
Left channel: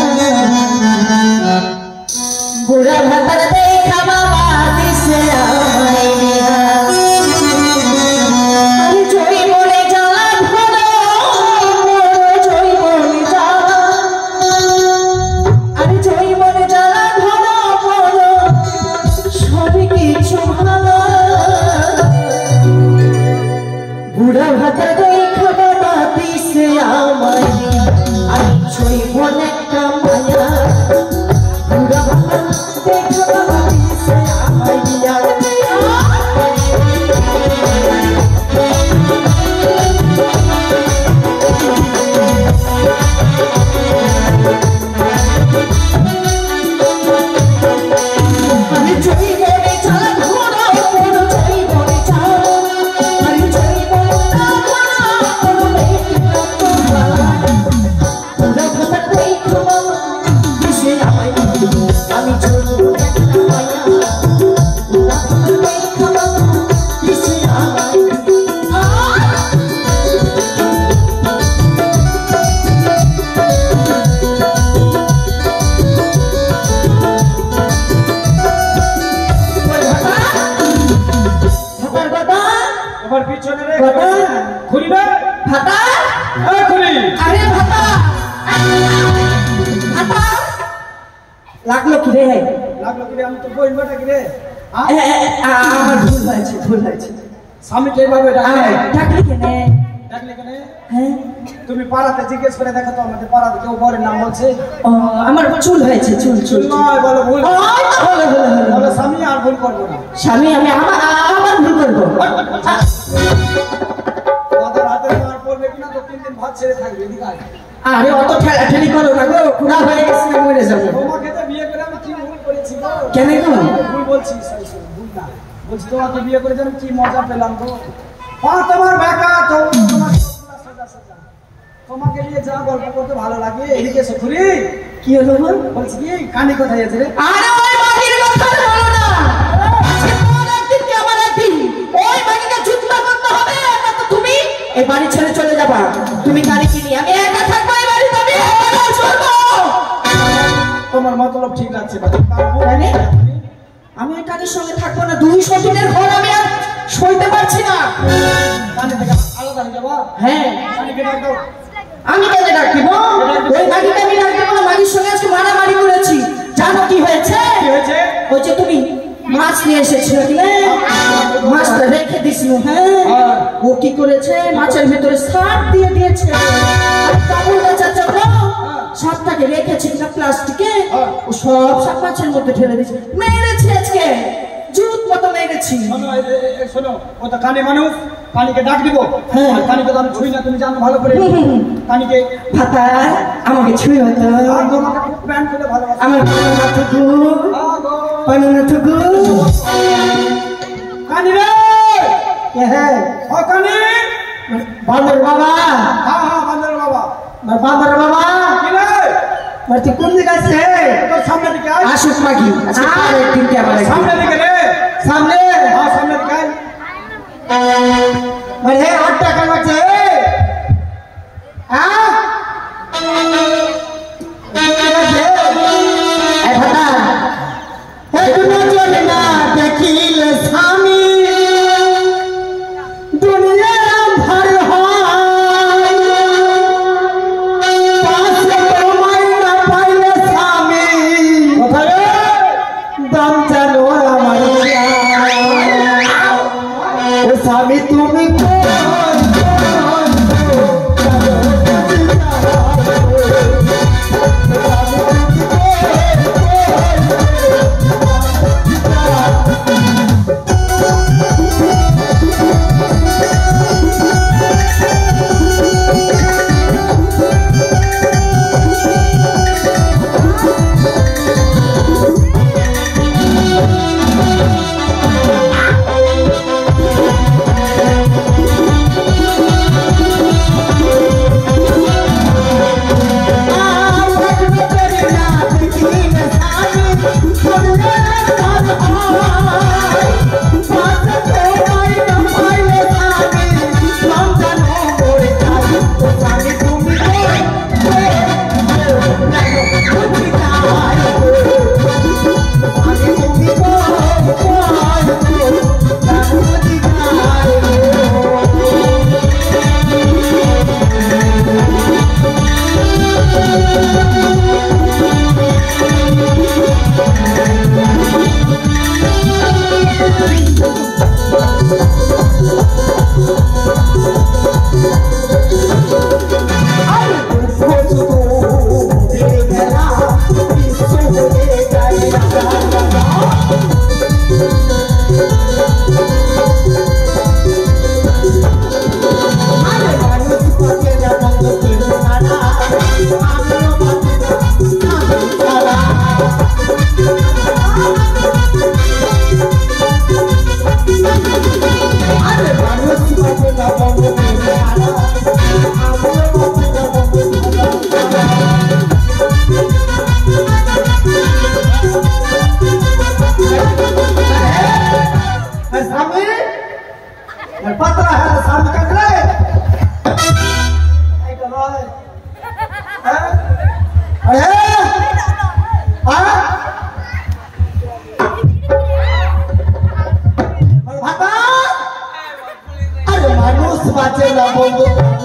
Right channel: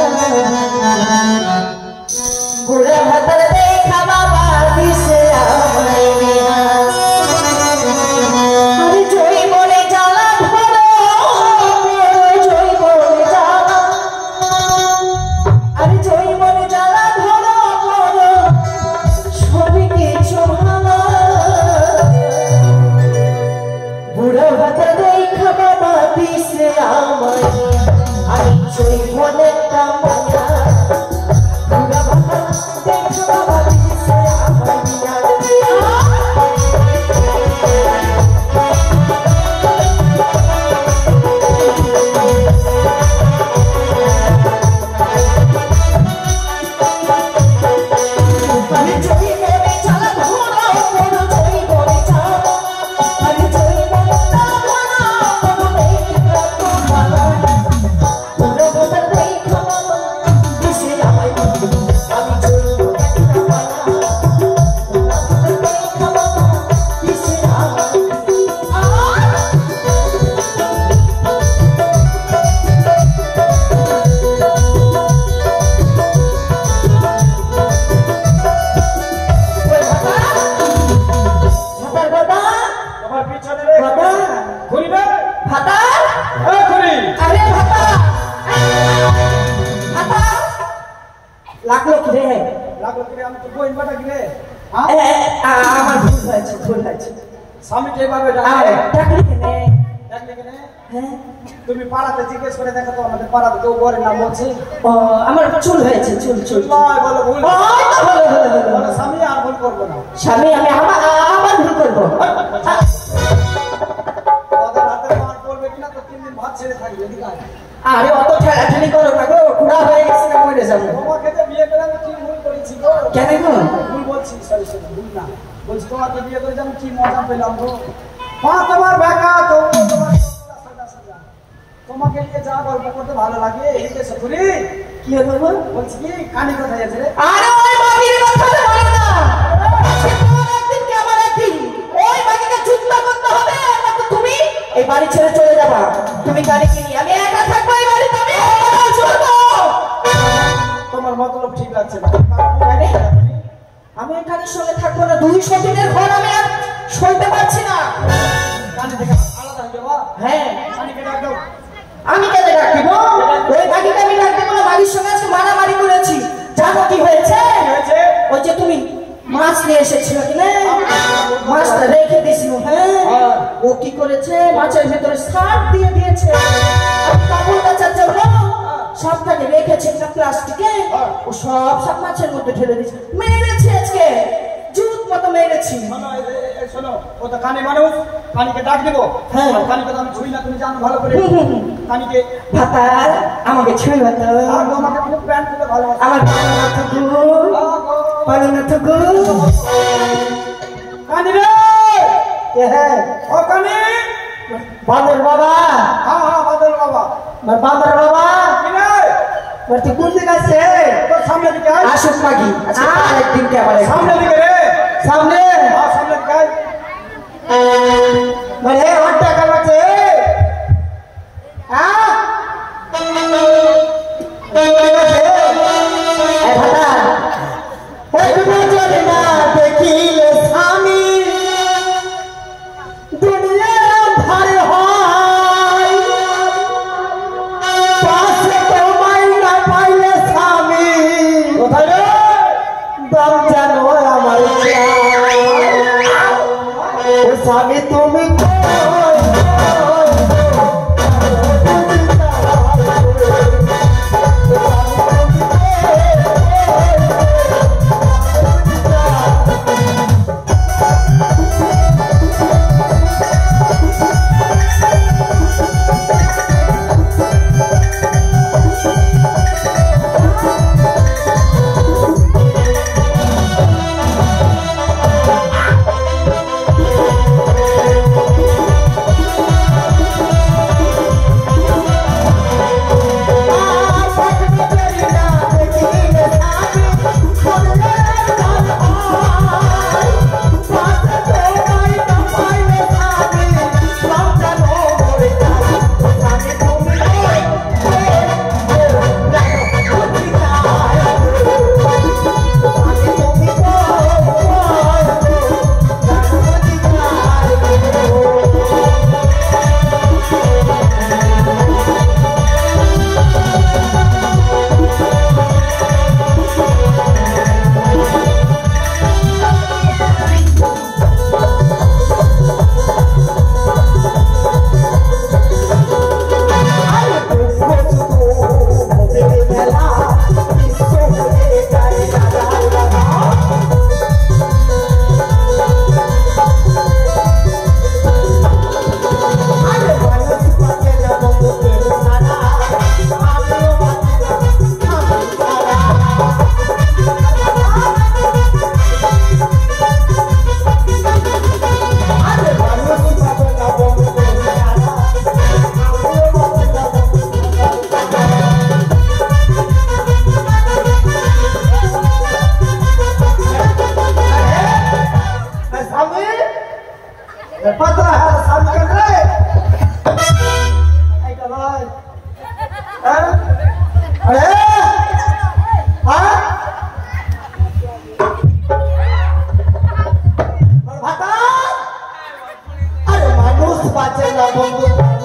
বুড়া ভাতার দেখা বাবা দিছে আমায় নেহা। আরে জৈবনে জ্বালা ভরা, জৈবনে জ্বালা, আরে জৈবনে জ্বালা ভরা বলো, সবই কিছু ভালো। বুড়া ভাতার দেখা বাবা দিছে আমায় নেহা। আমি জৈবন একটা মায়া, বুড়া ভাতার দেখা বাবা দিছে আমায় নেহা। আমি জৈবনে জ্বালা ভরা বলো, জৈবনে জ্বালা, আমি জৈবনে জ্বালা ভরা বলো, মেঘনা তোমার। বুড়া ভাতার দেখা বাবা দিছে আমায় নেহা। আমি জৈবন একটা মায়া, বুড়া ভাতার দেখা বাবা দিছে আমায় নেহা। ভাতার কথা, তোমার পিছনে রে কথা। ঘুরিবে? ভাতা, আরে ঘুরি! আরে ভাতা, ভাতা লাগলো কি রে? লাগলো কি রে? আমি তো বইন বেটা কি রে? হ্যাঁ? আমার ভুল হয়েছে, ভুল হয়েছে। স্বামীকে এইভাবে ডাকলে? ডাকলি কেনে? ডাকলে কেন? হ্যাঁ, তুমি পাড়াতে জিজ্ঞেস করে দেখো তো, আমাদের পাড়াতে কেউ বরের নাম বলছে? ও আমার চুল হয়েছে, চুল চুল চুল। নয়, বলো ভুল। হলো হলো হলো। বলো স্বামী, আর ভুল করবো না। স্বামী আমি আমার ভুল করবো। দাদার হাতে মার পড়বে কিনা তো 3 দিন ভাত ছেড়ে থাকবে। এদিকে আয়। আরে অত ঠেলাঠেলি করো না গো, পুরা হয়ে গেছে, মরে যাবো। তোমাকে তো বিয়ে করে আমি কি ভুল করেছি গো? কেন গো? ভুল বলছি, সরি সরি, ভুল না। বলছি তোমাকে বিয়ে করে আমি কি মজা পেলাম গো। তোমার বেকা, তোমার সোজা সোজা। তোমাকে নিয়ে যা গল্প করতে ভালো লাগে। এদিকে এসে ঘুরি। কি হলো বল? বলছি কি, কানে কোথায় আছে রে? আরে ওই মাগির কথা বলো না। আজকে তোমার একদিন কি আমার একদিন। ওই মাগিকে যুদ্ধ করতে হবে, না তো তুমি এই বাড়ি ছেড়ে চলে যাবা। তুমি গাড়ি কিনি, আমি একা থাকবো এই বাড়িতে, আমি একা চলবো। তোমার মতলব ঠিক আছে। মানে? আমি এই গাড়ির সঙ্গে থাকবো না, 200 দিনের ঘর আমি আর সইতে পারছি না। কানে থেকে আলাদা হয়ে যাবো। হ্যাঁ, কানে কেটে দাও। আমি কেন ডাকবো? ওই মাগিকে আমি ডাকবো না, মাগির সঙ্গে আজকে মারামারি করেছি। জানো কি হয়েছে? কি হয়েছে? ওই যে তুমি মাছ নিয়ে এসেছিল কি না মাছটা রেখে দিছিল হ্যাঁ ও কি করেছে মাছের ভিতরে সাপ দিয়ে দিয়েছে আর কাবুল কাঁচা চলো সাপটাকে রেখেছে না প্লাস্টিকে ও সব সাপ মাছের মধ্যে ঢেলে দিয়েছে মেরেছি আজকে জুত মতো মেরেছি শোনো ও তো কানে মানুষ কানিকে ডাক দিব হ্যাঁ। আর কানিকে তো আমি ছুঁই না তুমি জানো ভালো করে কানিকে ভাতার আমাকে ছুঁয়ে তো তোমাকে খুব ব্যান্ড করে ভালো আমার পানুনা থুকু পানুনা থুকু কানি রে হ্যাঁ ও কানি বান্দর বাবা হ্যাঁ হ্যাঁ বাদল বাবা বান্দর বাবা কি রে তুই কোন দিকে আসছে তোর সামনে দিকে আয় আসুক মাগি আজকে আর একদিন কে আবার সামনে দিকে রে সামনে হ্যাঁ সামনে দিকে আয় বলে 8 টাকা আছে হ্যাঁ দেখিলে স্বামী দুনিয়া ভার হয় পাশে তোমায় না পাইলে স্বামী দাম জানো আমার ও স্বামী তুমি पता है सामने कर रहे आई चलो अरे हां भाता अरे मानुष बाचे ना बंधु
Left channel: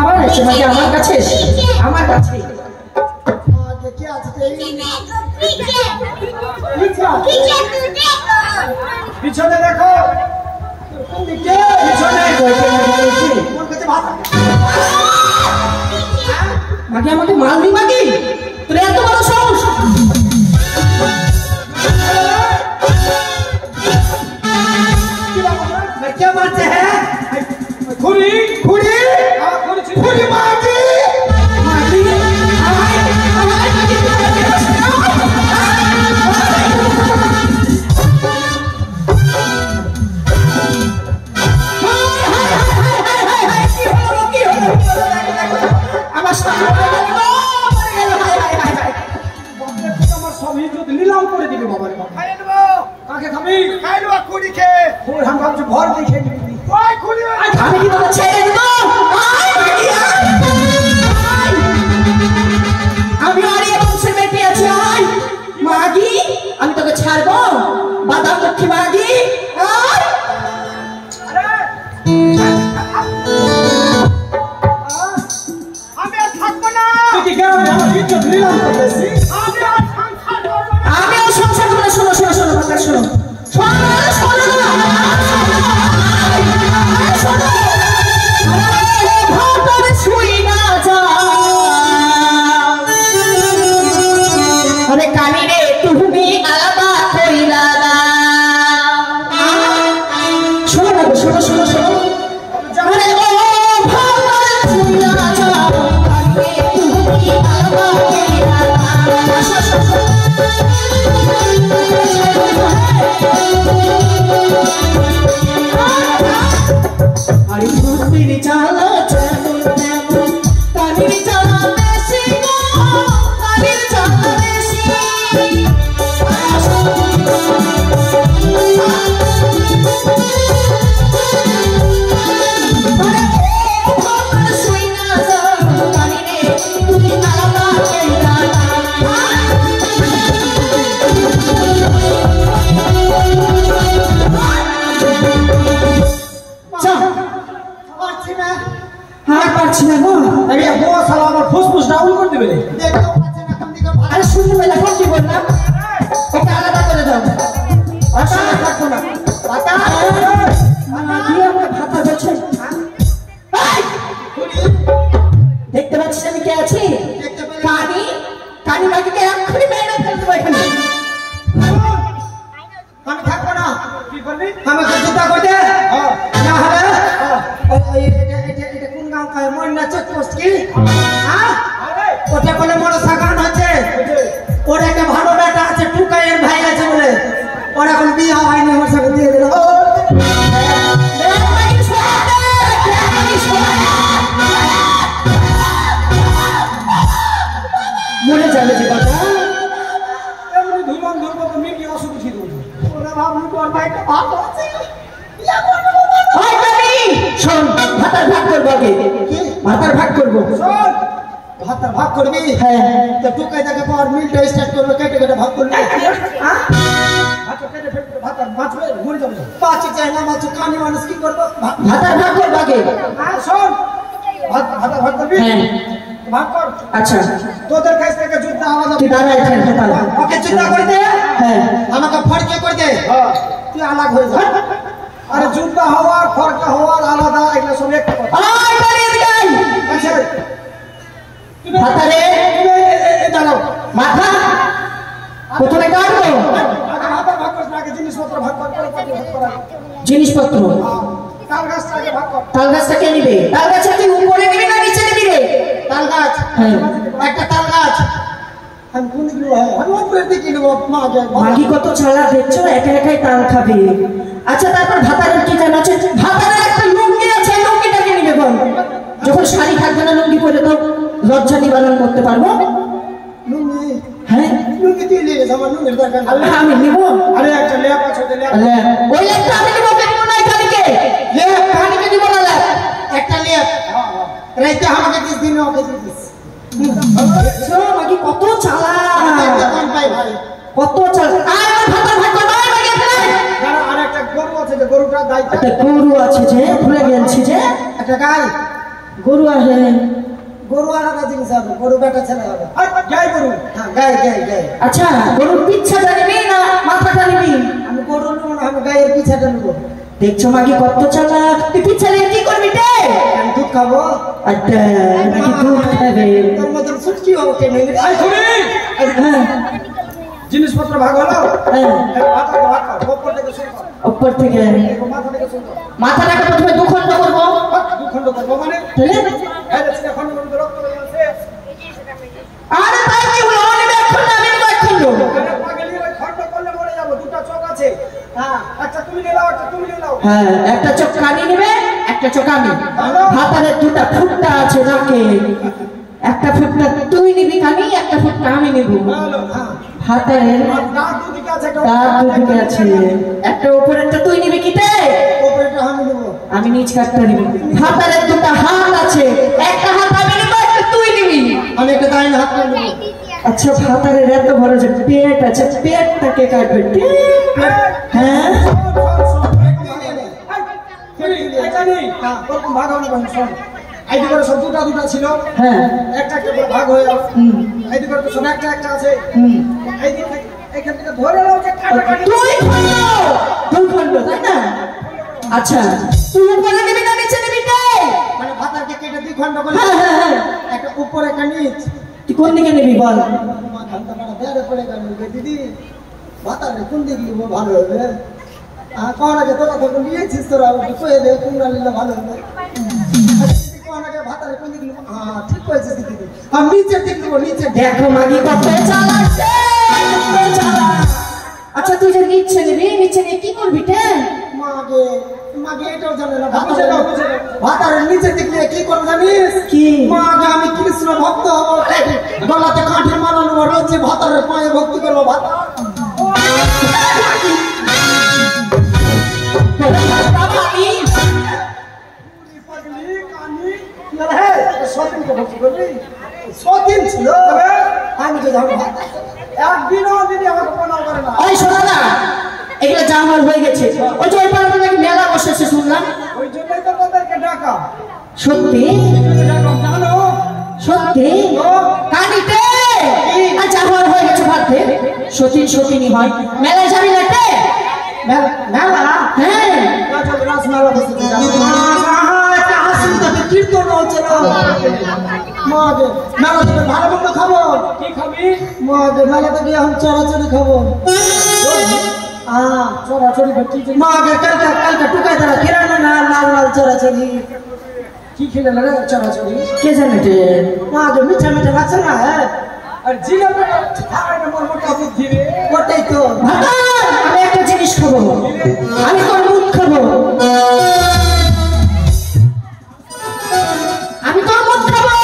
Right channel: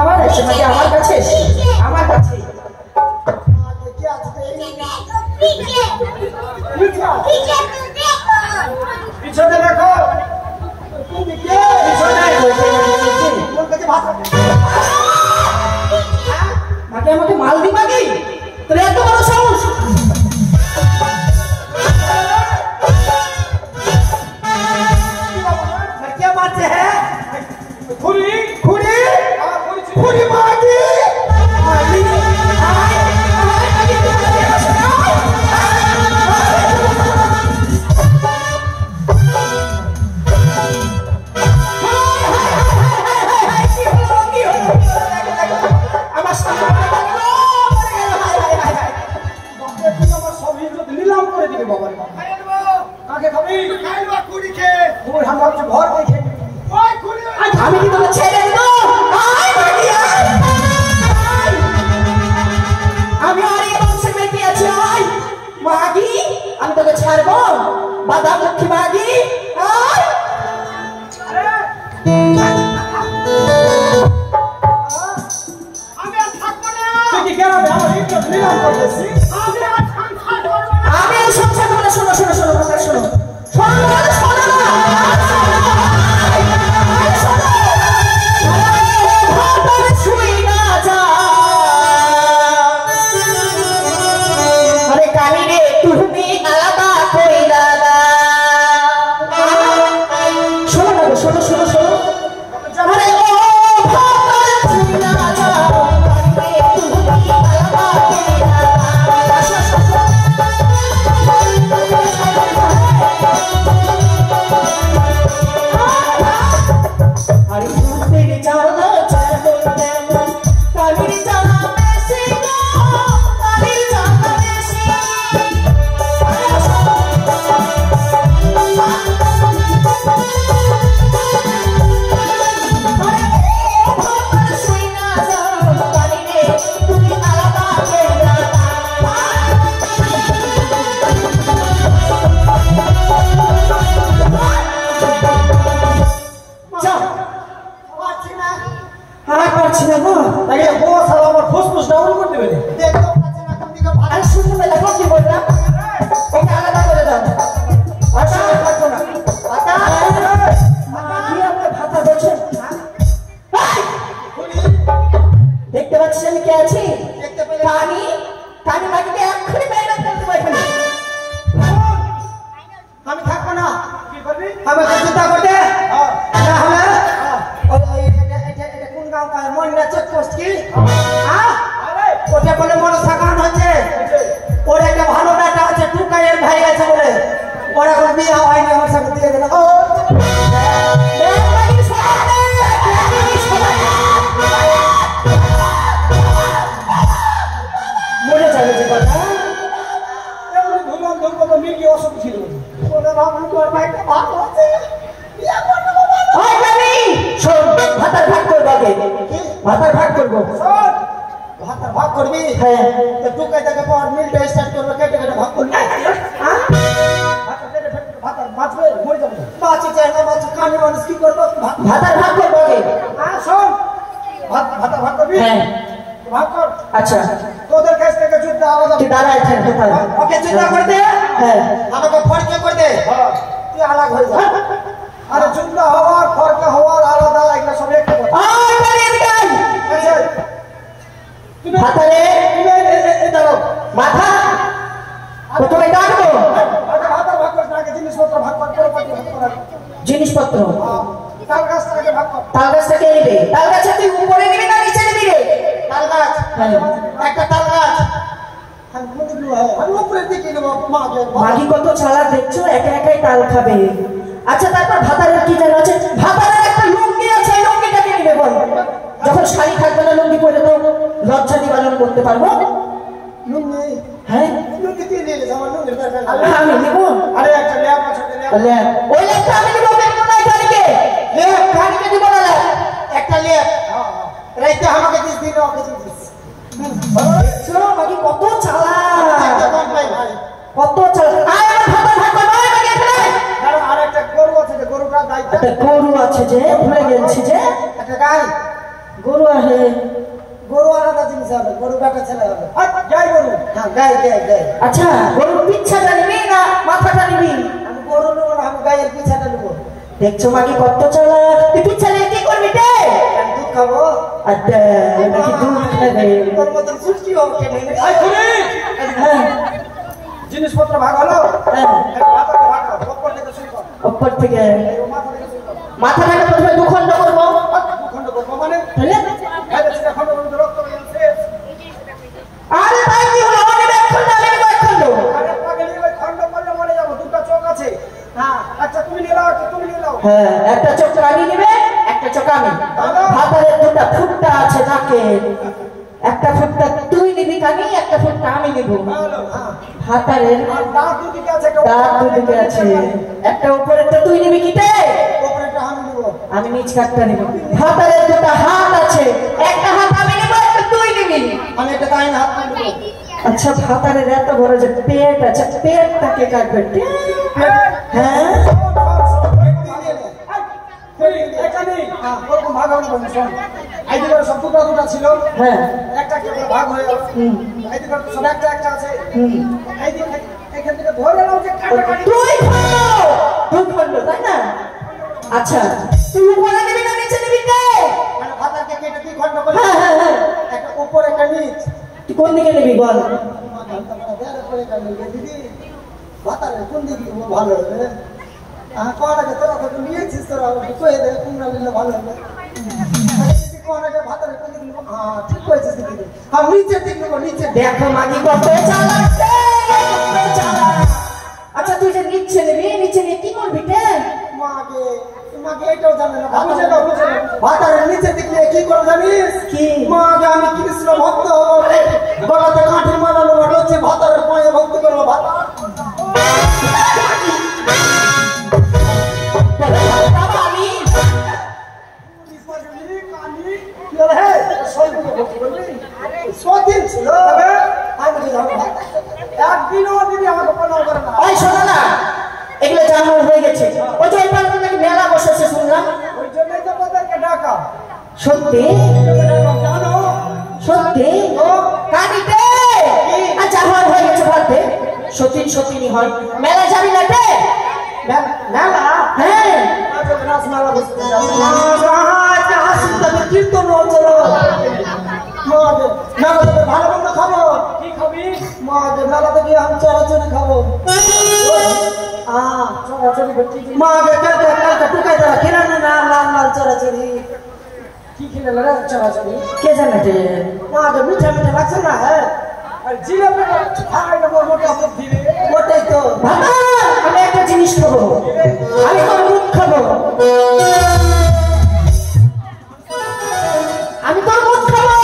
আবার এসে মাঝে আমার কাছে এসে আমার কাছে পিছনে দেখো মাকে আমাকে মাল দি মাকে তোর এত বড় সাহস क्या मारते हैं खुरी खुरी खुरी मारती नीलाम করে দিবে বাবার খাই দেবো কাকে খাবি খাই দেবো খুরিকে ওই हम ভাবছি ঘর দেখে নিবি ওই খুরি আমি কি তোকে ছেড়ে দেব আমি আর এই বংশের মেয়ে পেয়েছি আয় মাগি আমি তোকে ছাড়বো বাদাম লক্ষ্মী মাগি আমি আর থাকবো না তুই কি কেন আমার ইজ্জত নীলাম করতেছিস আমি আর সংসার করব না আমি আর সংসার করব না শোনো শোনো শোনো কথা শোনো फुसफुस डाउन कर देबे देखो पाछे ना कम दिखा अरे सुन मैं लगा কি বললাম ওকে আলাদা করে দাও আচ্ছা থাকো না পাতা মা কি আমরা ভাতা দিচ্ছে দেখতে পাচ্ছিস আমি কে আছি কানি কানি মাটিতে এক্ষুনি মেরে ফেলতে পারি আমি থাকবো না কি করবি আমাকে জুতা করে দে না হলে ওই এটা কোন গাঁও কয় মন্না চেকপোস্ট কি হ্যাঁ ওটা বলে মনে সাগান হচ্ছে ওর একটা ভালো বেটা আছে টুকাইয়ের ভাই আছে বলে ওর এখন বিয়ে হয়নি আমার সাথে দিয়ে দিল মনে যাবে যে কথা এমনি ধুমান ধরবো তো মেয়ে কি অসুখ ছিল ওরে বাবু তোর ভাইটা ভালো আছে বিয়ে করবো ওই কানি শোন ভাতার ভাগ করব আগে কি ভাতার ভাগ করব শোন ভাতার ভাগ করবি হ্যাঁ তো টুকাই দেখে পর মিলটা স্টার্ট করবে কেটে কেটে ভাগ করবি হ্যাঁ ভাতার কেটে ফেটে ভাতার বাঁচবে মরে যাবে বাঁচি চাই না বাঁচি কানি মানুষ কি করবো ভাতার ভাগ করব আগে হ্যাঁ শোন ভাতার ভাগ করবি হ্যাঁ ভাগ কর আচ্ছা তোদের কাছ থেকে যুদ্ধ আওয়াজ তুই দাঁড়া এখানে দাঁড়া ওকে চিন্তা করে দে হ্যাঁ আমাকে ফড়কে করে দে তুই আলাদা হয়ে যা আরে যুদ্ধ হওয়ার ফড়কে হওয়ার আলাদা এগুলা সব একটা কথা ওই করে এদিকে আয় আচ্ছা তুমি ভাতারে এই দাঁড়াও মাথা প্রথমে কাটবো আগে ভাতার ভাগ কর আগে জিনিসপত্র ভাগ কর প্রপার্টি ভাগ কর জিনিসপত্র তাল গাছটা আগে ভাগ কর তাল গাছটা কে নিবে তাল গাছটা কি উপরে নিবি না নিচে নিবি রে তাল গাছ হ্যাঁ একটা তাল গাছ हम कौन लो है हम ऊपर दिखी लो मां के মাগি কত ছাড়া দেখছো একা একাই তাল খাবে আচ্ছা তারপর ভাতারের কি জানা আছে ভাতারের একটা লুঙ্গি আছে লুঙ্গিটাকে নিবে বল যখন শাড়ি থাকবে না লুঙ্গি পরে তো লজ্জা নিবারণ করতে পারবো लुंगी হ্যাঁ लुंगी ती ले सामान लुंगी दरकार আমি নিব अरे अच्छा ले पास होते ले ওই লেখটা আমি নিব কেন না কালিকে ले কালিকে দিব না লেখ একটা ले हां हां रहते আমাকে 30 দিন ওকে 30 শোনো মাগি কত চালা একটা কম পাই ভাই কত চালা আয় আমার ভাতার ভাগ কর নয় মাগি এখানে দাঁড়া আরেক একটা গরু আছে যে গরুটা গাইতে একটা গরু আছে যে ভুলে গেছি যে একটা গাই গরু আছে গরু আলাদা জিনিস হবে গরু বেটা ছেলে হবে গাই গরু হ্যাঁ গাই গাই গাই আচ্ছা গরুর পিছাটা নিবি না মাথাটা নিবি আমি গরু নেবো না আমি গাইয়ের পিছাটা নেবো দেখছো মাকে কত চালাক তুই পিছালে কি করবি রে আমি দুধ খাবো আচ্ছা নাকি দুধ খাবে তোর মতন সুটকি হোক কে নেই হ্যাঁ জিনিসপত্র ভাগ হলো হ্যাঁ ভাগ কর ওপর থেকে শুরু কর উপর থেকে মাথা থেকে শুরু কর মাথাটাকে প্রথমে দুখণ্ড করবো দুখণ্ড করবো মানে তাহলে খণ্ড খণ্ড রক্ত হয়ে যাচ্ছে আরে তাই কি হলো আমি এক খণ্ড আমি এক খণ্ড আরে পাগলি ওই খণ্ড করলে মরে যাবো দুটো চোখ আছে হ্যাঁ আচ্ছা তুমি নিয়ে নাও একটা তুমি নিয়ে নাও হ্যাঁ একটা চোখ কানি নিবে একটা চোখ আমি হাতারে দুটা ফুটটা আছে নাকে একটা ফুটটা তুই নিবি কানি একটা ফুটটা আমি নিব হাতারে দাঁত দুদিকে আছে একটা দাঁত দুদিকে আছে একটা উপরেরটা তুই নিবি কিতে ওপরেটা আমি নেবো আমি নিচ কাটটা নিব হাতারে দুটা হাত আছে একটা হাত আমি নিব একটা তুই নিবি আমি একটা দাঁড়িয়ে হাত করে নেবো আচ্ছা হাতারে এত বড় যে পেট আছে পেটটাকে কাটবে হ্যাঁ ছিল হ্যাঁ একটা ভাগ হয়ে গেল হুম এইদিকে সব একটা একটা আছে হুম এইদিকে এখান থেকে ধরে নাও যে তুই খন্ড তাই না আচ্ছা তুই উপরে নিবি না নিচে নিবি রে মানে ভাতারকে কেটে দুই খণ্ড করে হ্যাঁ হ্যাঁ হ্যাঁ একটা উপরে একটা নিচ তুই কোন দিকে নিবি বল দিদি ভাতারে কোন দিকে ভালো হবে কোন আগে তোরা তো নিয়েছিস তোরা কয়ে দেবে কোনটা নিলে ভালো হবে কোন আগে ভাতারে কোন দিকে হ্যাঁ ঠিক করেছিস দিদি আমি নিচের দিকে নেবো নিচে দেখো মাগি কত চালাচ্ছে কত চালাক আচ্ছা তুই যে নিচে নিয়ে কি করবি রে মাগে মাগে এটাও জানে না ভাতারের নিচের দিকে নিয়ে কি করবো জানিস কি মাগে আমি কৃষ্ণ ভক্ত হবো গলাতে কাঠের মালা নেবো রোজে ভাতারের পায়ে ভক্তি করবো ভাতার আমি সদিন ছিল আমি তো যাবো একদিনও দিদি আমাকে প্রণাম করে না ওই শোনো না এগুলো যা আমার হয়ে গেছে ওই যে ওইখানে নাকি মেলা বসেছে শুনলাম ওই জন্যই তো তোদেরকে ডাকা সত্যি জানো সত্যি কানিতে আচ্ছা আমার হয়ে গেছে ভাবতে সত্যি হয় মেলা যাবি না রে মেলা হ্যাঁ রাস মেলা বসেছে কীর্তন হচ্ছে মাকে মেলাতে ভালো মন্দ খাবো কি খাবি মাকে মেলাতে গিয়ে আমি চড়াচড়ি খাবো মাকে কালকে টুকাই দেওয়া কিনা না লাল লাল চড়াচড়ি কি খেলে রে চড়াচড়ি কে জানে রে মাকে মিঠা মিঠা লাগছে না হ্যাঁ আর জিলাপি খাওয়াটা মোর মোটা বুদ্ধি রে ওটাই তো বাবা আমি একটা জিনিস খাবো আমি তোর মুখ খাবো আমি তোর মুখ খাবো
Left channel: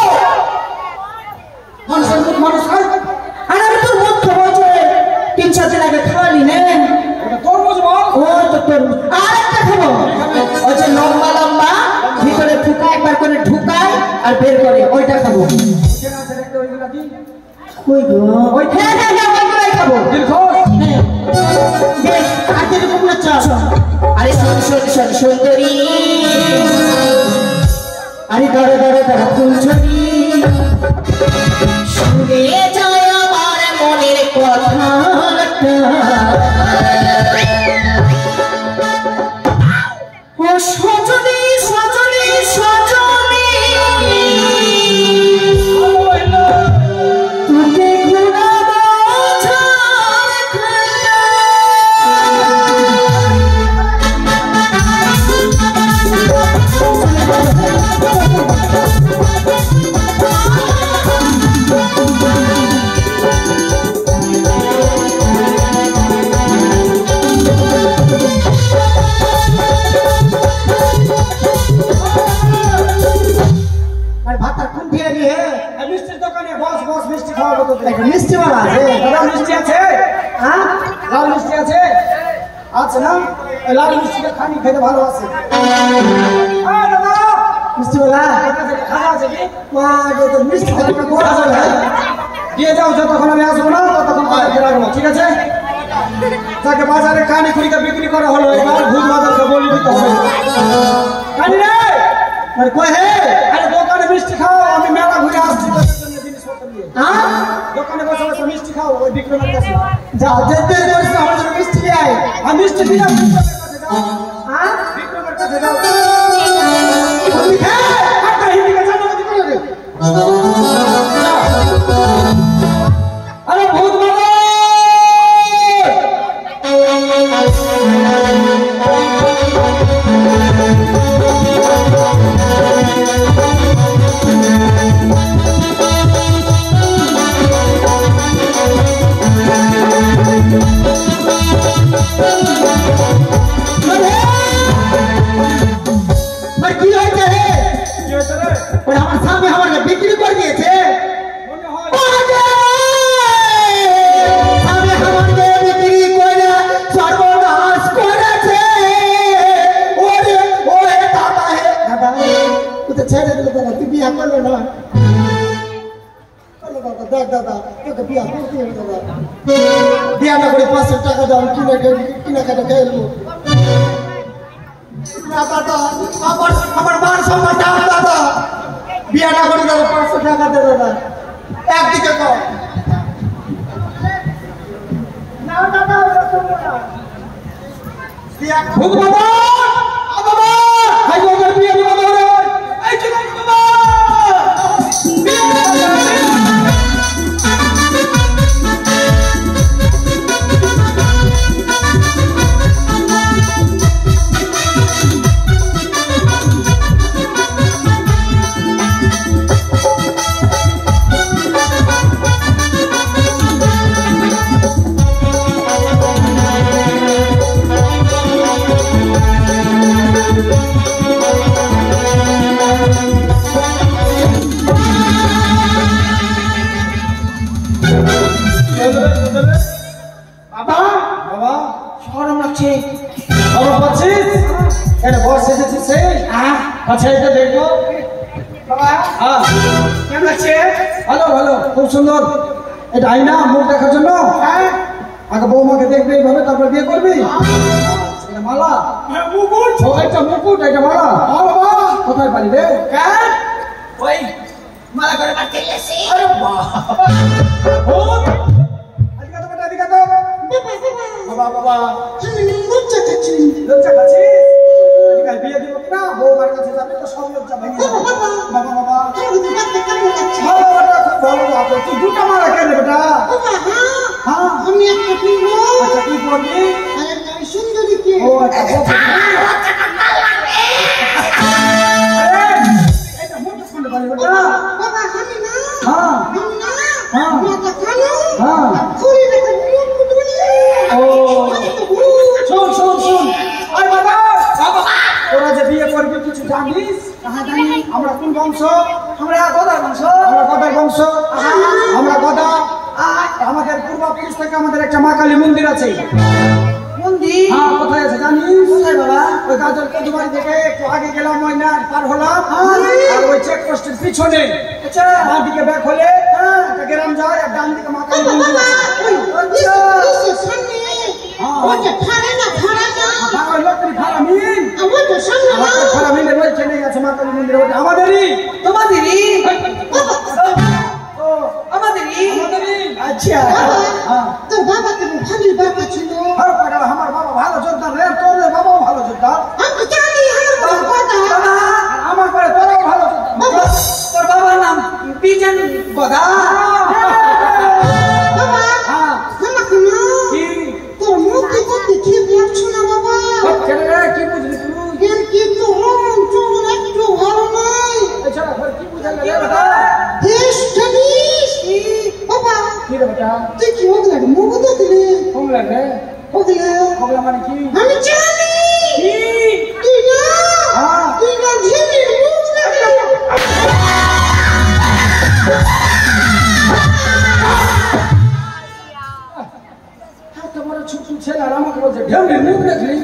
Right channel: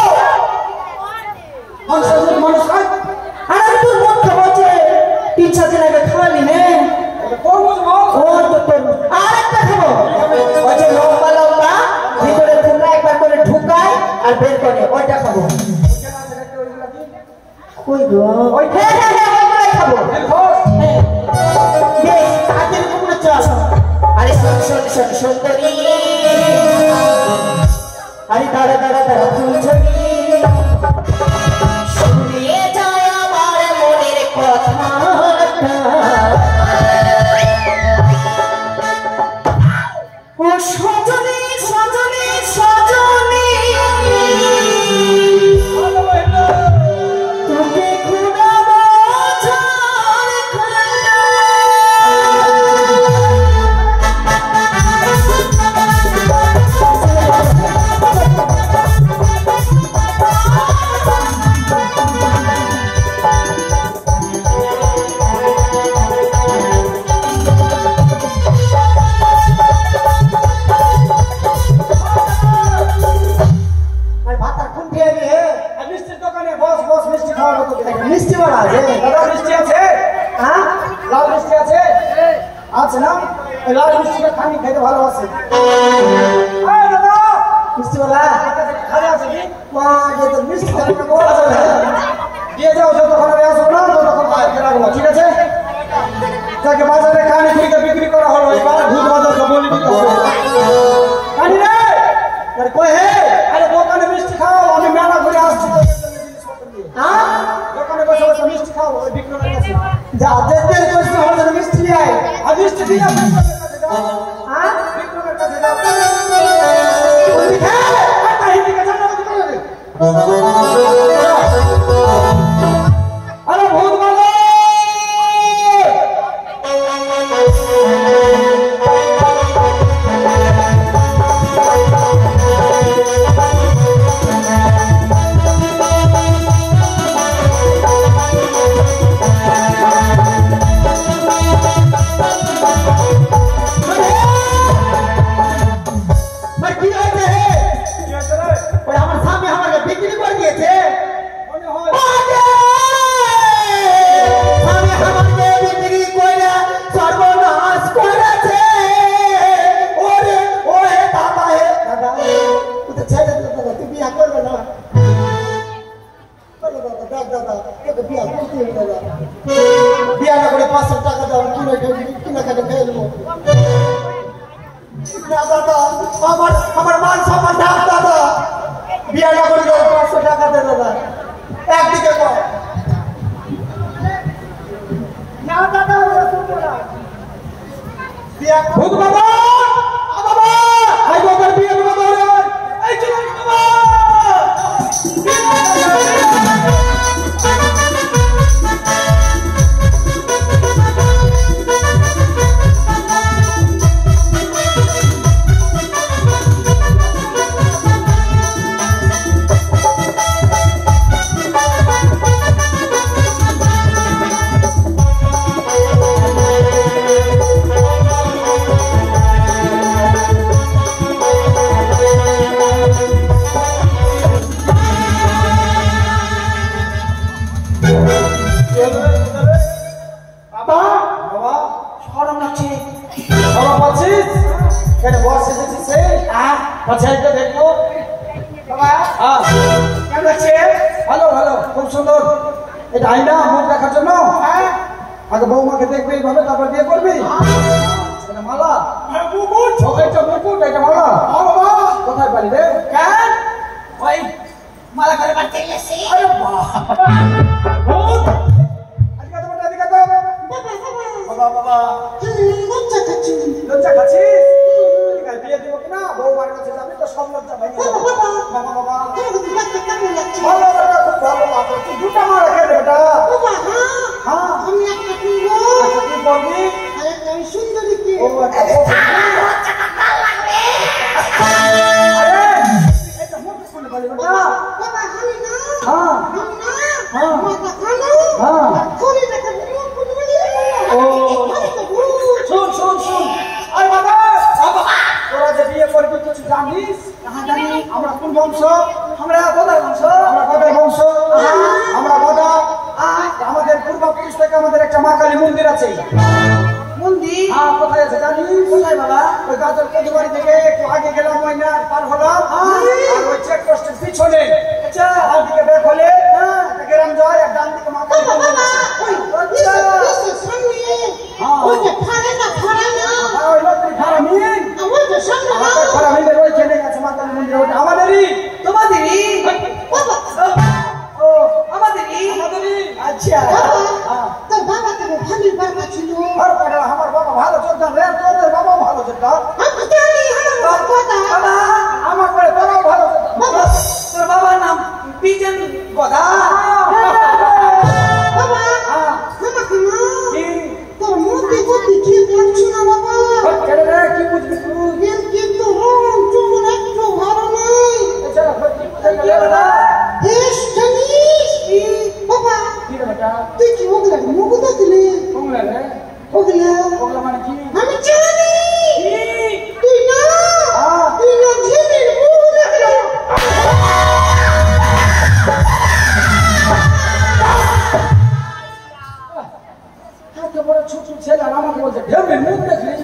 মানুষ খায় আর আমি তোর মুখ খাবো যে 3-4 দিন আগে খাওয়ালি না তরমুজ বল ও তো তোর আর একটা খাবো ওই যে লম্বা লম্বা ভিতরে ফুকা একবার করে ঢুকায় আর বের করে ওইটা খাবো কই গো ওই হ্যাঁ ওইটাই খাবো হ্যাঁ বেশ আজকে তোমরা চল আরে শোন সুন্দরী আরে দাঁড়া ফুলছড়ি শুনে যায় আমার মনের কথা ও সজনী তোকে ঘুরাবো মিষ্টির দোকানে বস মিষ্টি খাওয়াবো তো মিষ্টি মালা আছে মিষ্টি আছে হ্যাঁ লাল মিষ্টি আছে আছে না এই লাল মিষ্টিটা খানি খেতে ভালো আছে মিষ্টি মালা খাওয়া আছে কি মা তো মিষ্টি খাওয়া বলা যাবে দিয়ে যাও যতক্ষণ আমি আসবো না ততক্ষণ ঠিক আছে তাকে বাজারে কানি কুড়িকে বিক্রি করা হলো, এবার ভূত বাজারকে বলি দিতে হবে। কানি রে, আরে কই হে, আরে দোকানে মিষ্টি খাও, আমি মেলা ঘুরে আসছি তোদের জন্য জিনিসপত্র নিয়ে। দোকানে বসে বসে মিষ্টি খাও, ওই বিক্রমের কাছে যা, যেতে যেতে আমার জন্য মিষ্টি নিয়ে আয়, আর মিষ্টি দিয়ে বিক্রমের কাছে যাও। বিক্রমের কাছে যাও। আরে ভূত বাবা, বিয়া না করে 500 টাকা দাও, কিনে খাটে খেয়ে নেবো। দাদা, আমার মান সম্মান দাও দাদা, বিয়া না করে দাও, 500 টাকা দেবো না, একদিকে তো না দাদা, ভূত বাবা, বাবা, হাই বাবার বিয়া বাবা, এই চলো বাবা, খুব সুন্দর। এটা আইনা মুখ দেখার জন্য, আগে বৌমাকে দেখবি এইভাবে, তারপর বিয়ে করবি। মালা, এটা মুকুট, এটা মালা। কোথায় পারি রে? ওই মালা করে বাড়তে গেছি। বিয়ে দিব কিনা, বৌমার কাছে যাবি তো সব লজ্জা ভাঙিয়ে যাবে। বাবা বাবা, ভালো লাগে। তুই দুটা মালা কেন বেটা? আমি একটা কিনবো, আচ্ছা তুই পড়বি। সুন্দরী কে? ও আচ্ছা, বাবা আমি না, হ্যাঁ মাথা খানো, হ্যাঁ। ঘুরে দেখো মুখ বলি। ও শোন শোন শোন, আরে বাবা, তোরা যে বিয়ে করবি কিছু জানিস? জানি। আমরা কোন বংশ? আমরা গদার বংশ। আমরা গদার বংশ। আমরা গদা। আমাদের পূর্বপুরুষ থেকে আমাদের একটা মা কালী মন্দির আছে। মন্দির? হ্যাঁ, কোথায় আছে জানিস? কোথায় বাবা? ওই গাজর কদুবাড়ি থেকে একটু আগে গেলাম, ওই না পার হলাম, আর ওই চেকপোস্টের পিছনে। আচ্ছা, ডান দিকে ব্যাক হলে একটা গ্রাম যায়, আর ডান দিকে মা কালী মন্দির আছে। আচ্ছা, সামনে হ্যাঁ, ওই যে ফাড়া না, ওই লক্ষ্মী ফারামিন, ওই যে সামনে না, ফারামিনের ওইখানে আছে মা কালী মন্দির। ওটা আমাদেরই। তোমাদেরই? ও আমাদেরই? আচ্ছা, হ্যাঁ। তোর বাবা তো ভালোই বাবা ছিল। আর পাগলা, আমার বাবা ভালো যোদ্ধা রে, তোদের বাবাও ভালো যোদ্ধা। আমি জানি আমার বাবা, বাবা, আমার পরে তোরাও ভালো যোদ্ধা। তোর বাবার নাম বিজন গদা। বাবা হ্যাঁ, আমাকে না, কি? তোর মুখে দেখতে ঠিক লাগছে না বাবা। ছেলে রে, কি বুঝলি তুই? এর কিন্তু রং চুল একটু ভালো নাই। এছাড়া কি বুঝে গেলে বেটা? বেশ জানিস বাবা, কি রে বেটা? তুই কি ওগুলা মুখ দেখলি? কম লাগে? ওগুলা ওগুলা মানে কি? আমি জানি। কি? তুই না, হ্যাঁ। তুই না ঝিলির মুখ দেখলি। এত বড় ছোট ছেলে আর আমাকে বলছে ঢেউড়ির মুখ দেখলি?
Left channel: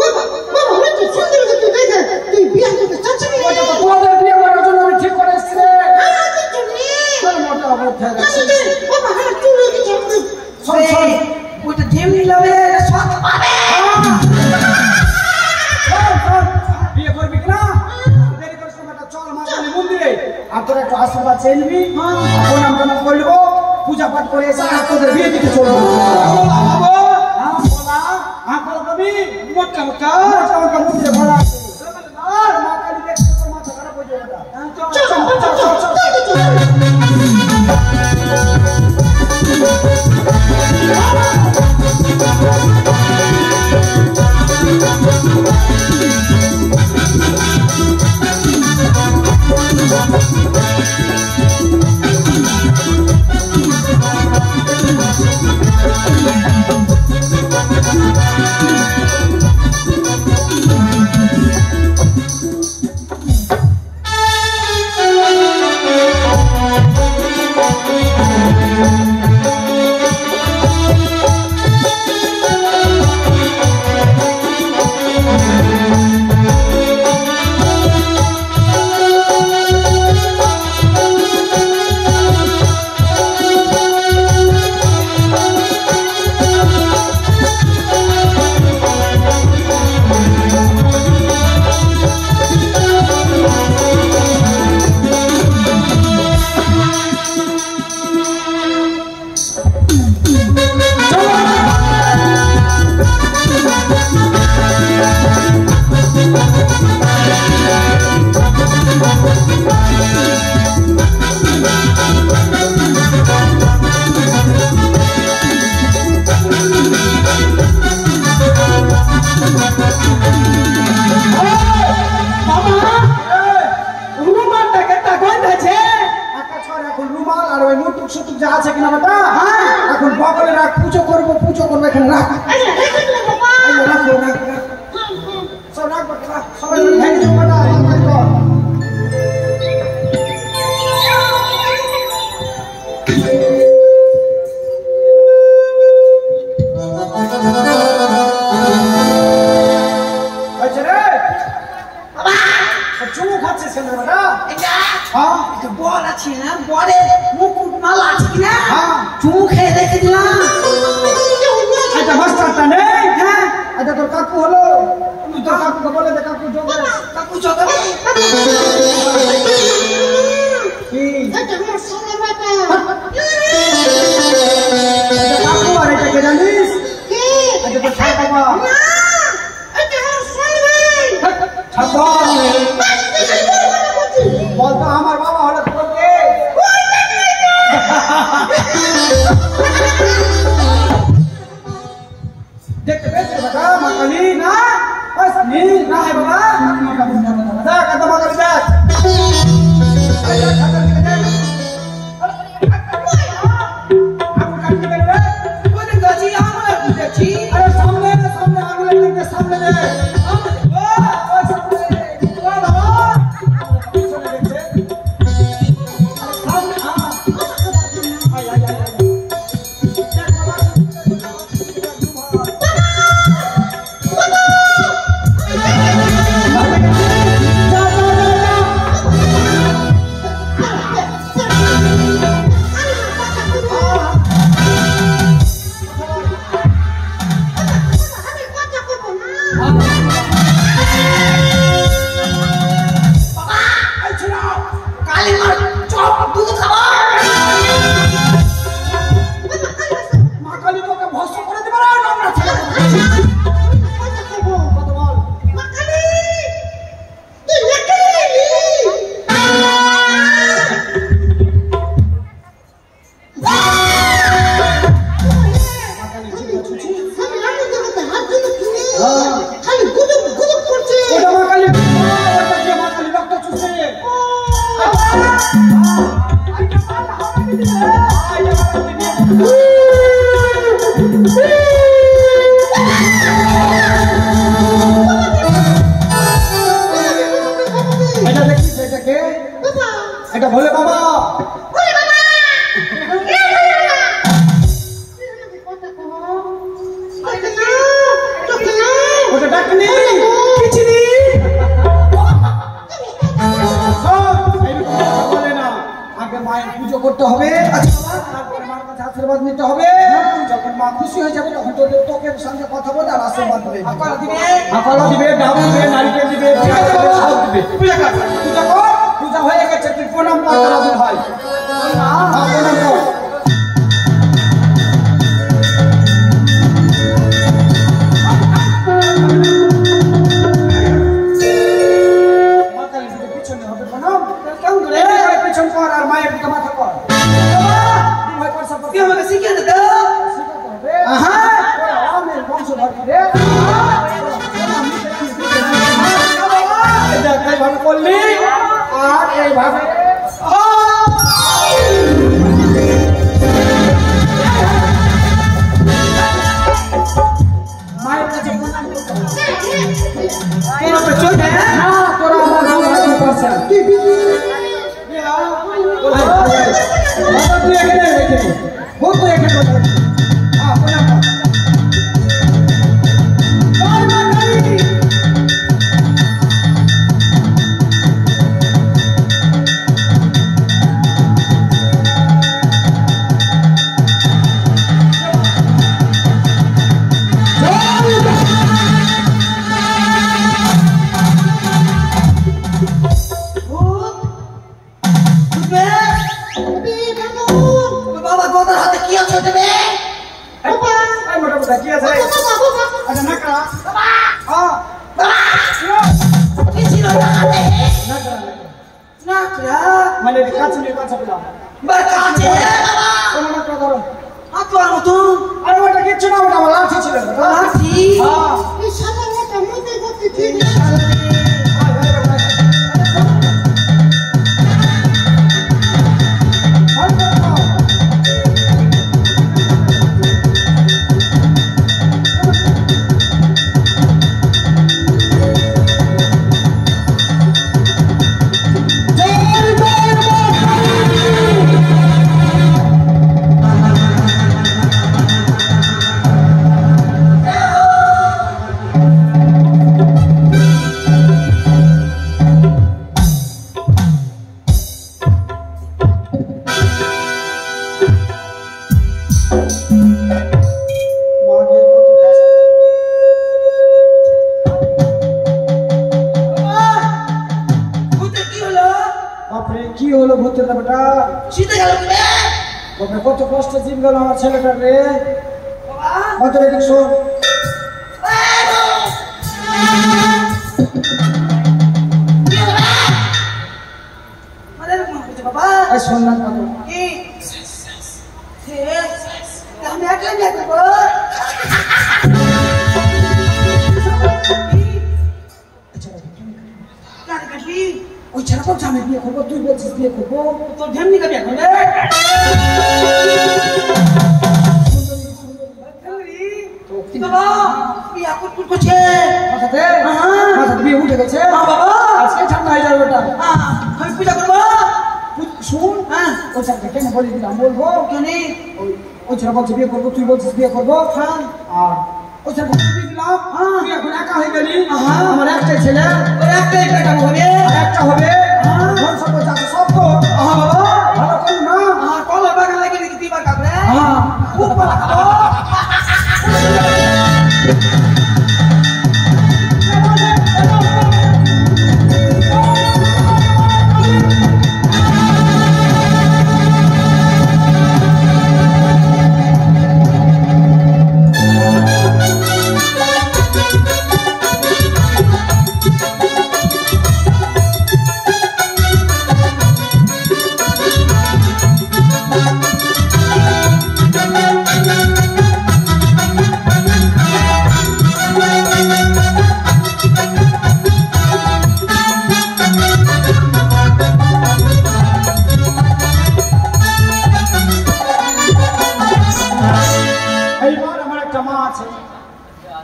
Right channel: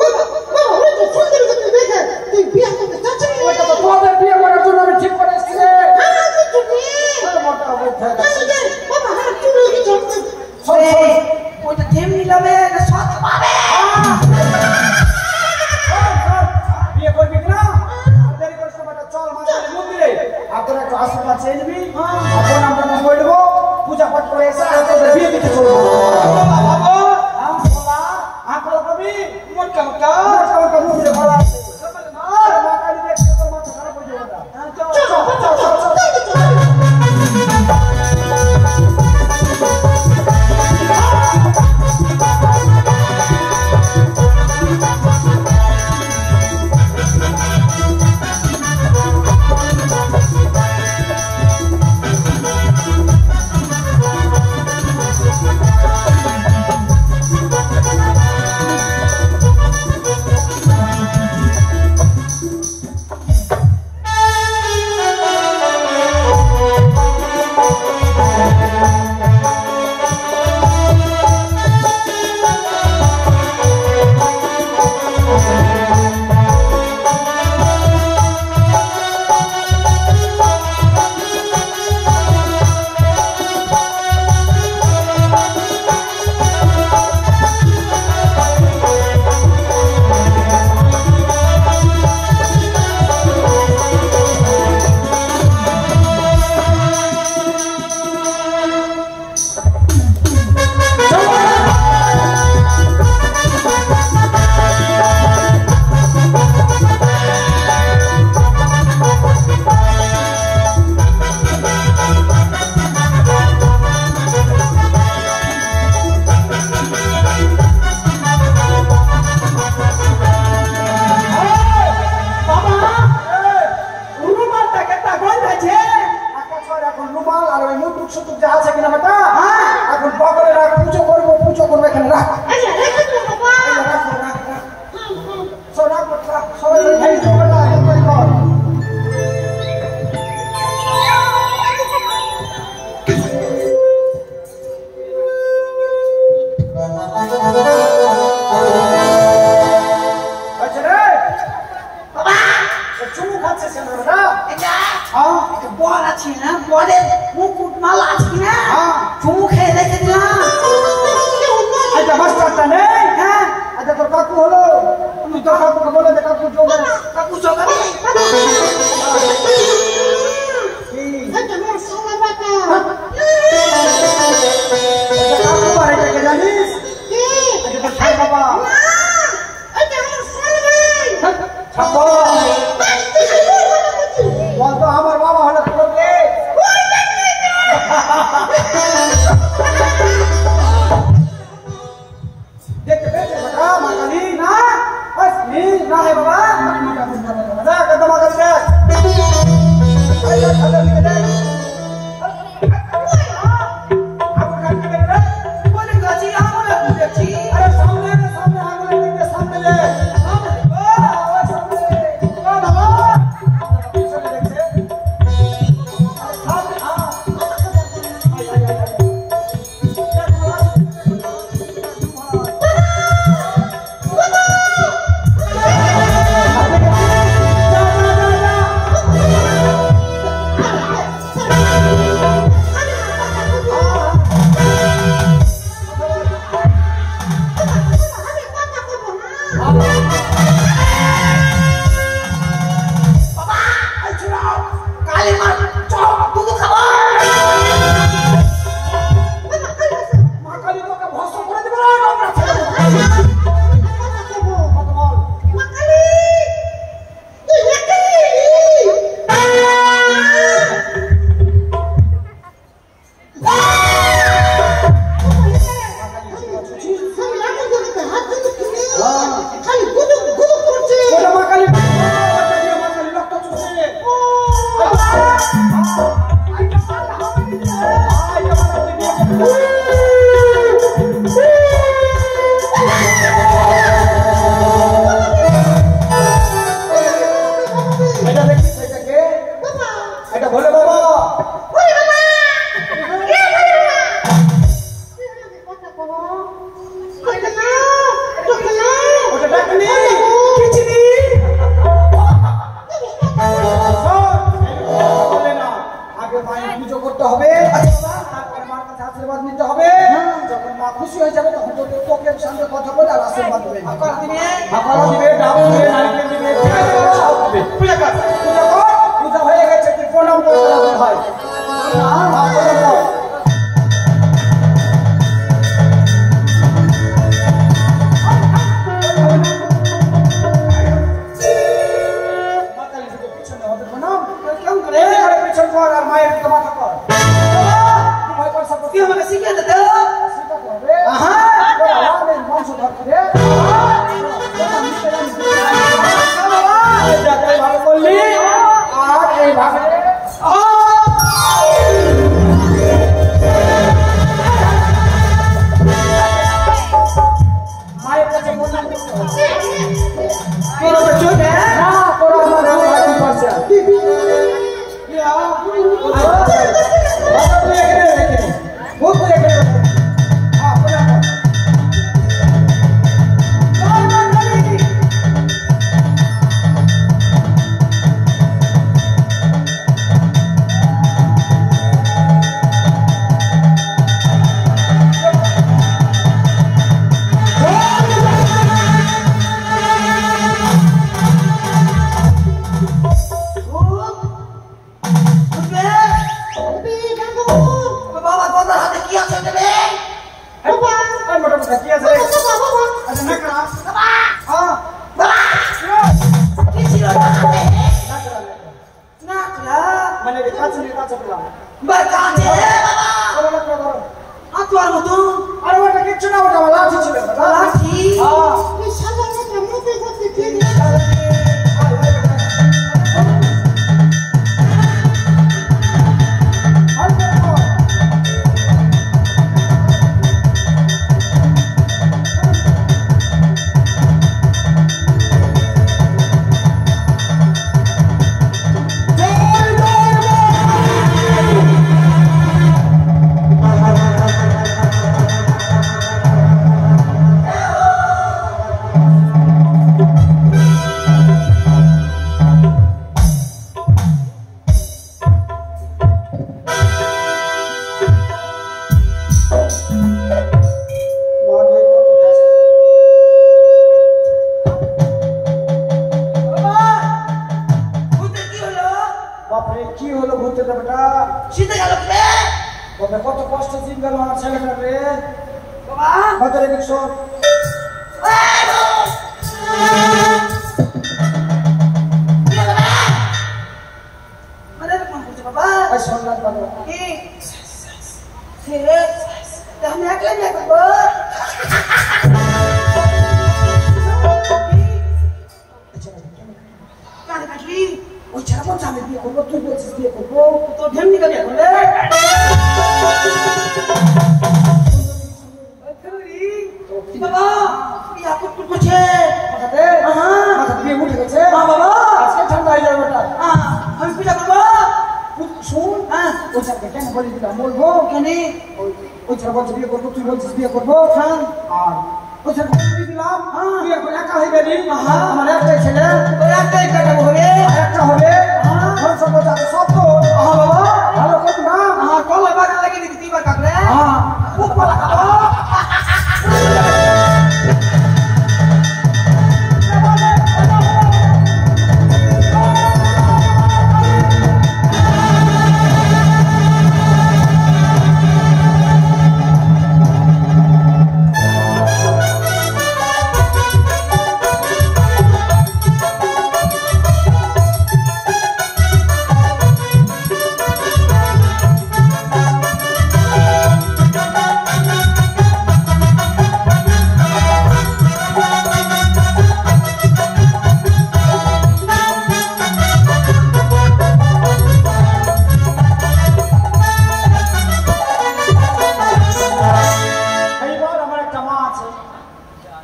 বাবা বাবা ওই যে সুন্দর যদি দেখে তুই বিয়ে করতে চাচ্ছিস না? ওইটা তো তোদের বিয়ে করার জন্য আমি ঠিক করে এসেছি রে। আমার তো তুমি তোর মোটা অবস্থা বাবা আমার চুল তোরা একটু আশীর্বাদ চেয়ে নিবি প্রণাম টনাম করে নেবো পূজা পাঠ করে এসে তোদের বিয়ে দিতে চলবো মোটা মোটা মুখে ভরা আছে মা কালী দেখতে তোর মাথা খারাপ হয়ে যাবে প্রণাম কত কষ্ট দিন গেল আমার ছেলেটা রে কত রে দেখছো সোনার কথা ওই ছেলেটা আমি বিয়ে করবো তুই বলছিস বিয়ে করবো তোর ঢেমনি কা বিয়ে করবে বাবা বিয়ে কুটকুট করছে বিয়ে উঠে গেছে বাবা আজকে ঠান্ডা হয়ে যাবে ওটা আমি পূজা করবো শুন ওই ছেলেকে কেন বলে দিলাম বলবো কেন ওই ছেলে বলছে বিয়ে করবো তুই বলছিস বিয়ে করবো আর ওই ছেলেকে বলে দিলাম তুই এখন একা হয়ে গেলি আমার একটাই ছেলে ওই একটাই বেটা হবে একটা হবে ধন সম্পদ আছে সব তো ভালো করি না কলা বাগান লাগিয়ে দিতে তুই বার কাপড়ে খুব ভালো খাবো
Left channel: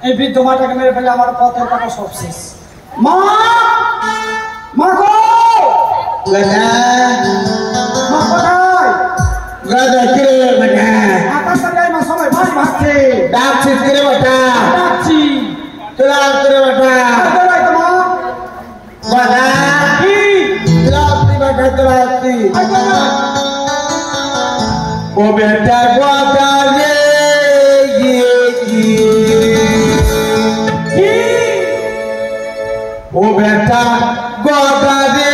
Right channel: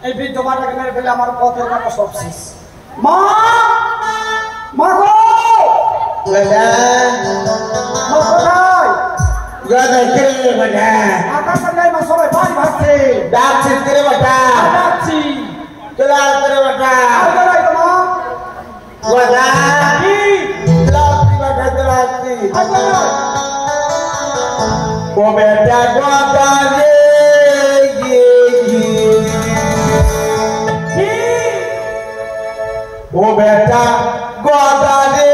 এই বৃদ্ধ মাটাকে মেরে ফেলে আমার পথের কাটা সব শেষ মা মা গো গদা মা কোথায় গদা কে বড়া আকাশ থেকে মা সবাই ভাত ভাতছে ডাকছিস কে বড়া ডাকছি তোলা করে বড়া কোথায় তোমা গদা কি তোলাছি বড়া তোলাছি ও বেটা গদা রে ও বেটা গদা রে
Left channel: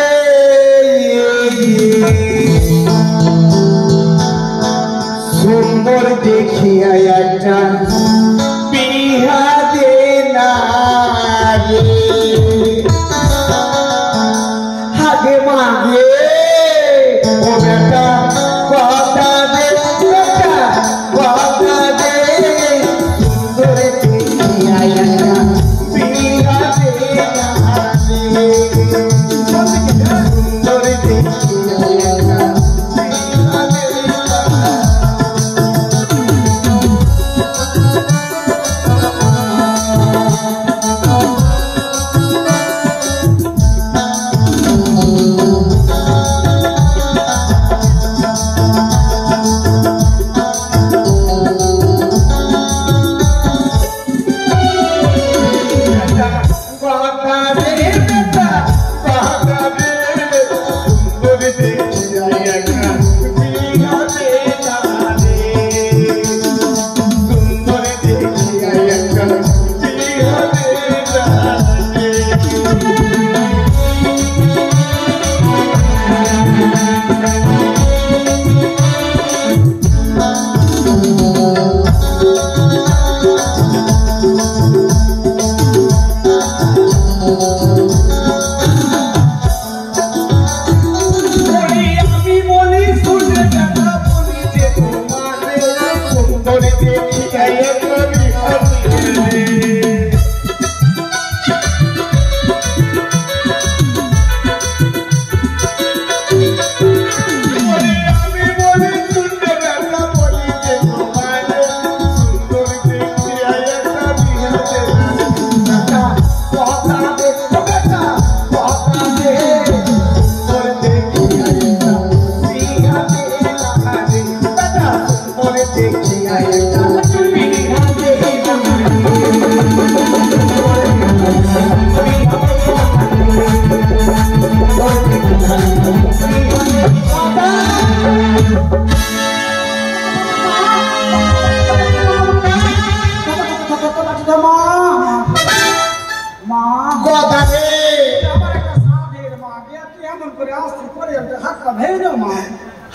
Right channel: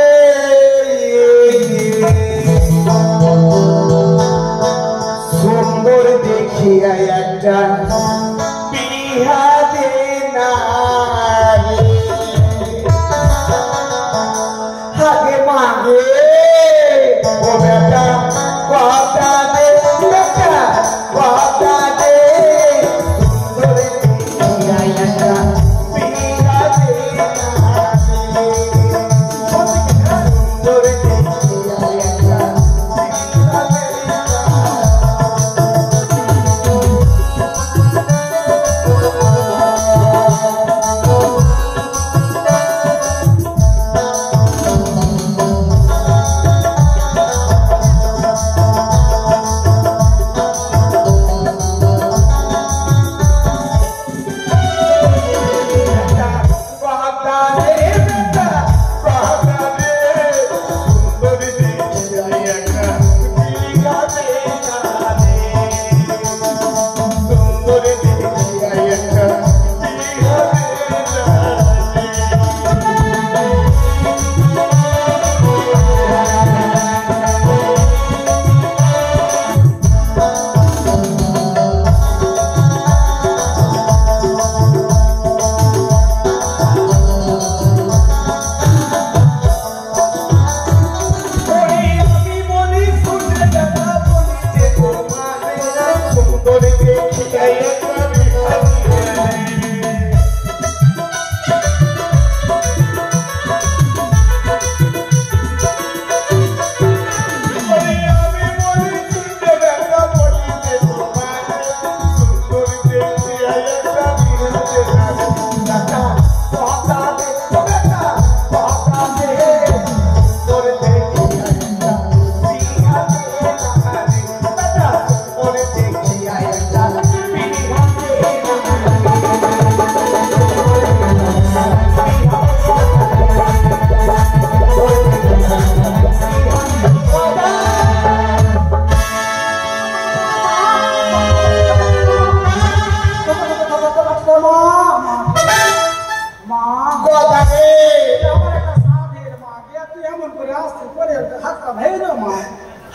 का भेज दो मां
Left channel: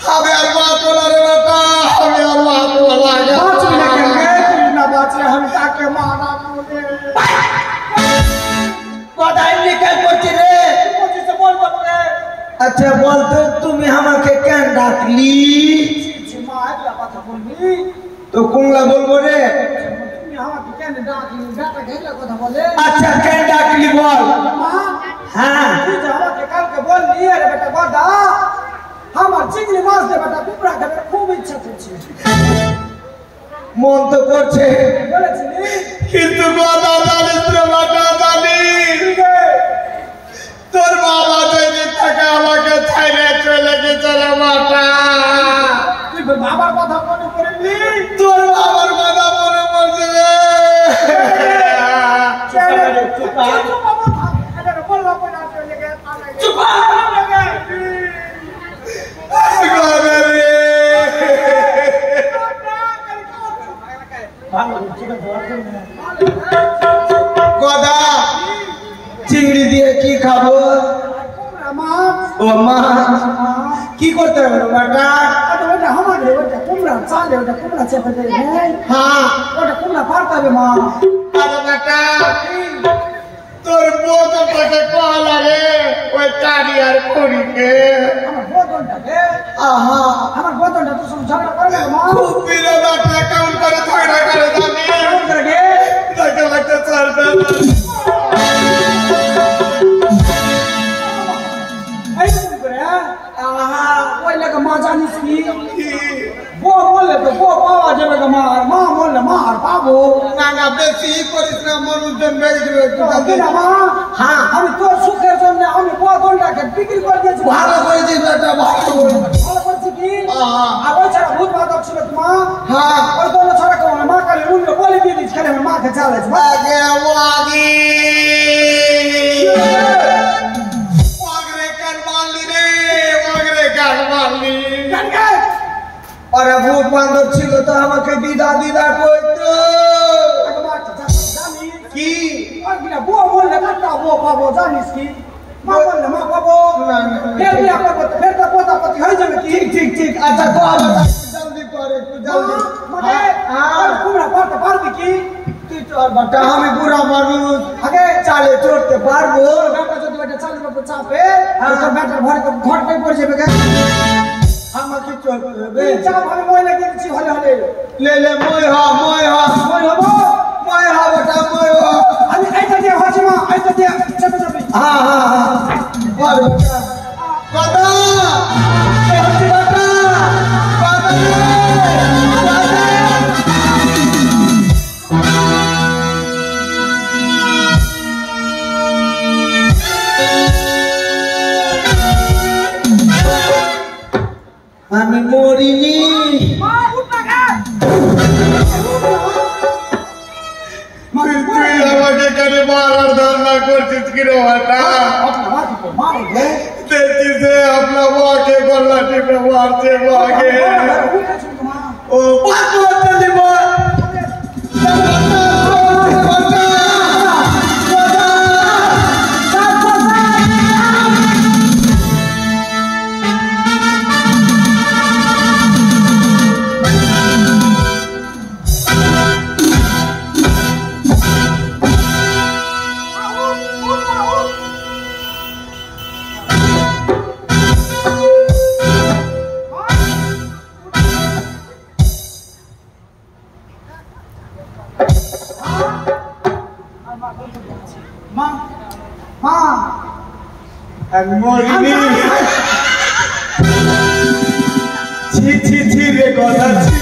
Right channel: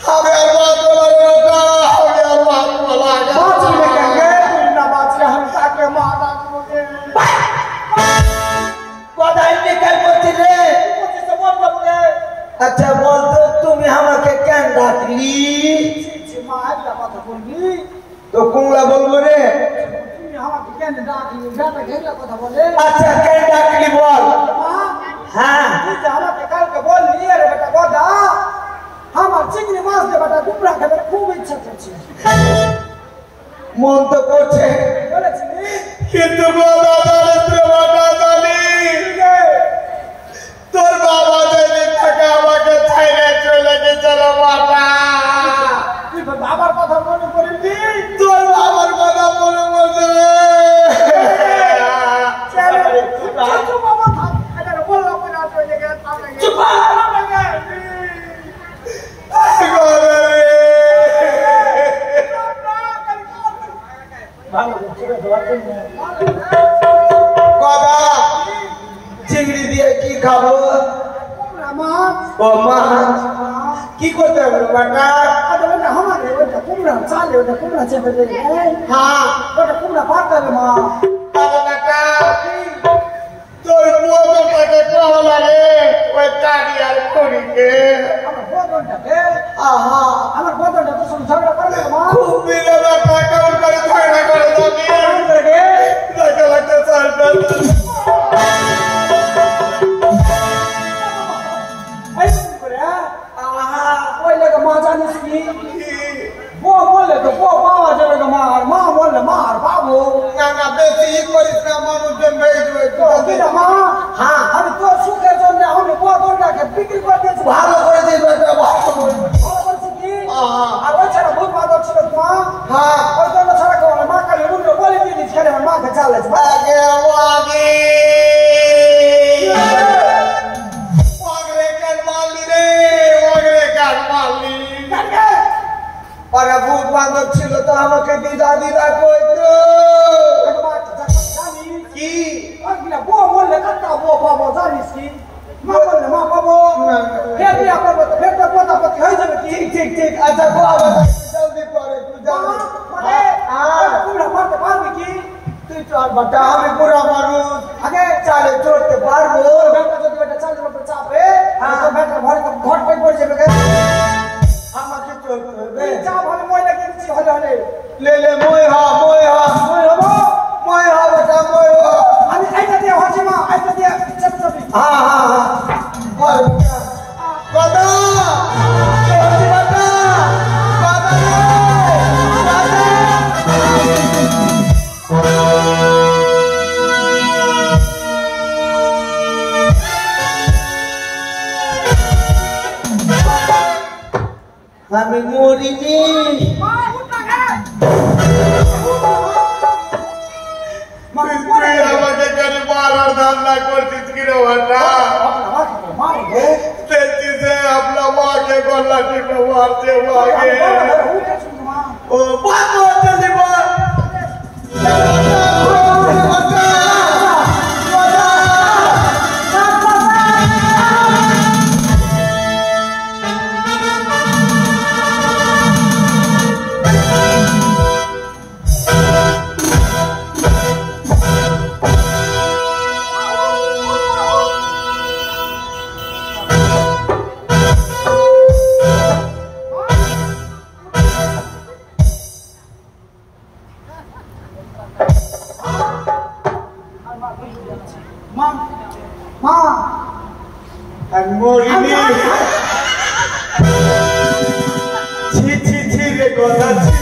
हमें और बात बोला रे बेटा हमें और बात बोला बात भी लेके गए तू ना बात से हम ताके मारा मुझे কথাই লেখা করতে রে मुझे से बोल दो रे আচ্ছা বলতো তুমি আমাকে কেন ডাকলি जी मां है बात बोलनी তো কোনলা বলবো রে তুমি আমাকে কেন ডাকলি ডাটা ঘেলা কথা বলে আচ্ছা কেন ডাকলি বল मां হ্যাঁ তুই যে আমাকে কালকে বললি আরে বেটা গদা আমার চিংড়ি মাছ দে বেটা কুমড়া খাবে খুব ইচ্ছা করছে মন তো করছে বলেছিলি কিন্তু বাবা জানিস রে বাবা জানি তোর বাবা যদি থাকে আমাকে ছেড়ে চলে গেছে রে বাবা তুই বাবার কথা মনে করবি তোর বাবার কথা মনে পড়ছে চুপ বাবা থাম আরে বললা কই না চলে গেছে থামে গেছে চুপ থামে গেছে কথা চিংড়ি দিয়ে কি খাবো কুমড়া মাছ ও মা কি করতে হবে বাটা আরে ওটা আমাদের ওটা কুমড়া চালে ওটা কুমড়া চেপে দে হ্যাঁ ওটা কুমড়া পারতে হবে মা আরে বেটা তোর বোতটাকে কহলা রে ওই টাড়ি আর করিকে আমার বোতলটাকে আহা আমার বোতলটা তো সব ঝগড়া করবে মা খুব বিলে বেটা কেমন করে ঝগড়া করে জানি কেমন করে গে দেখে লাগতে চলবে এই কি করে আহা ওই লাগে মা জানিস কি বো বললে তো বো পাওয়া যাবে গো মা আর মা বললে মা আর পাবো না বেশি করিস না মানুষজন বেড়ে যাবে কিনা মা হ্যাঁ আমি তোর সুখের জন্য আমি বোতলটাকে বিক্রি করে দিয়েছি ভালো করে দিস বেটা ভালো করে ভালো করছি কি হ্যাঁ। আর ওই ছাড়া ভূত বাদক ছিল মা হ্যাঁ ওই জন্য ছাড়া কেউ না মা কালে রুমে বলে দিয়ে দিচ্ছি খালি আমার মাকে চালাইছে আগে ওয়াগি ওয়াগরে কার মারলি রে ওয়াগরে কার মারলি আরে ভূত বান্ধব ছিল তো আমাকে দিদা দিদা কইতো জানিস কি কিনা বউ বললে কাটা বউ পাবো জানিস কি মা বললে মা পাবো ফের বিয়া করবো তো ফের তো পোতাপতি হয়ে যাবে কি ঠিক ঠিক আচ্ছা তো আবার জলদি করে একটু জলদি মানে কুমড়া পারতে পারবি কি তুই চল বাটা আমি পুরো মানুষ আগে চালে চড়তে পারবো বেটা যদি এটা চালের উপর চাপে তো বেটার ঘরটাই পড়ে যাবে আমাকে চড়তে হবে তুই চাপ হবে ময়লা কিছু হলে হলে লে লে মই হ মই হবো মই হ বেটা মই হ আমি এইটা দিয়ে হচ্ছি মা এইটা দিয়ে চেপে যাবি হ্যাঁ হ্যাঁ হ্যাঁ বল বেটা বাবা এ হচ্ছে বাটা আমি মরিনি মা উঠ না গে তুই আমাকে কেন মারার ধারণা করছিস কি রে বাটা মা গে দেখছিস রে আপনার মাকে গলা টিপে মারছে মাকে ও বাদ মারতে দিব মরিনি ছি ছি ছি রে কথা ছি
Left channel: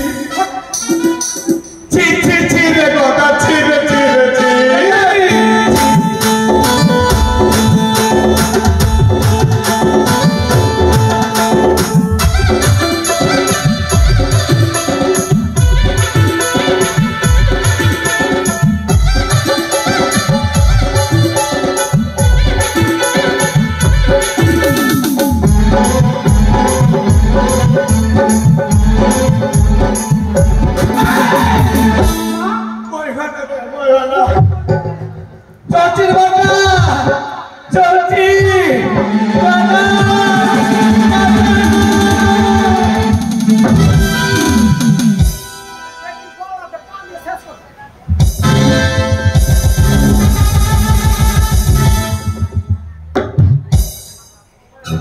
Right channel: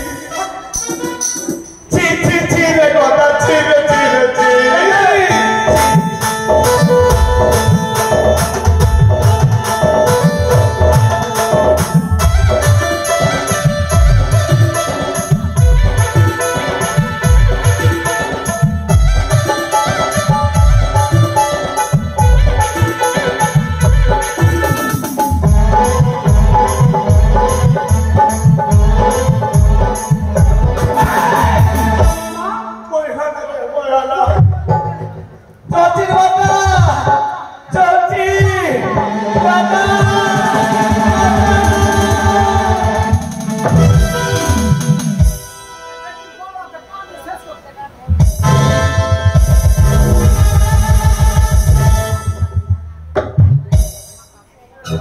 ছি ছি ছি রে কথা ছি রে ছি রে ছি চাচি মা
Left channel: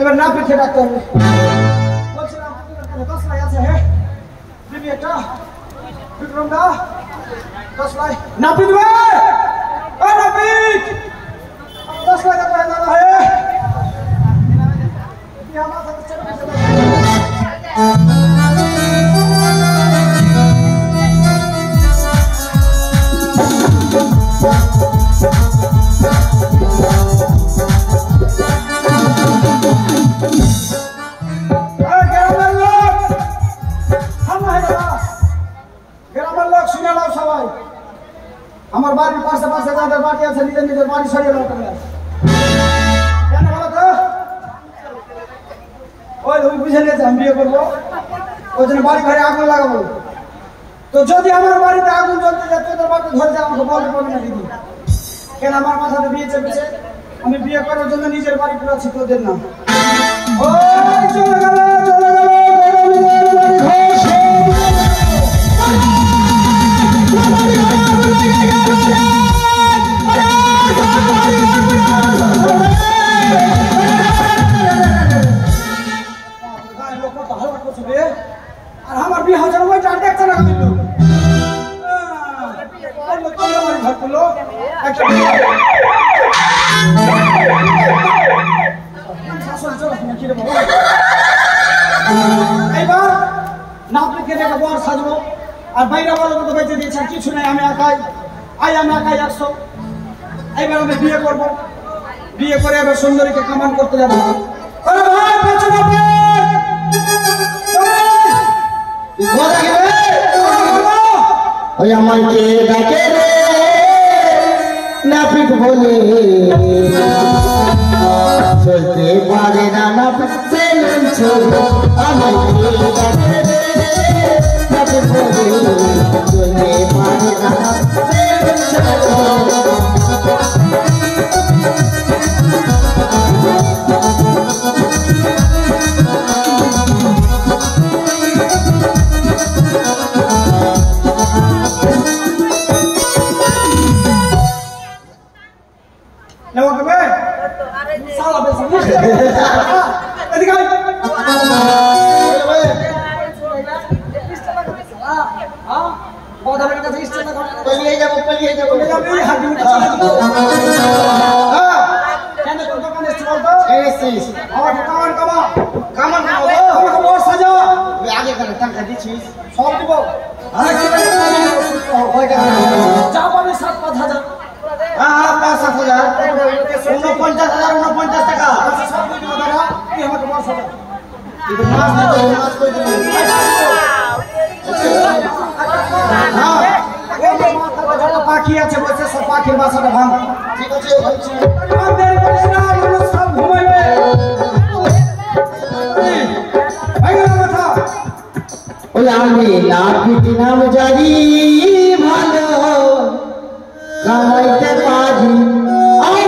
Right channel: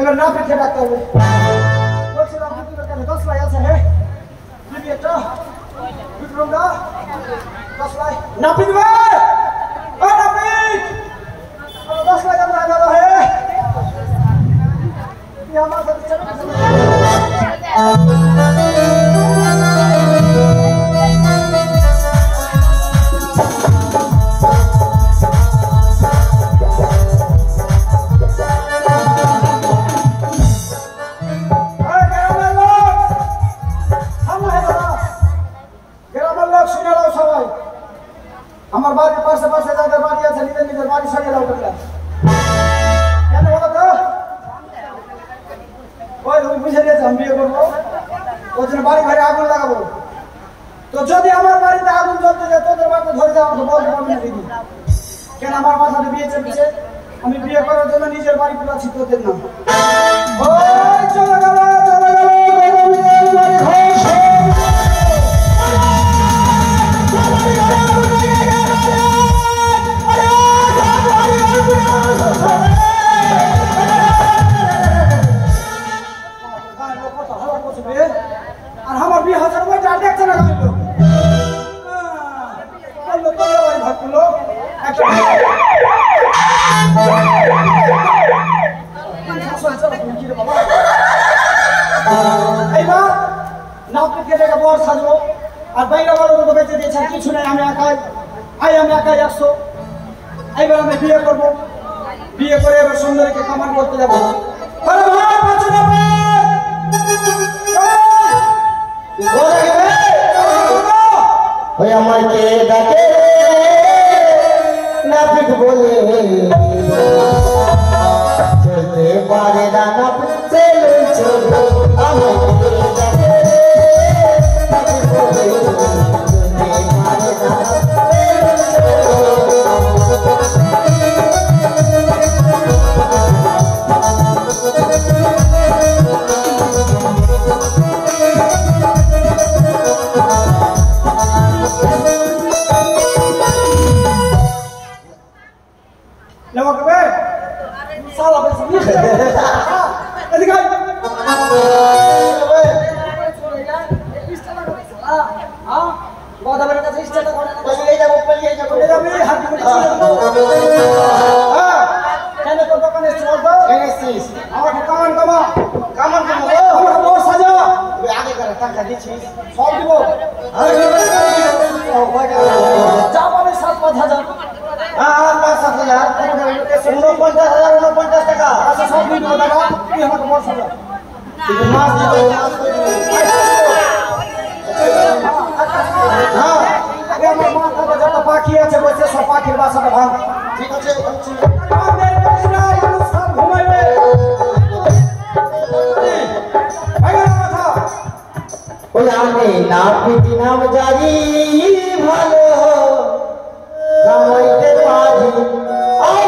এবার না পিঠে ডাক্তার বলছিলাম কাছে 10 লাই আছে হ্যাঁ দিবি একটা বিক্রম দা 10 লাই না পিবে ও না পিট 10 লাই করে দাও হ্যাঁ ये हमारे साथ चल আমার বাড়ির পাশে পাশে যাদের বাড়ি আছে নিজের নিজের বাড়ি সরিয়ে দাও তোমরা কেন বলো তো ওই তুমি বুঝে নিয়েছো আমি বিয়ে করবো ওই জন্য বাড়ি ঘরে আগুন লাগাবো তো যদি আমার বাড়িতে আগুন জ্বলতে যায় তোদের বাড়িতে ধরে যাবো তো বলতে পারবি না দিদি কেন আমার মাথাতে বিয়ে চলছে আমি বিয়ে করার জন্য নিজের বাড়ি পুরো ছি তোদের না ওই চলে গেল আর আমার বিয়ে হাজার ওইটা দেখছে না আমি লোক তোমরা বাড়ি ভাগ করলো এইবার নাপিতকে ডেকে বর সাজবো আর বাইরে বড় মতো বেঁচে দিয়েছেন কিছু নেই আমি একাই আমি একাই 100 এইবার আমি বিয়ে করবো বিয়ে করে এবার সুন্দরীকে কামান করতে যাবো আমাকে ডাকে রে নাপিত বলে চলতে পারে না নাপিত আমাকে ডাকে রে নাপিত বলে চলতে পারে না পাখি আছে বসে সব পাখির বাসাটা ভাঙ ঠিক আছে আমি নাপিত নাম জারি ভালো কামাইতে পারি আমি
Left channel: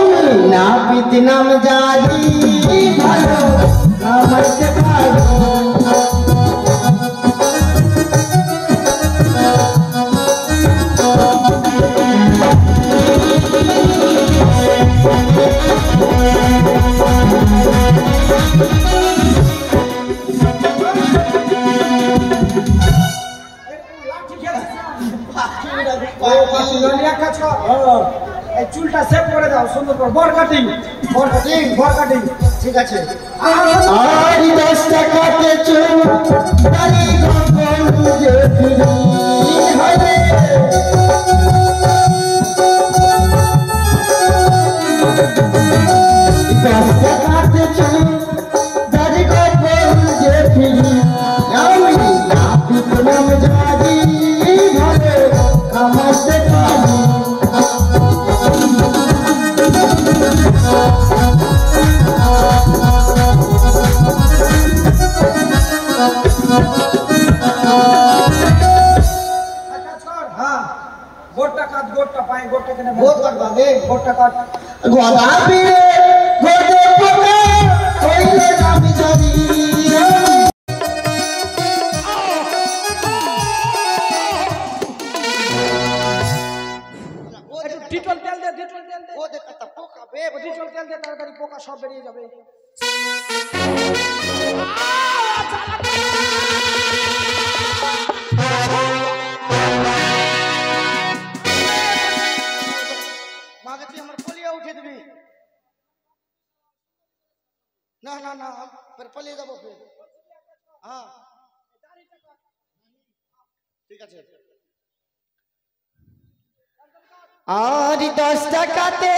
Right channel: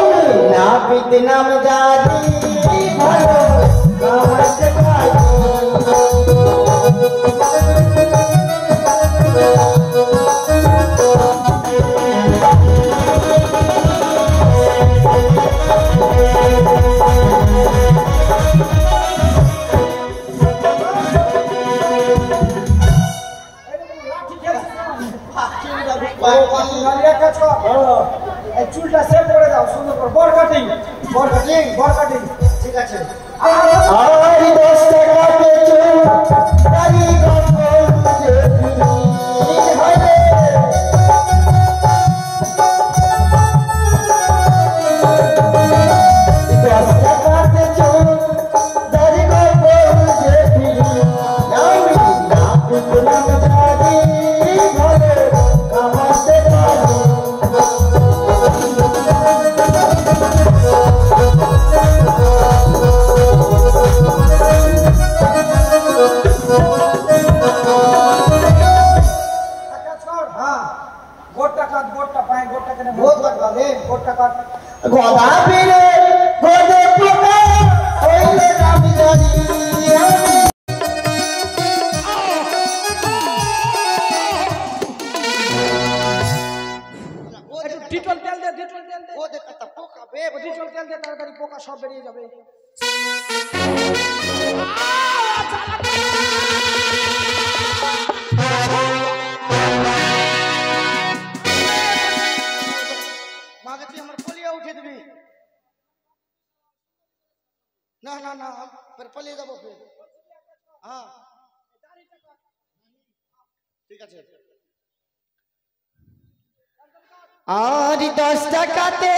নাপিত নাম জারি ভালো কামাইতে পারি চুলটা সেভ করে দাও সুন্দর করে বর কাটিং ঠিক আছে আর 10 টাকাতে চুল দাড়ি গঙ্গল যে ফিরি হরে 10 টাকাতে চুল দাড়ি গঙ্গল যে ফিরি আমি নাপিত নাম জারি ভালো কামাইতে পারি গদা বীরে গদে পোকা হইলে আমি জানি ডিটল তেল দে, ডিটল তেল দে। ও দেখ কত পোকা বে ও ডিটল তেল দে, তাড়াতাড়ি পোকা সব বেরিয়ে যাবে। মাকে তুই আমার পলিয়া উঠে দিবি না না না फिर পলিয়ে যাবো फिर হ্যাঁ ঠিক আছে আর 10 টাকাতে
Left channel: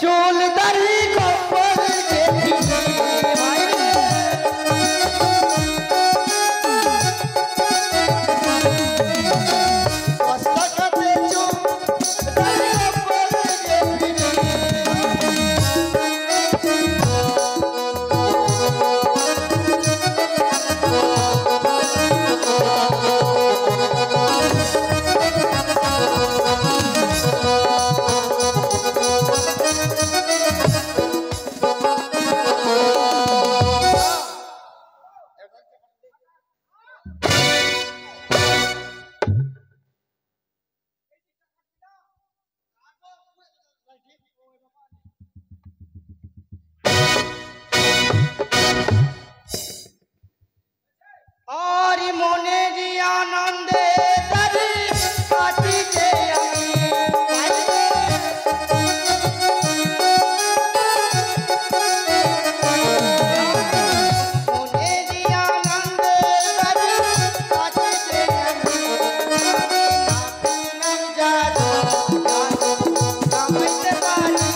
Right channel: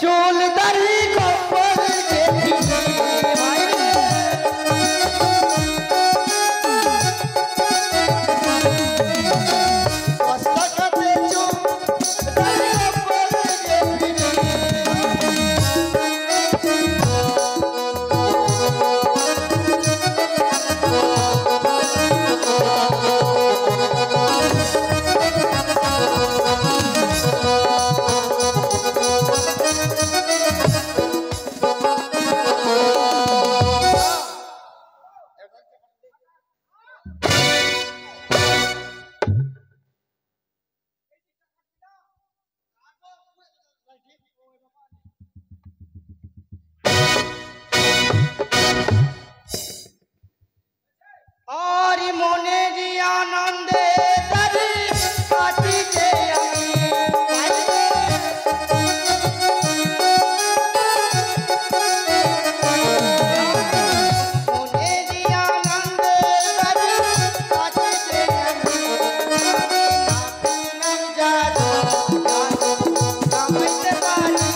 চুল দাড়ি কপাল দেখি ভাই और मोने जी आनंदे तरी पाटी के मोने जी आनंदे तरी पाटी के नाम जादू समझते पारी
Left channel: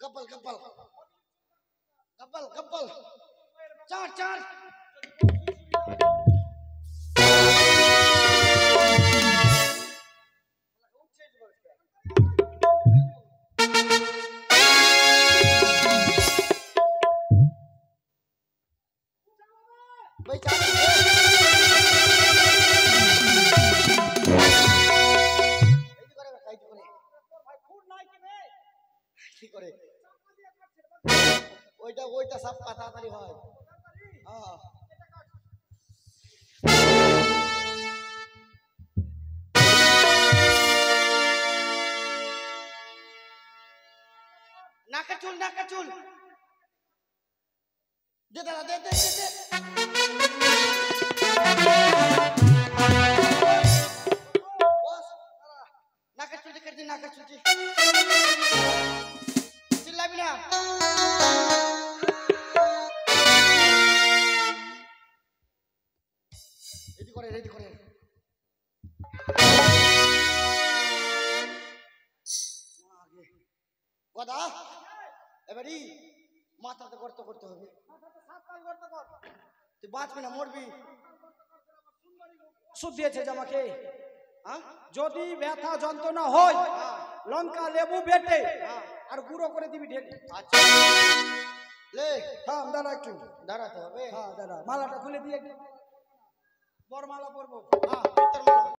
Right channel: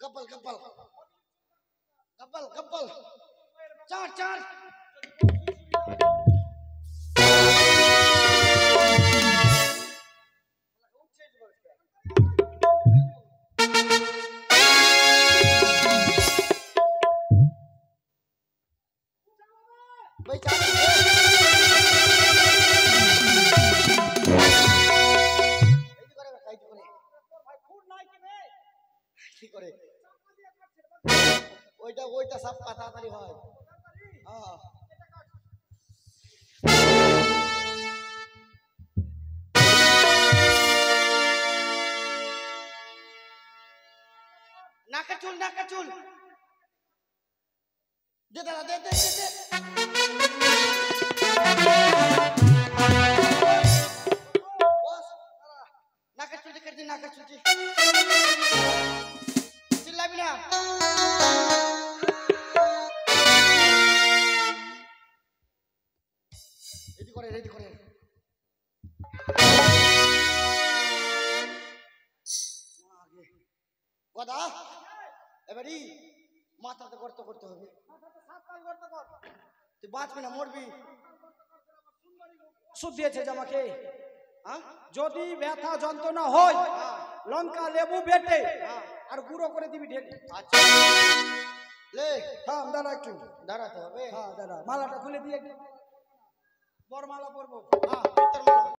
गब्बल गब्बल गब्बल गब्बल चार चार भाई चार ঠিক করে ওইটা ওইটা সব তাড়াতাড়ি হয় হ্যাঁ নাকা চুল দে দাদা দে দে দে বস নাকা চুল দে कर নাকা চুল চিল্লাবি না রেডি করে গদা এবারে মাথাতে গর্ত করতে হবে মাথাতে 7 কাল গর্ত কর তুই বাঁচবি না মরবি সুদ দিয়েছে জামাকে। হ্যাঁ, যদি ব্যথা যন্ত্রণা হয় লঙ্কা লেবু বেটে আর গুঁড়ো করে দিবি ঢেলে। আচ্ছা লে হ্যাঁ দাঁড়া একটু, দাঁড়াতে হবে। হ্যাঁ দাঁড়া, মালাটা খুলে দিয়ে বরমালা পরবো। হ্যাঁ